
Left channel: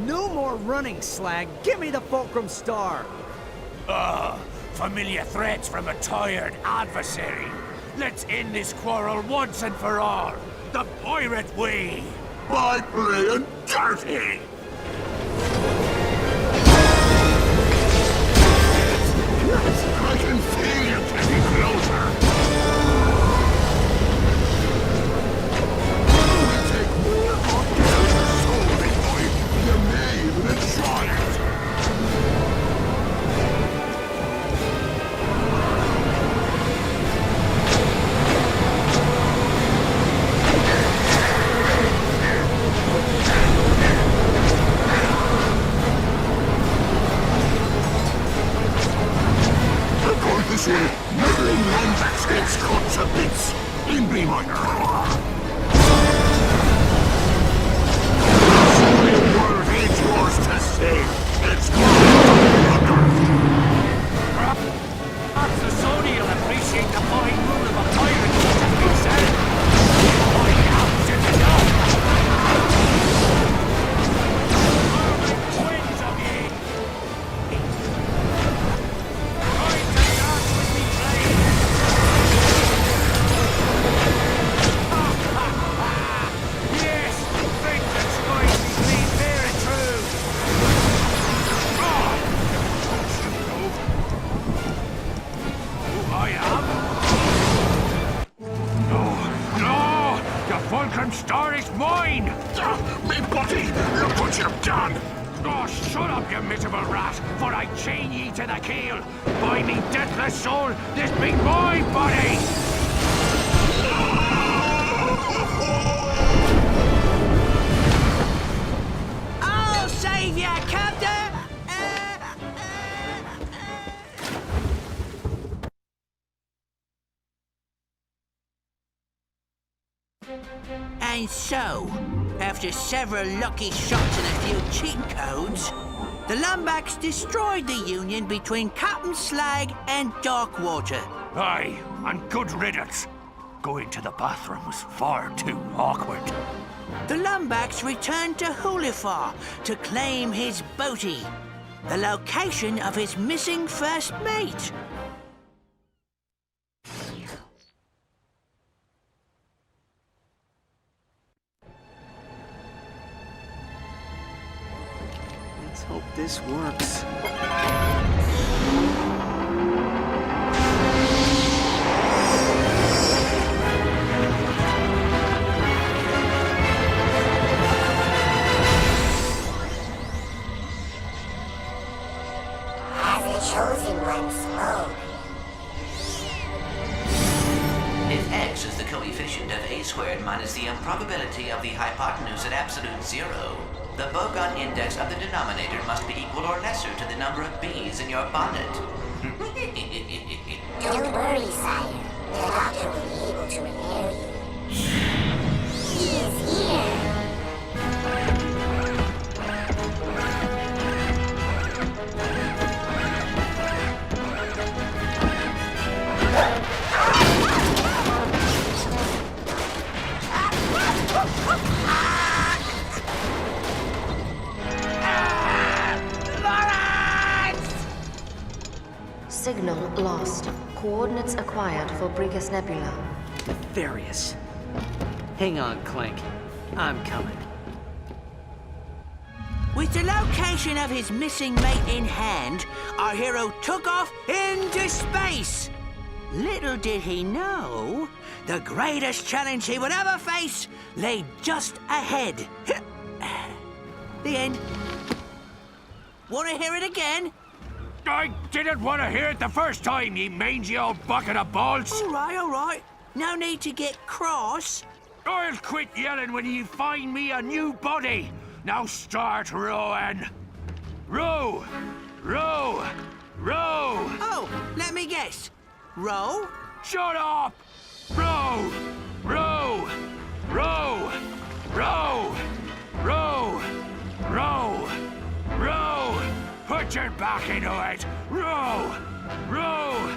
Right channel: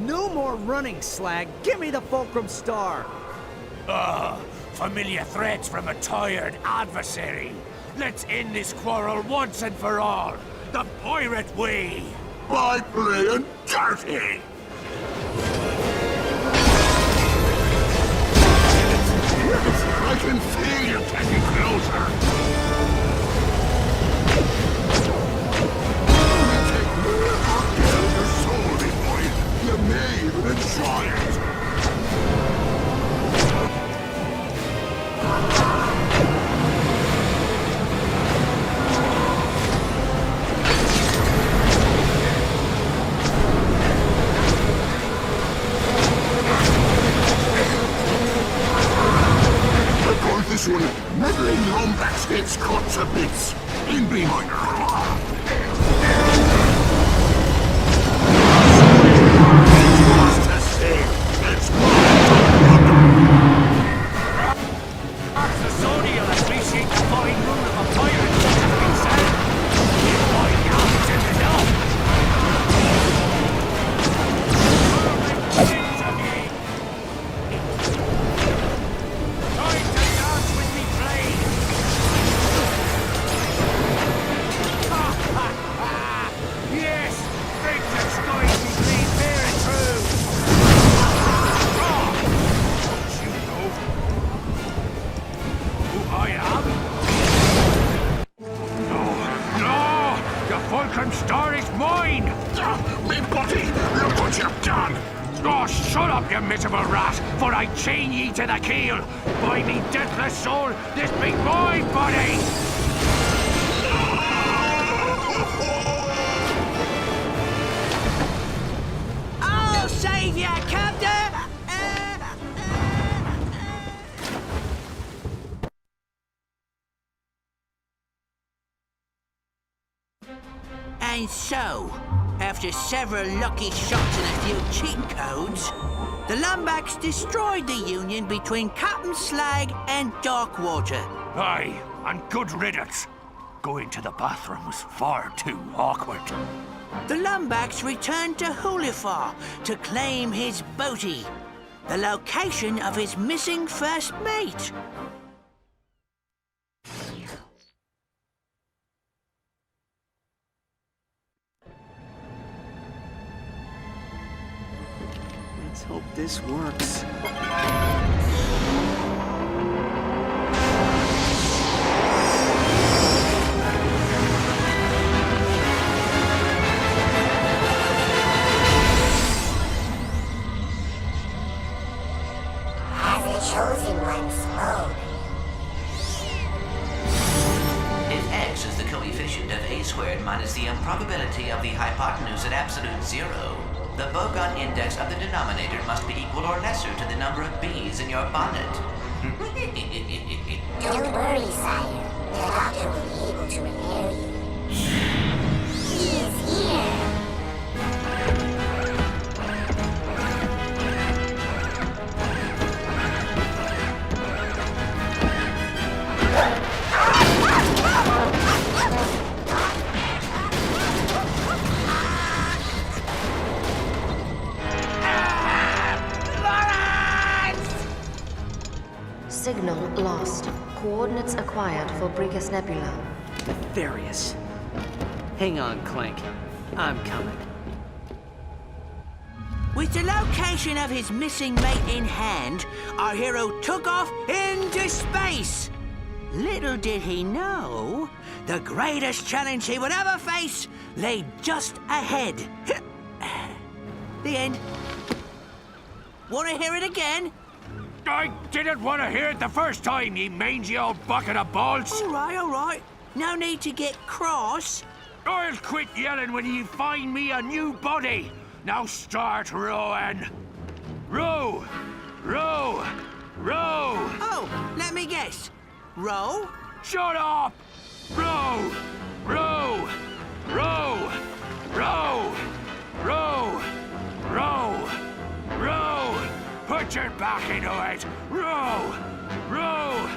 No more running, Slag. Give me the Fulcrum Star. Familiar threats from a tired adversary. Let's end this quarrel once and for all. The pirate way. By playing dirty! Yes, I can feel you getting closer. You'll take more good care of your soul, big boy. You may even enjoy it. This one, meddling Lombax gets cut to bits. In B minor. Sorry, world ain't yours to save. It's mine to plunder. Perhaps the Sony will appreciate the fine rule of a pirate, as has been said. Find out soon enough. I'll make twins of ye. Trying to dance with me blade. Ha ha ha! Yes, vengeance going to be clean fair and true. Ah! Don't you know who I am? No, no! The Fulcrum Star is mine! Me buddy, look what you've done! Oh, shut up, you miserable rat, for I chain ye to the keel. By me deathless soul, this be my body! I'll save ya, Captain! And so, After several lucky shots and a few cheat codes, the Lombax destroyed the union between Captain Slag and Darkwater. Aye, and good riddance. Going to the bathroom was far too awkward. The Lombax returned to Hulifar to claim his booty, the location of his missing first mate. Let's hope this works. As the chosen one spoke. If x is the coefficient of a squared minus the improbability of the hypotenuse at absolute zero, the Bogon index of the denominator must be equal or lesser to the number of bees in your bonnet. Don't worry, sire. The doctor will be able to repair you. He is here. Signal lost. Coordinates acquired for Brigus Nebula. Nefarious. Hang on, Clank. I'm coming. With the location of his missing mate in hand, our hero took off into space. Little did he know, the greatest challenge he would ever face lay just ahead. The end. Want to hear it again? I didn't want to hear it the first time, ye mangy old bucket of balls. All right. No need to get cross. I'll quit yelling when you find me a new body. Now start rowing. Row, row, row. Oh, let me guess. Row? Shut up! Row, row, row, row, row, row, row. Put your back into it. Row, row,